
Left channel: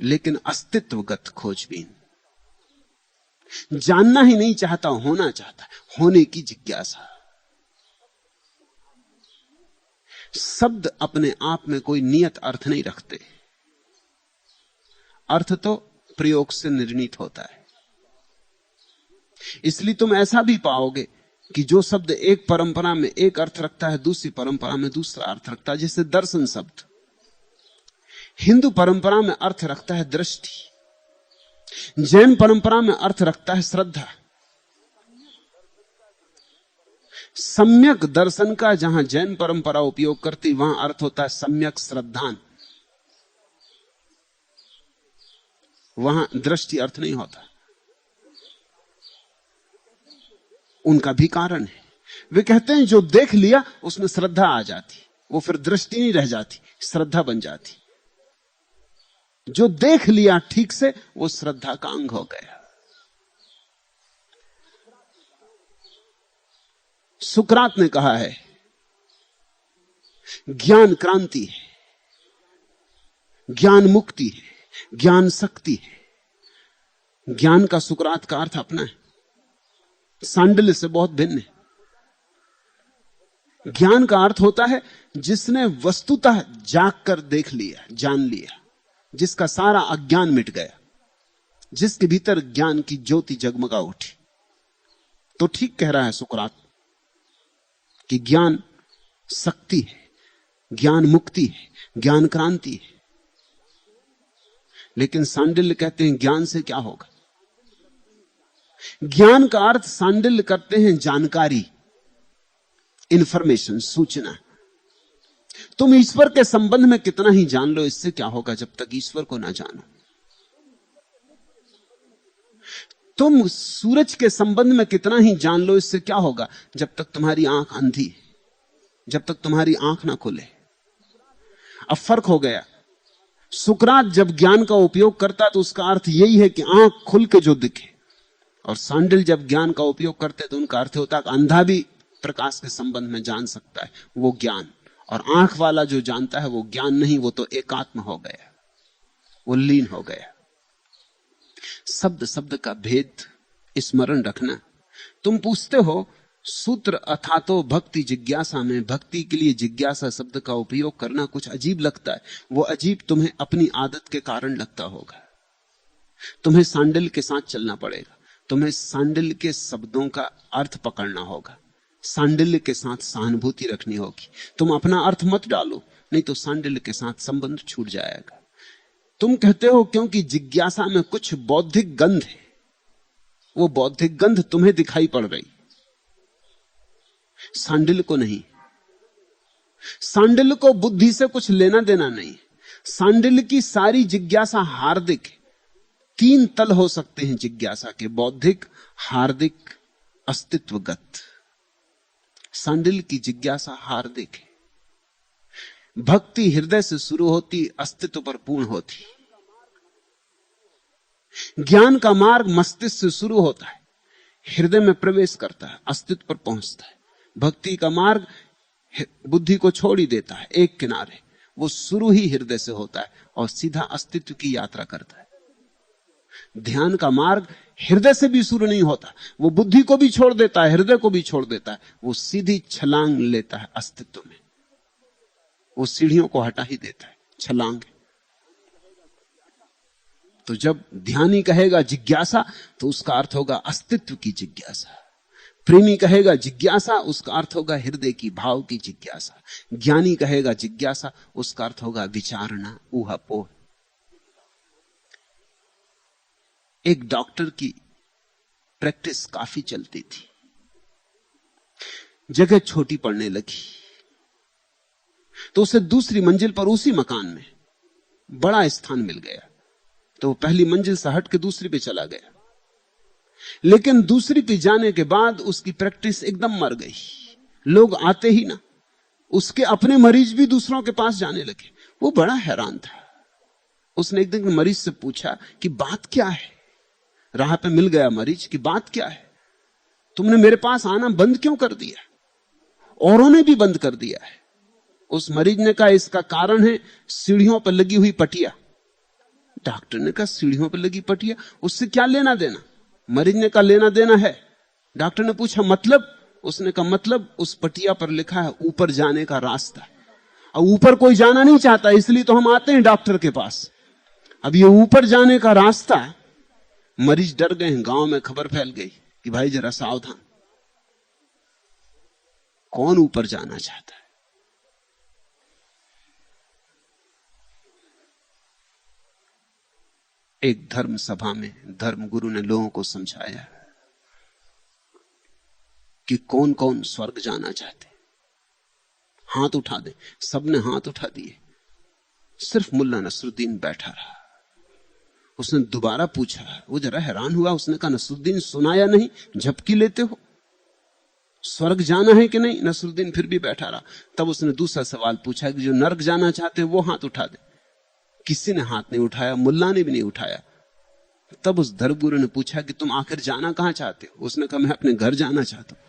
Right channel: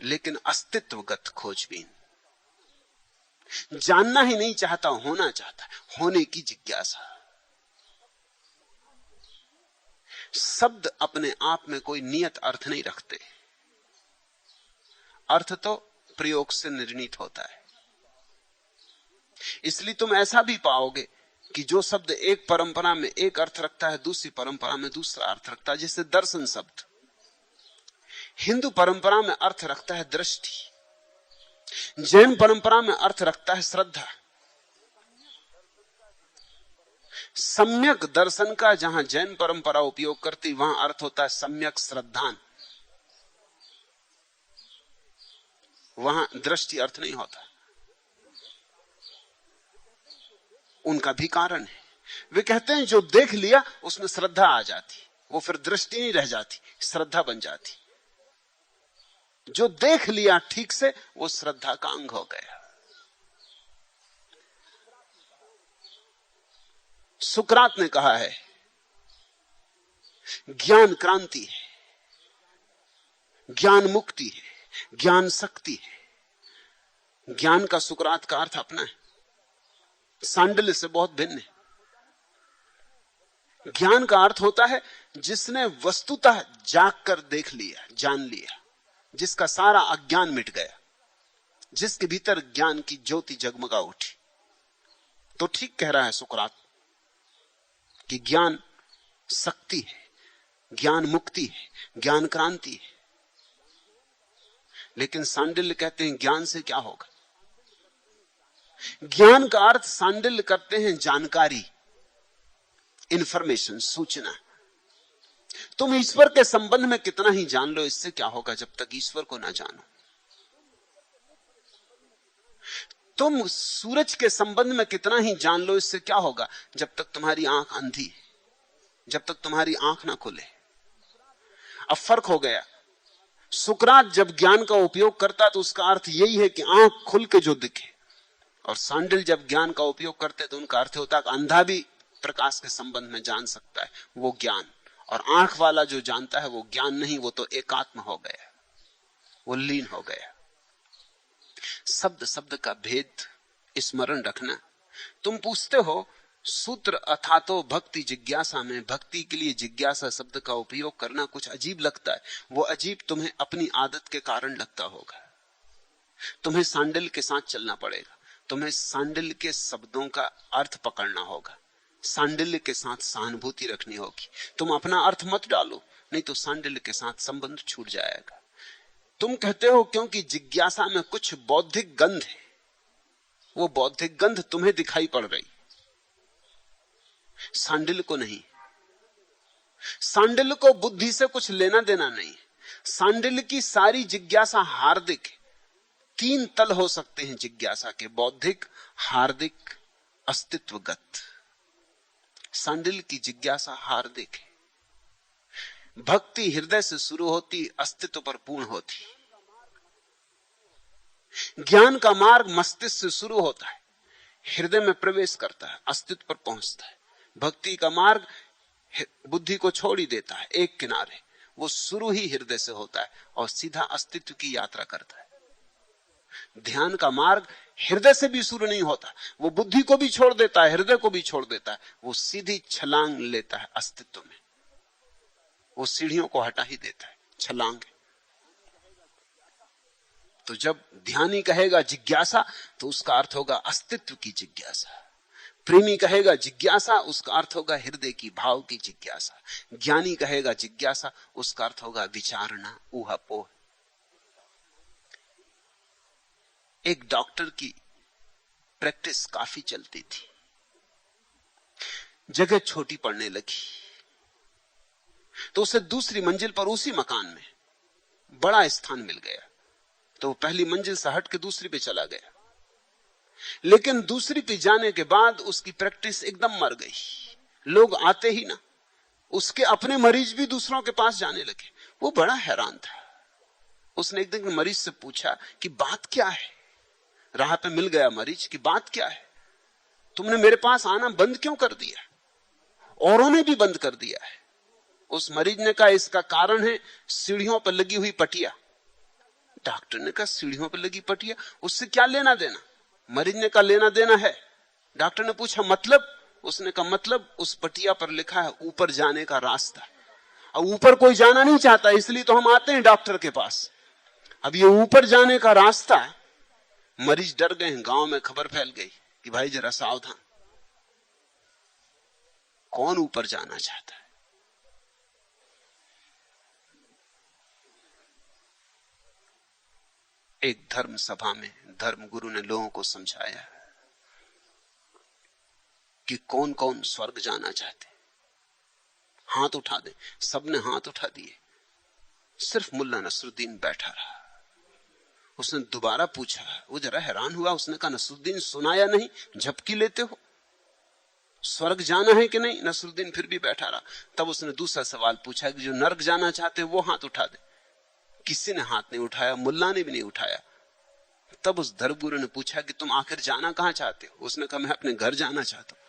लेकिन अस्तित्वगत खोजबीन। जानना ही नहीं चाहता, होना चाहता, होने की जिज्ञासा। शब्द अपने आप में कोई नियत अर्थ नहीं रखते, अर्थ तो प्रयोग से निर्णीत होता है। इसलिए तुम ऐसा भी पाओगे कि जो शब्द एक परंपरा में एक अर्थ रखता है, दूसरी परंपरा में दूसरा अर्थ रखता है। जैसे दर्शन शब्द हिंदू परंपरा में अर्थ रखता है दृष्टि, जैन परंपरा में अर्थ रखता है श्रद्धा। सम्यक दर्शन का जहां जैन परंपरा उपयोग करती, वहां अर्थ होता है सम्यक श्रद्धान, वहां दृष्टि अर्थ नहीं होता। उनका भी कारण है, वे कहते हैं जो देख लिया उसमें श्रद्धा आ जाती, वो फिर दृष्टि नहीं रह जाती, श्रद्धा बन जाती। जो देख लिया ठीक से वो श्रद्धा का अंग हो गया। सुकरात ने कहा है ज्ञान क्रांति है, ज्ञान मुक्ति है, ज्ञान शक्ति है। ज्ञान का सुकरात का अर्थ अपना है, सैंडल से बहुत भिन्न है। ज्ञान का अर्थ होता है जिसने वस्तुतः जाग कर देख लिया, जान लिया, जिसका सारा अज्ञान मिट गया, जिसके भीतर ज्ञान की ज्योति जगमगा उठी। तो ठीक कह रहा है सुकरात कि ज्ञान शक्ति है, ज्ञान मुक्ति है, ज्ञान क्रांति है। लेकिन सांडिल्य कहते हैं ज्ञान से क्या होगा। ज्ञान का अर्थ सांडिल्य करते हैं जानकारी, इंफॉर्मेशन, सूचना। तुम ईश्वर के संबंध में कितना ही जान लो, इससे क्या होगा जब तक ईश्वर को ना जानो। तुम सूरज के संबंध में कितना ही जान लो, इससे क्या होगा जब तक तुम्हारी आंख अंधी, जब तक तुम्हारी आंख ना खुले। अब फर्क हो गया। सुकरात जब ज्ञान का उपयोग करता तो उसका अर्थ यही है कि आंख खुल के जो दिखे, और सांडिल जब ज्ञान का उपयोग करते तो उनका अर्थ होता है कि अंधा भी प्रकाश के संबंध में जान सकता है, वो ज्ञान। और आंख वाला जो जानता है वो ज्ञान नहीं, वो तो एकात्म हो गया, वो लीन हो गया। शब्द शब्द का भेद स्मरण रखना। तुम पूछते हो सूत्र अथातो भक्ति जिज्ञासा में भक्ति के लिए जिज्ञासा शब्द का उपयोग करना कुछ अजीब लगता है। वो अजीब तुम्हें अपनी आदत के कारण लगता होगा। तुम्हें सांडिल के साथ चलना पड़ेगा। तुम्हें सांडिल के शब्दों का अर्थ पकड़ना होगा। सांडिल्य के साथ सहानुभूति रखनी होगी। तुम अपना अर्थ मत डालो, नहीं तो सांडिल्य के साथ संबंध छूट जाएगा। तुम कहते हो क्योंकि जिज्ञासा में कुछ बौद्धिक गंध है। वो बौद्धिक गंध तुम्हें दिखाई पड़ रही, सांडिल्य को नहीं। सांडिल्य को बुद्धि से कुछ लेना देना नहीं। सांडिल्य की सारी जिज्ञासा हार्दिक है। 3 तल हो सकते हैं जिज्ञासा के, बौद्धिक, हार्दिक, अस्तित्वगत। सांडिल्य की जिज्ञासा हार्दिक है। भक्ति हृदय से शुरू होती, अस्तित्व पर पूर्ण होती। ज्ञान का मार्ग मस्तिष्क से शुरू होता है, हृदय में प्रवेश करता है, अस्तित्व पर पहुंचता है। भक्ति का मार्ग बुद्धि को छोड़ ही देता है एक किनारे। वो शुरू ही हृदय से होता है और सीधा अस्तित्व की यात्रा करता है। ध्यान का मार्ग हृदय से भी शुरू नहीं होता, वो बुद्धि को भी छोड़ देता है, हृदय को भी छोड़ देता है। वो सीधी छलांग लेता है अस्तित्व में। वो सीढ़ियों को हटा ही देता है, छलांग। तो जब ध्यानी कहेगा जिज्ञासा, तो उसका अर्थ होगा अस्तित्व की जिज्ञासा। प्रेमी कहेगा जिज्ञासा, उसका अर्थ होगा हृदय की, भाव की जिज्ञासा। ज्ञानी कहेगा जिज्ञासा, उसका अर्थ होगा विचारना, ऊहापोह। एक डॉक्टर की प्रैक्टिस काफी चलती थी। जगह छोटी पड़ने लगी तो उसे दूसरी मंजिल पर उसी मकान में बड़ा स्थान मिल गया। तो वो पहली मंजिल से हट के दूसरी पे चला गया। लेकिन दूसरी पे जाने के बाद उसकी प्रैक्टिस एकदम मर गई। लोग आते ही ना, उसके अपने मरीज भी दूसरों के पास जाने लगे। वो बड़ा हैरान था। उसने एक दिन मरीज से पूछा कि बात क्या है। राह पे मिल गया मरीज कि बात क्या है, तुमने मेरे पास आना बंद क्यों कर दिया, औरों ने भी बंद कर दिया है। उस मरीज ने कहा इसका कारण है सीढ़ियों पर लगी हुई पटिया। डॉक्टर ने कहा सीढ़ियों पर लगी पटिया, उससे क्या लेना देना। मरीज ने कहा लेना देना है। डॉक्टर ने पूछा मतलब। उसने कहा मतलब उस पटिया पर लिखा है ऊपर जाने का रास्ता। अब ऊपर कोई जाना नहीं चाहता, इसलिए तो हम आते हैं डॉक्टर के पास। अब ये ऊपर जाने का रास्ता, मरीज डर गए हैं। गांव में खबर फैल गई कि भाई जरा सावधान, कौन ऊपर जाना चाहता है। एक धर्म सभा में धर्म गुरु ने लोगों को समझाया कि कौन कौन स्वर्ग जाना चाहते, हाथ उठा दे। सबने हाथ उठा दिए, सिर्फ मुल्ला नसरुद्दीन बैठा रहा। उसने दोबारा पूछा, वो जरा हैरान हुआ। उसने कहा नसरुद्दीन सुना या नहीं, झपकी लेते हो, स्वर्ग जाना है कि नहीं। नसरुद्दीन फिर भी बैठा रहा। तब उसने दूसरा सवाल पूछा कि जो नर्क जाना चाहते वो हाथ उठा दे। किसी ने हाथ नहीं उठाया, मुल्ला ने भी नहीं उठाया। तब उस धर्मगुरु ने पूछा कि तुम आखिर जाना कहां चाहते हो। उसने कहा मैं अपने घर जाना चाहता हूं।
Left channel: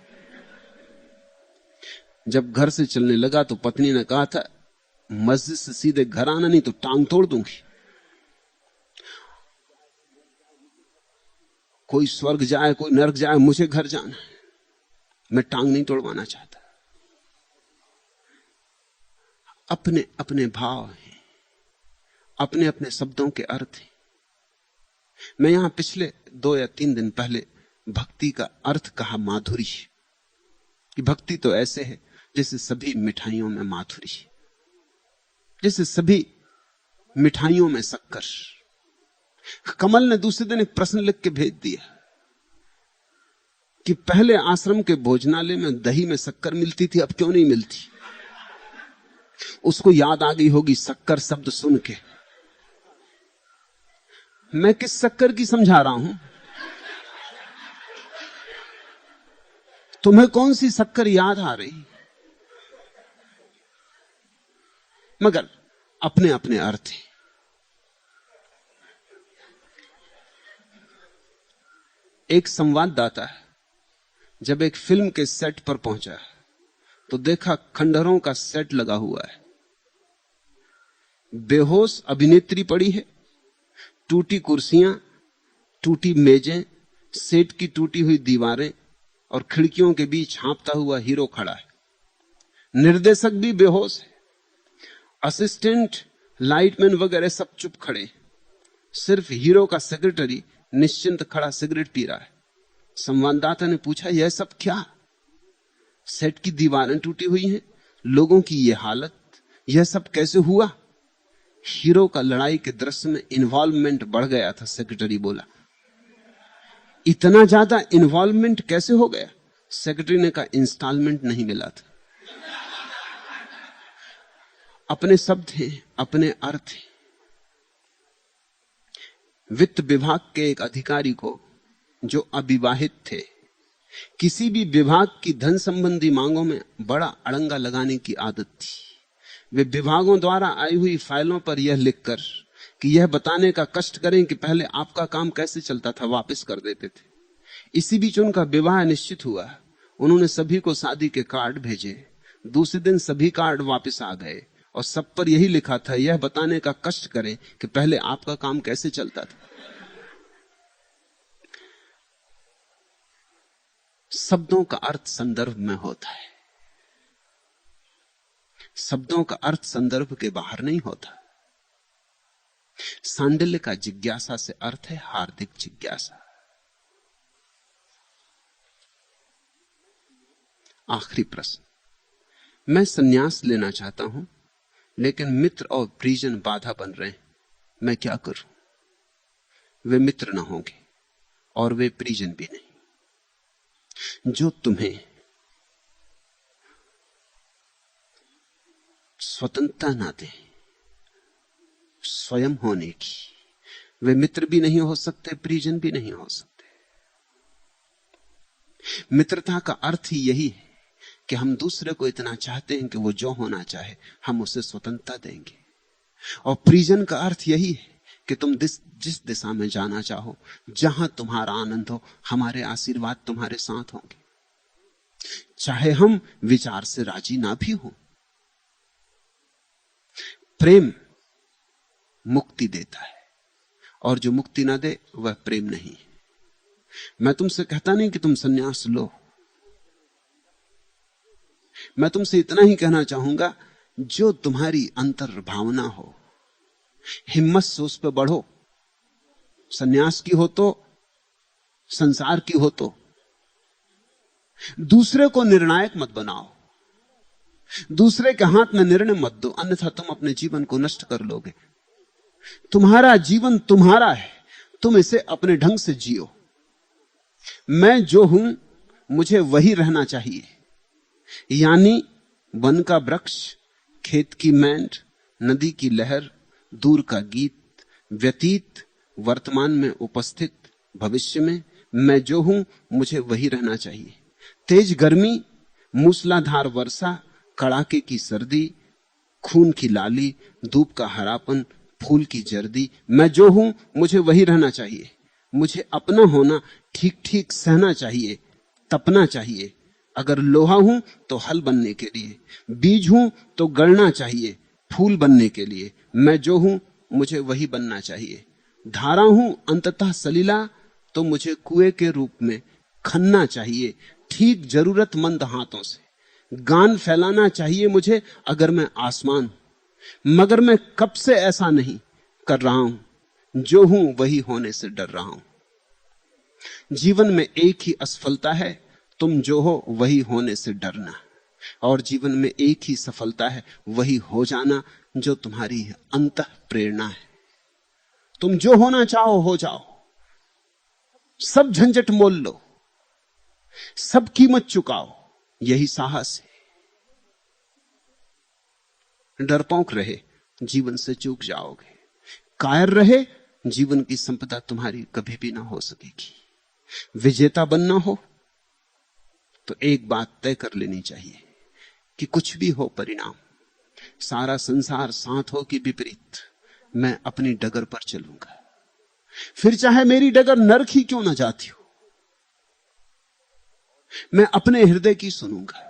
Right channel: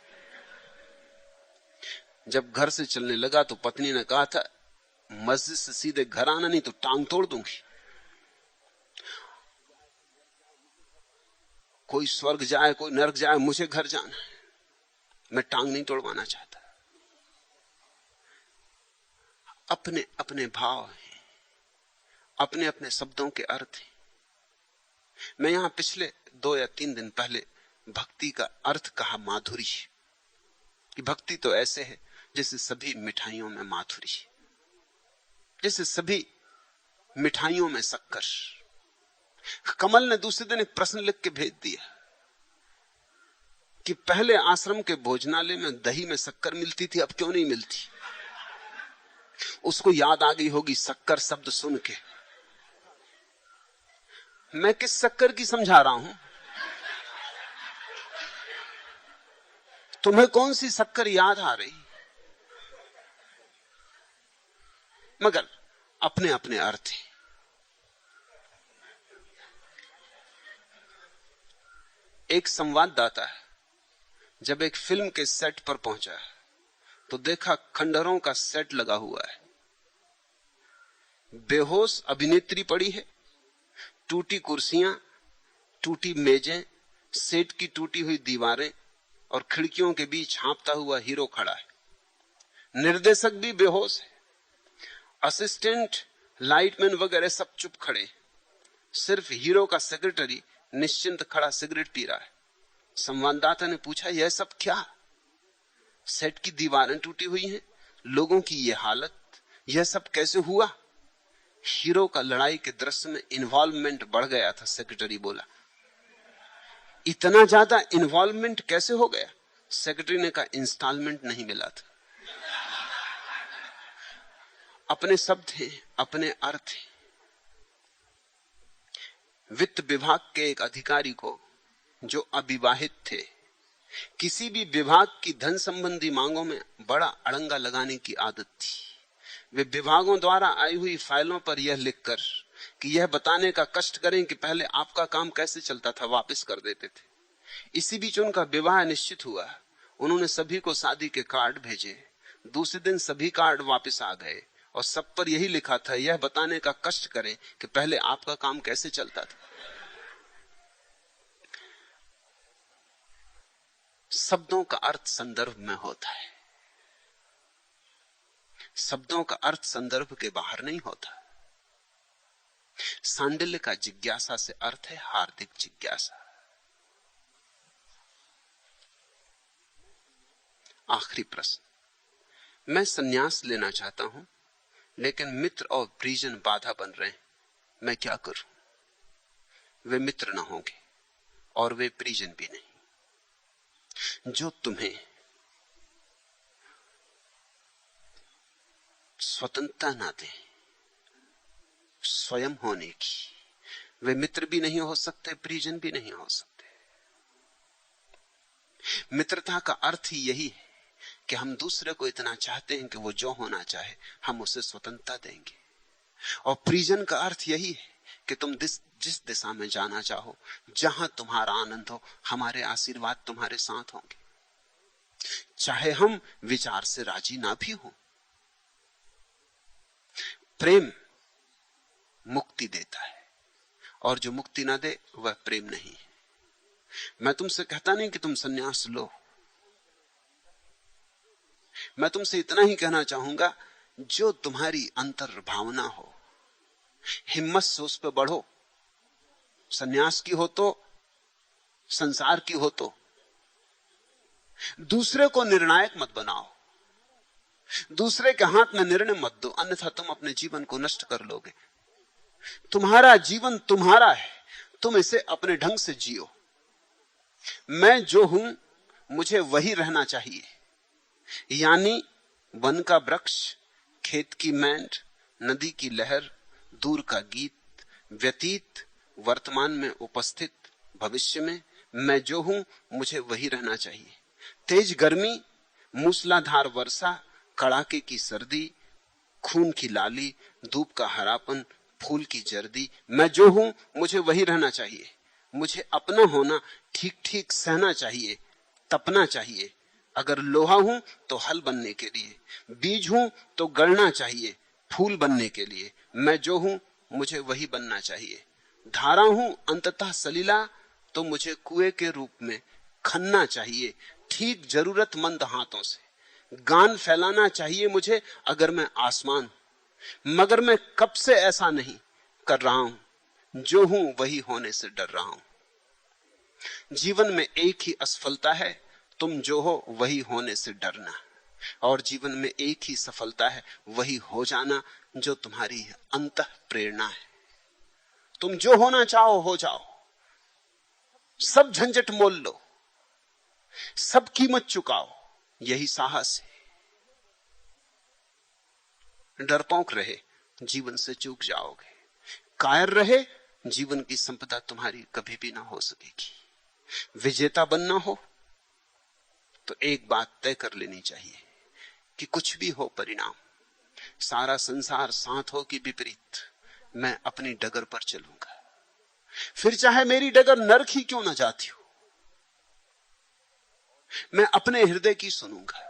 जब घर से चलने लगा तो पत्नी ने कहा था मस्जिद से सीधे घर आना, नहीं तो टांग तोड़ दूंगी। कोई स्वर्ग जाए कोई नर्क जाए, मुझे घर जाना है, मैं टांग नहीं तोड़वाना चाहता। अपने अपने भाव हैं, अपने अपने शब्दों के अर्थ हैं। मैं यहां पिछले 2 या 3 दिन पहले भक्ति का अर्थ कहा माधुरी। कि भक्ति तो ऐसे है जैसे सभी मिठाइयों में माधुरी, जैसे सभी मिठाइयों में शक्कर। कमल ने दूसरे दिन एक प्रश्न लिख के भेज दिया कि पहले आश्रम के भोजनालय में दही में शक्कर मिलती थी, अब क्यों नहीं मिलती। उसको याद आ गई होगी शक्कर शब्द सुन के। मैं किस शक्कर की समझा रहा हूं, तुम्हें कौन सी शक्कर याद आ रही। मगर अपने अपने अर्थ हैं। एक संवाददाता जब एक फिल्म के सेट पर पहुंचा तो देखा खंडहरों का सेट लगा हुआ है। बेहोश अभिनेत्री पड़ी है, टूटी कुर्सियां, टूटी मेजें, सेट की टूटी हुई दीवारें और खिड़कियों के बीच हाँफता हुआ हीरो खड़ा है। निर्देशक भी बेहोश है, असिस्टेंट, लाइटमैन वगैरह सब चुप खड़े। सिर्फ हीरो का सेक्रेटरी निश्चिंत खड़ा सिगरेट पी रहा है। संवाददाता ने पूछा, यह सब क्या? सेट की दीवारें टूटी हुई हैं, लोगों की यह हालत, यह सब कैसे हुआ? हीरो का लड़ाई के दृश्य में इन्वॉल्वमेंट बढ़ गया था। सेक्रेटरी बोला, इतना ज्यादा इन्वॉल्वमेंट कैसे हो गया? सेक्रेटरी ने कहा, इंस्टॉलमेंट नहीं मिला था। अपने शब्द हैं, अपने अर्थ हैं। वित्त विभाग के एक अधिकारी को, जो अविवाहित थे, किसी भी विभाग की धन संबंधी मांगों में बड़ा अड़ंगा लगाने की आदत थी। वे विभागों द्वारा आई हुई फाइलों पर यह लिखकर कि यह बताने का कष्ट करें कि पहले आपका काम कैसे चलता था, वापस कर देते थे। इसी बीच उनका विवाह निश्चित हुआ। उन्होंने सभी को शादी के कार्ड भेजे। दूसरे दिन सभी कार्ड वापस आ गए और सब पर यही लिखा था, यह बताने का कष्ट करें कि पहले आपका काम कैसे चलता था। शब्दों का अर्थ संदर्भ में होता है, शब्दों का अर्थ संदर्भ के बाहर नहीं होता। सांडिल्य का जिज्ञासा से अर्थ है हार्दिक जिज्ञासा। आखिरी प्रश्न, मैं संन्यास लेना चाहता हूं, लेकिन मित्र और परिजन बाधा बन रहे हैं, मैं क्या करूं? वे मित्र ना होंगे और वे परिजन भी नहीं। जो तुम्हें स्वतंत्रता ना दे स्वयं होने की, वे मित्र भी नहीं हो सकते, परिजन भी नहीं हो सकते। मित्रता का अर्थ ही यही है कि हम दूसरे को इतना चाहते हैं कि वो जो होना चाहे हम उसे स्वतंत्रता देंगे। और परिजन का अर्थ यही है कि तुम जिस दिशा में जाना चाहो, जहां तुम्हारा आनंद हो, हमारे आशीर्वाद तुम्हारे साथ होंगे, चाहे हम विचार से राजी ना भी हो। प्रेम मुक्ति देता है और जो मुक्ति ना दे वह प्रेम नहीं है। मैं तुमसे कहता नहीं कि तुम संन्यास लो, मैं तुमसे इतना ही कहना चाहूंगा, जो तुम्हारी अंतर भावना हो, हिम्मत से उस पर बढ़ो। संन्यास की हो तो, संसार की हो तो। दूसरे को निर्णायक मत बनाओ, दूसरे के हाथ में निर्णय मत दो, अन्यथा तुम अपने जीवन को नष्ट कर लोगे। तुम्हारा जीवन तुम्हारा है, तुम इसे अपने ढंग से जियो। मैं जो हूं मुझे वही रहना चाहिए, यानी वन का वृक्ष, खेत की मैंड, नदी की लहर, दूर का गीत, व्यतीत, वर्तमान में उपस्थित, भविष्य में। मैं जो हूं मुझे वही रहना चाहिए। तेज गर्मी, मूसलाधार वर्षा, कड़ाके की सर्दी, खून की लाली, धूप का हरापन, फूल की जर्दी, मैं जो हूं मुझे वही रहना चाहिए। मुझे अपना होना ठीक ठीक सहना चाहिए, तपना चाहिए। अगर लोहा हूं तो हल बनने के लिए, बीज हूं तो गड़ना चाहिए फूल बनने के लिए। मैं जो हूं मुझे वही बनना चाहिए। धारा हूं अंततः सलीला, तो मुझे कुएं के रूप में खनना चाहिए, ठीक जरूरतमंद हाथों से। गान फैलाना चाहिए मुझे अगर मैं आसमान हूं, मगर मैं कब से ऐसा नहीं कर रहा हूं। जो हूं वही होने से डर रहा हूं। जीवन में एक ही असफलता है, तुम जो हो वही होने से डरना। और जीवन में एक ही सफलता है, वही हो जाना जो तुम्हारी अंतः प्रेरणा है। तुम जो होना चाहो हो जाओ, सब झंझट मोल लो, सब कीमत चुकाओ, यही साहस है। डरपोक रहे जीवन से चूक जाओगे, कायर रहे जीवन की संपदा तुम्हारी कभी भी ना हो सकेगी। विजेता बनना हो तो एक बात तय कर लेनी चाहिए कि कुछ भी हो परिणाम, सारा संसार साथ हो कि विपरीत, मैं अपनी डगर पर चलूंगा। फिर चाहे मेरी डगर नरक ही क्यों न जाती हो, मैं अपने हृदय की सुनूंगा।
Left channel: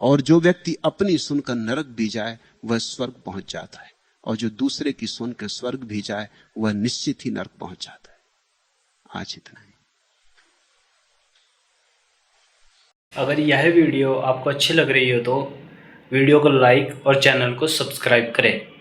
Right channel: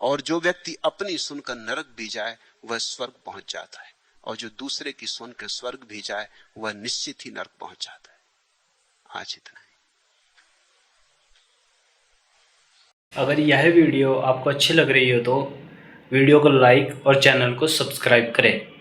और जो व्यक्ति अपनी सुनकर नरक भी जाए वह स्वर्ग पहुंच जाता है, और जो दूसरे की सुनकर स्वर्ग भी जाए वह निश्चित ही नरक पहुंच जाता है। आज इतना ही। अगर यह वीडियो आपको अच्छी लग रही हो तो वीडियो को लाइक और चैनल को सब्सक्राइब करें।